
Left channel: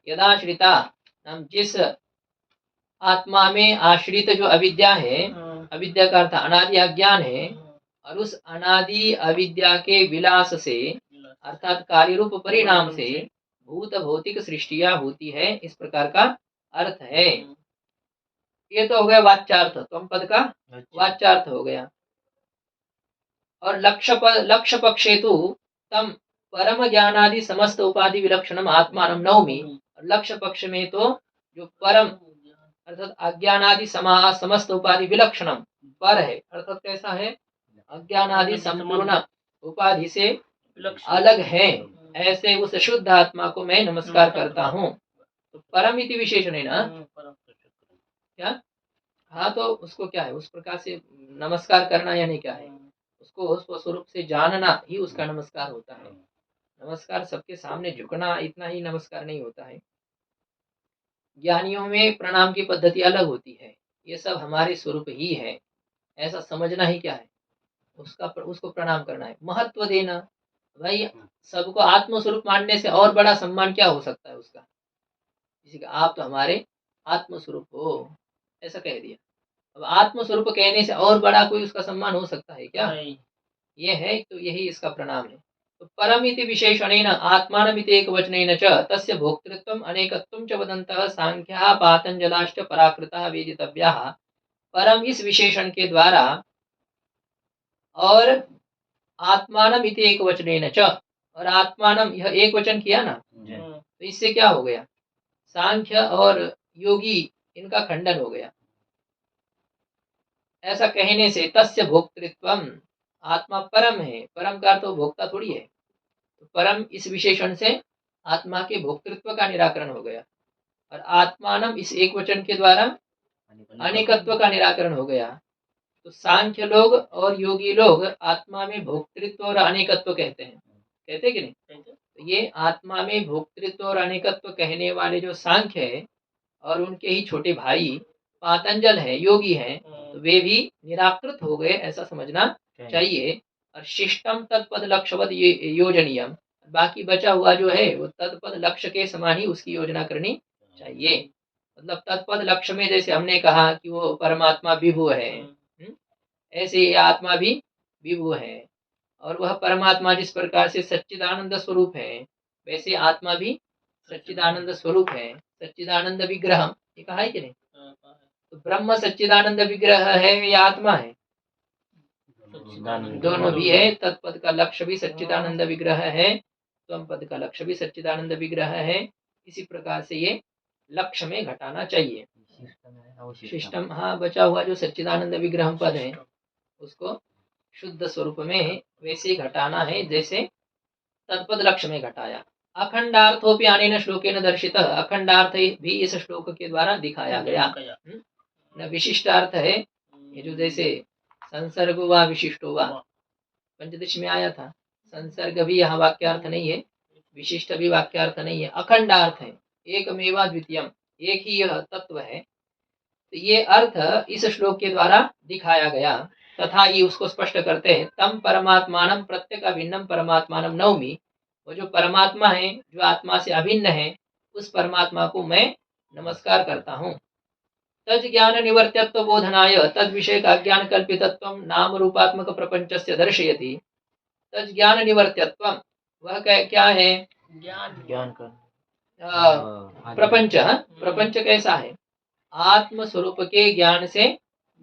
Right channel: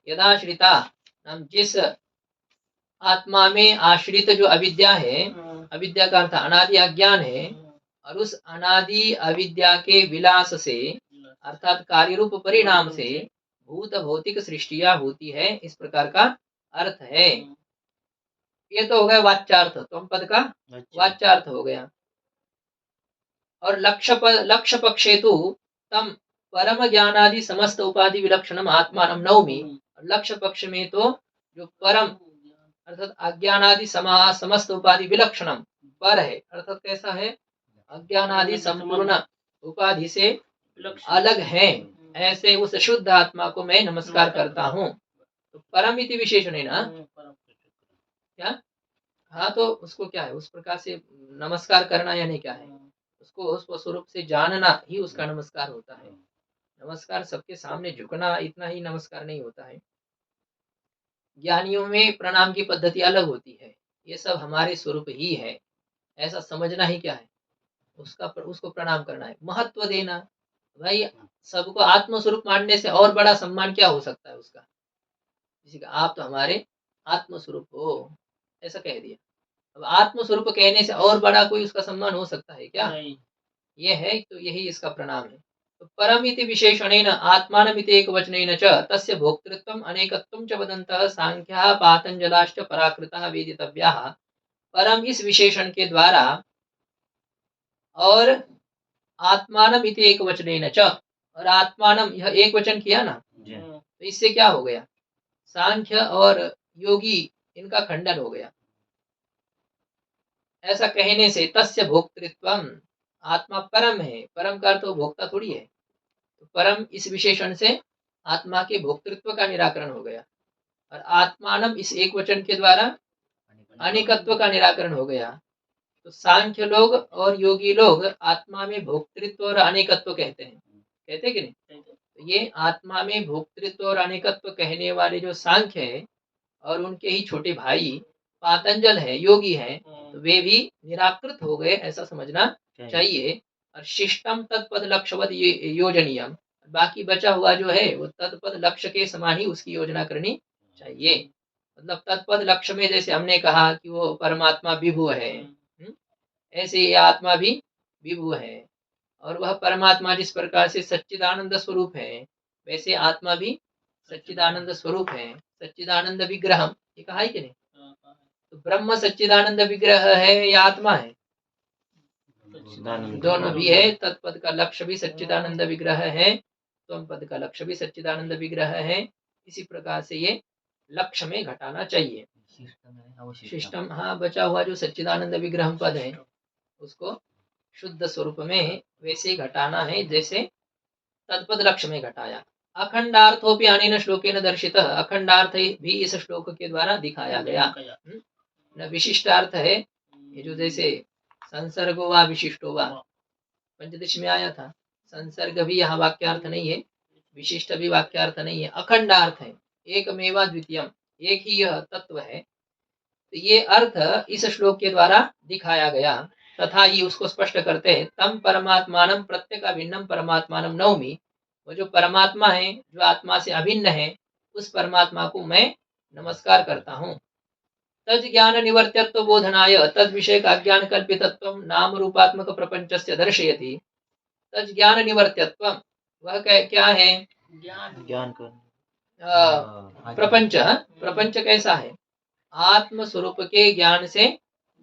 यदाश्रिता, हम जिस आत्मा में आश्रित जो अविद्या है, अविद्या का अर्थ अनादि अज्ञान है, और उस अनादि अविद्या के विलास से अर्थात कार्य रूप परिणाम से भूत भौतिक सृष्टियां होती है, इस प्रकार का अर्थ है। ये तो हो गया वाच्यार्थ, त्वम पद का वाच्यार्थ हो गया। और लक्ष्य पक्षे तो तम परम ज्ञानादि समस्त उपाधि विलक्षणम आत्मानम नवमी। लक्ष्य पक्ष में तो जो परम अर्थात अज्ञानादि समस्त उपाधि विलक्षणम पर है, अर्थात कैसा है, अज्ञानादि संपूर्ण उपाधि से अलग है, ऐसे उस शुद्ध आत्मा को मैं नमस्कार करता हूँ। तो परम इति विशेषण है ना क्या? हाँ, तो उसको क्या है, उस प्रकार से नमस्कार करना यानी क्या है, उसको उस स्वरूप से जानना ही उसका नमस्कार होता है। नमस्कार सबके सामने झुकना इतना ही नमस्कार नहीं होता है। ज्ञानियों में प्रणाम की पद्धति अलग होती है, ये सब हमारे स्वरूप ही है, ऐसा समझना ही क्या है, उसको प्रणाम करना है, महत्व देना। भाई सबको आत्म स्वरूप मानने से और बड़ा सम्मान क्या हो सकता है उसका, किसी का आप तो हमारे आत्म स्वरूप हो ऐसा कह दिया। अब आत्म स्वरूप कहने से और बड़ा कोई उसका सम्मान हो सकता है क्या? ये है, तो यही इसका प्रणाम है। तो परमिति विशेषणेन आत्मानमिति एकवचनेन च तस्य भोक्तृत्वम् अनेकत्वं च वदन्तः सांख्याः पातंजलाश्च पराकृताः वेदितव्याः। परम इस विशेषण के द्वारा और आत्मानम इति एकवचनेन च, और आत्मानम यह एक वचन किया ना, तो इससे क्या हो गया, सांख्य और योगी इनका खंडन हो गया। ऐसा कहने से तस्य भोक्तृत्वम, आत्मा परम है, परम का तो भोक्ता थोड़ी है, तो परम इस विशेषण से आत्मा के भोक्तृत्व का निराकरण हो गया। और आत्मानम इस एक वचन के द्वारा अनेकत्व का निराकरण हो गया। तो सांख्य लोग और योगी लोग आत्मा में भोक्तृत्व और अनेकत्व कहते हैं, कहते कि नहीं? तो ये आत्मा में भोक्तृत्व और अनेकत्व कहने वाले जो सांख्य है और उनके ही छोटे भाई पातंजल है, योगी है, तो वे भी निराकृत हो गए, ऐसा समझना चाहिए। और शिष्टम तत्पद लक्ष्यवद योजनीयम, बाकी बचा हुआ जो है वो तत्पद लक्ष्य के समान ही उसकी योजना करनी चाहिए। मतलब तत्पद लक्ष्य में जैसे हमने कहा कि वो परमात्मा विभु है, ऐसे ये आत्मा भी विभु है, और वह परमात्मा जिस प्रकार से सच्चिदानंद स्वरूप है, वैसे आत्मा भी सच्चिदानंद स्वरूप है, सच्चिदानंद विग्रह, ये कहा है कि नहीं? तो ब्रह्म सच्चिदानंद विग्रह है या आत्मा है? दोनों भी है। तत्पद का लक्ष्य भी सच्चिदानंद विग्रह है, त्वम पद का लक्ष्य भी सच्चिदानंद विग्रह है। इसी प्रकार से ये लक्ष्य में घटाना चाहिए। शिष्टम, हाँ, बचा हुआ जो सच्चिदानंद विग्रह पद है उसको शुद्ध स्वरूप में वैसे ही घटाना है जैसे तत्पद लक्ष्य में घटाया। अखंडार्थोपि अनेन श्लोकेन दर्शित, अखंडार्थ भी इस श्लोक के द्वारा दिखाया गया। न विशिष्टार्थ है, ये जो जैसे संसर्ग हुआ विशिष्ट हुआ, पंचदश में आया था, संसर्ग भी यहाँ वाक्यार्थ नहीं है, विशिष्ट भी वाक्यार्थ नहीं है, अखंडार्थ है, एकमेवा द्वितीयम, एक ही यह तत्व है। तो ये अर्थ इस श्लोक के द्वारा दिखाया गया। तथा ये उसको स्पष्ट करते हैं, तम परमात्मानम प्रत्येक अभिन्नम परमात्मानम नवमी, वो जो परमात्मा है जो आत्मा से अभिन्न है, उस परमात्मा को मैं नमस्कार करता हूँ। तज ज्ञान निवर्त्यत्व बोधनाय तद विषय का ज्ञान कल्पितत्व नाम रूपात्मक प्रपंचस्य दर्शयति। तज ज्ञान निवर्त्यत्व, वह क्या है? ज्ञान का प्रपंच। प्रपंच कैसा है? आत्म स्वरूप के ज्ञान से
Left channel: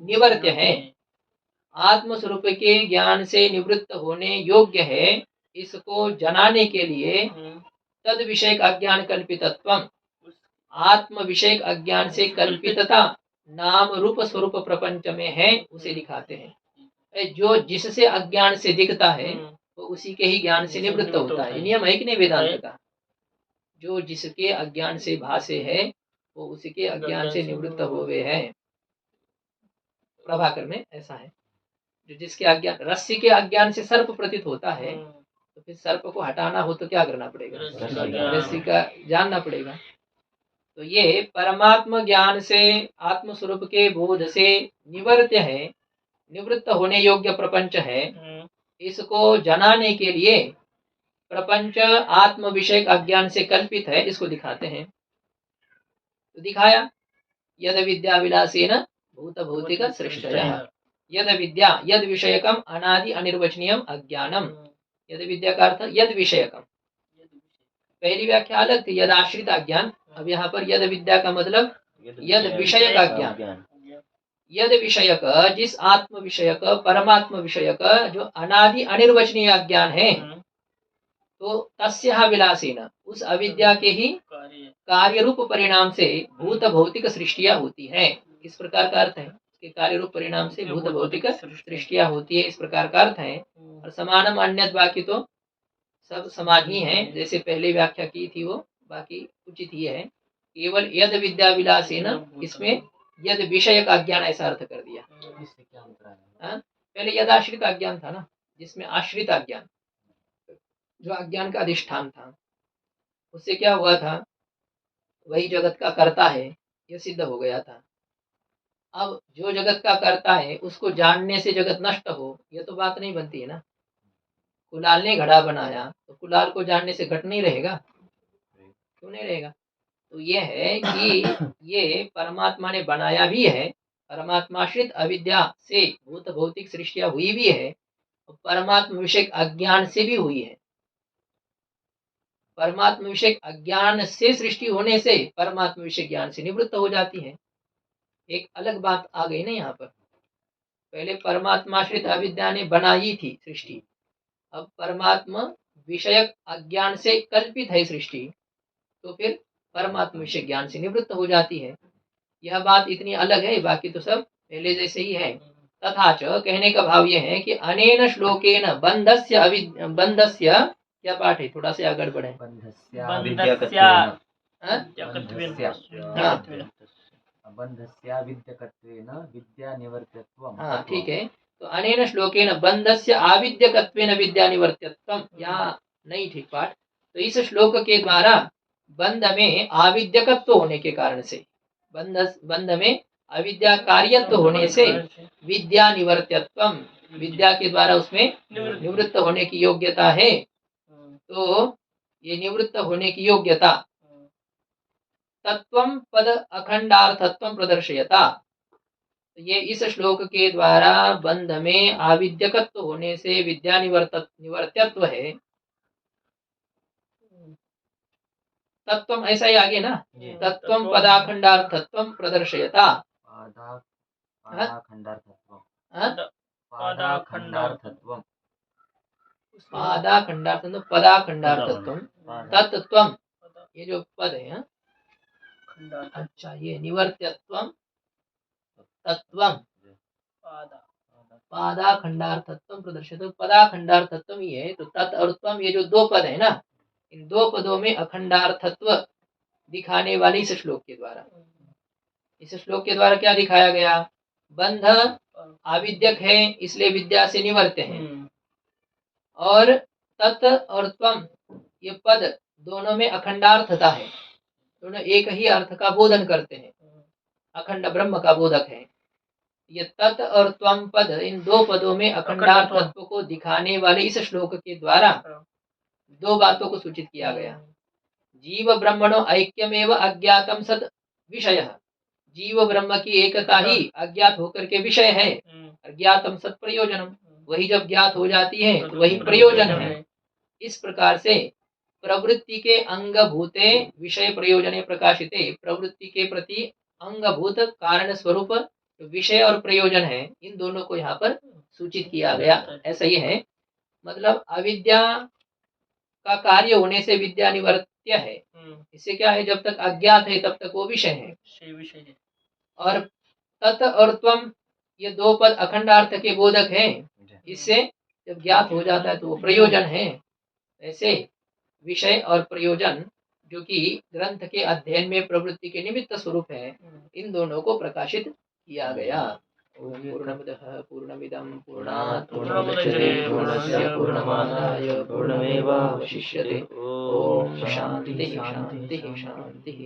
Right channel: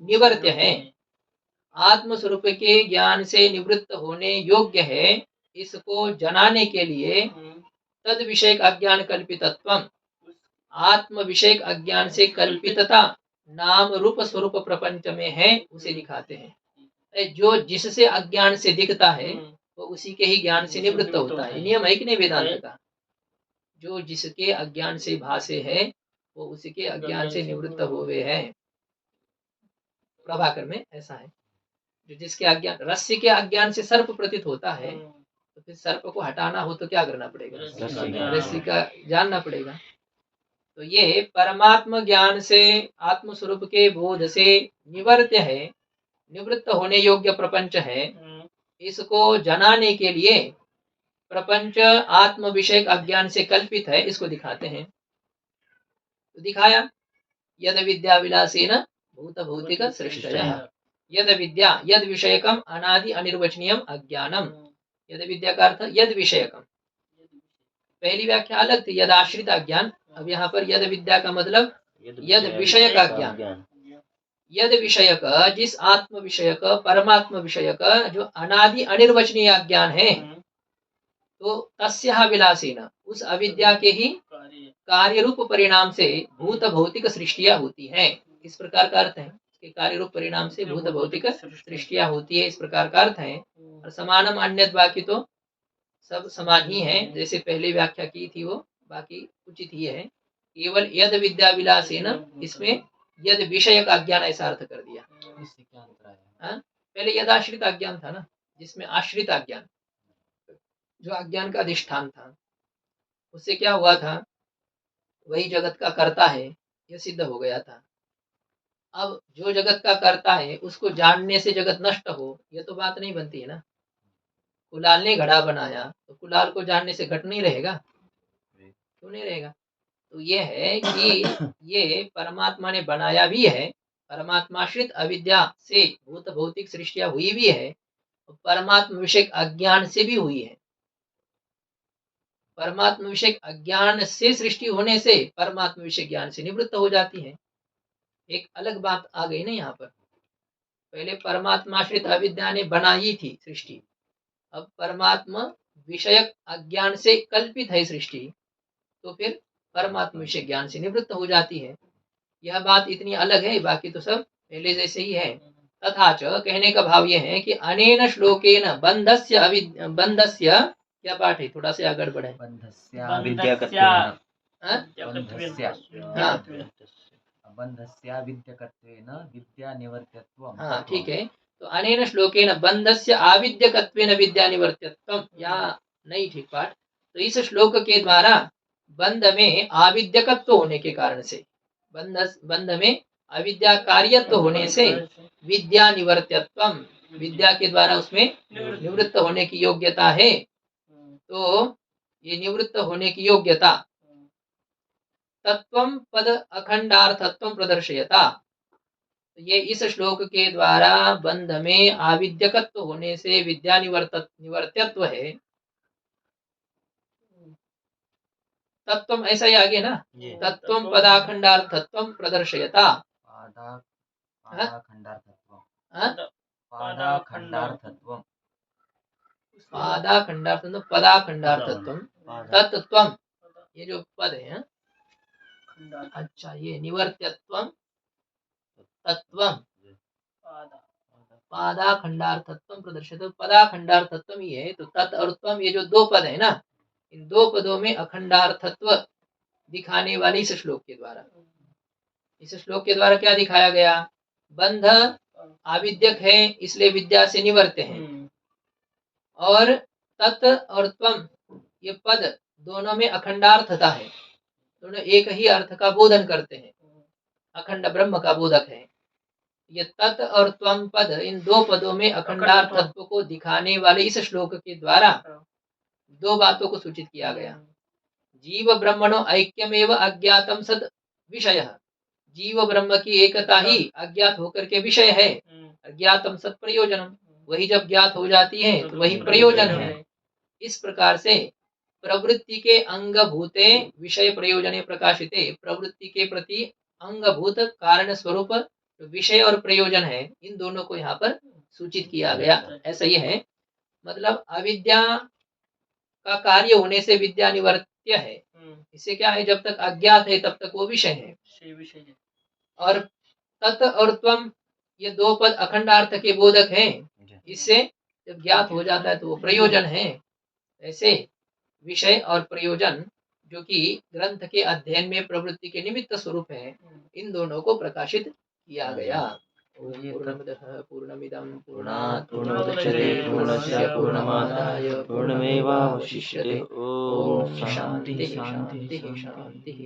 निवर्त्य है, आत्म स्वरूप के ज्ञान से निवृत्त होने योग्य है। इसको जनाने के लिए तद विषय अज्ञान कल्पितत्व, आत्म विषय अज्ञान से कल्पितता नाम रूप स्वरूप प्रपंच में है, उसे दिखाते हैं। जो जिससे अज्ञान से दिखता है वो उसी के ही ज्ञान से निवृत्त होता है। नियम है कि नहीं वेदांत का? जो जिसके अज्ञान से भासे है वो उसी के अज्ञान से निवृत्त हुए हैं। प्रभाकर में ऐसा है, जो जिसके अज्ञान, रस्सी के अज्ञान से सर्प प्रतीत होता है, तो फिर सर्प को हटाना हो तो क्या करना पड़ेगा? रस्सी का जानना पड़ेगा। तो ये परमात्म ज्ञान से आत्म स्वरूप के बोध से निवर्त्य है, निवृत्त होने योग्य प्रपंच है। इसको जनाने के लिए प्रपंच आत्म विषय अज्ञान से कल्पित है, इसको दिखाते हैं। तो दिखाया, यद विद्या विलासेन भूत भौतिक सृष्टयः, यद विद्या यद विषयकम अनादि अनिर्वचनीयम अज्ञानम। यद विद्या का अर्थ यद विषयकम, पहली व्याख्या अलग थी, यद आश्रित अज्ञान। अब यहाँ पर यद विद्या का मतलब यद विषय का ज्ञान, यद विषयक, जिस आत्म विषयक, परमात्म विषयक जो अनादि अनिर्वचनीय अज्ञान है, तो तस्या विलासीन, उस अविद्या के ही कार्य रूप परिणाम से भूत भौतिक सृष्टियां होती है। इस प्रकार का अर्थ है कि कार्य रूप परिणाम से भूत भौतिक सृष्टियां होती है, इस प्रकार का अर्थ है। और समानम अन्यत, बाकी तो सब समान ही है, जैसे पहले व्याख्या की थी वो, बाकी उचित ही है। केवल यद विद्या विलासीन, इसमें यद विषय का अज्ञान ऐसा अर्थ कर दिया। इससे क्या अंतर है? पहले यद आश्रित अज्ञान था ना, जिसमें आश्रित अज्ञान जो अज्ञान का अधिष्ठान था, उससे क्या हुआ था, वही जगत का कर्ता है, यह सिद्ध हो गया था। अब जो जगत का कर्ता है उसको जानने से जगत नष्ट हो, यह तो बात नहीं बनती है ना। कुलाल ने घड़ा बनाया तो कुलाल को जानने से घट नहीं रहेगा, क्यों नहीं रहेगा। तो ये है कि ये परमात्मा ने बनाया भी है, परमात्माश्रित अविद्या से भूत भौतिक सृष्टियां हुई भी है, और परमात्मा विषय अज्ञान से भी हुई है। परमात्मा विषय अज्ञान से सृष्टि होने से परमात्मा विषय ज्ञान से निवृत्त हो जाती है। एक अलग बात आ गई ना यहाँ पर। पहले परमात्माश्रित अविद्या ने बनाई थी सृष्टि, अब परमात्मा विषयक अज्ञान से कल्पित है सृष्टि, तो फिर परमात्मा विषय ज्ञान से निवृत्त हो जाती है। यह बात इतनी अलग है, बाकी तो सब पहले जैसे ही है। तथा च, कहने का भाव यह है कि अनेन श्लोकेन बंधस्य क्या पाठ है, थोड़ा सा आगे बढ़े। हाँ ठीक है, तो अनेन श्लोकेन बंधस्य आविद्यकत्वेन विद्या निवर्त्यत्वम, यहाँ नहीं ठीक पाठ। तो इस श्लोक के द्वारा बंध में आविद्यकत्व होने के कारण से, बंध में अविद्या कार्यत्व होने से विद्या निवर्त्यत्वम, विद्या के द्वारा उसमें निवृत्त होने की योग्यता है। तो ये निवृत्त होने की योग्यता तत्वम पद अखंडार्थत्वम प्रदर्शयता, ये इस श्लोक के द्वारा बंध में आविद्यकत्व होने से विद्या निवर्त्यत्व है। तत्वम ऐसा ही आगे ना, तत्वम पदाखंडार्थत्वम प्रदर्शयता, पादाखंडार्थत्वम पदाखंडार्थत्वम तत्त्वम, ये जो पद है, अच्छा ये निवर्त्यत्वम तत्वम पादाखंडार्थत्वम प्रदर्शित, पदाखंडार्थत्वम ये है। तो तत् और त्वम, ये जो दो पद है ना, इन दो पदों में अखंडार्थत्व दिखाने वाले इस श्लोक के द्वारा, इस श्लोक के द्वारा क्या दिखाया गया, बंध आविद्यक है इसलिए विद्या से निवर्त्य है, और तत् और त्वम ये पद दोनों में अखंडार्थता है, दोनों एक ही अर्थ का बोधन करते हैं, अखंड ब्रह्म का बोधक है। ये तत् और त्वम पद, इन दो पदों में अखंडार्थत्व को दिखाने वाले इस श्लोक के द्वारा दो बातों को सूचित किया गया। जीव ब्रह्मणो ऐक्यमेव अज्ञातम सद विषय, जीव ब्रह्म की एकता ही अज्ञात होकर के विषय है। अज्ञातम सद प्रयोजनम, वही जब ज्ञात हो जाती है तो वही प्रयोजन है। इस प्रकार से प्रवृत्ति के अंगभूते विषय प्रयोजने प्रकाशिते, प्रवृत्ति के प्रति अंगभूत कारण स्वरूप विषय और प्रयोजन है, इन दोनों को यहाँ पर सूचित किया गया। ऐसा ही है, मतलब अविद्या का कार्य होने से विद्या निवर्त्य है। इससे क्या है, जब तक अज्ञात है तब तक वो विषय है। और तत् और त्वम, ये दो पद अखंडार्थ के बोधक हैं, इससे जब ज्ञात हो जाता है तो वो प्रयोजन है। ऐसे विषय और प्रयोजन जो कि ग्रंथ के अध्ययन में प्रवृत्ति के निमित्त स्वरूप है, इन दोनों को प्रकाशित किया गया। ओम पूर्णमदः पूर्णमिदं पूर्णात् पूर्णमुदच्यते पूर्णस्य पूर्णमादाय पूर्णमेवावशिष्यते। ओम शांति शांति शांति।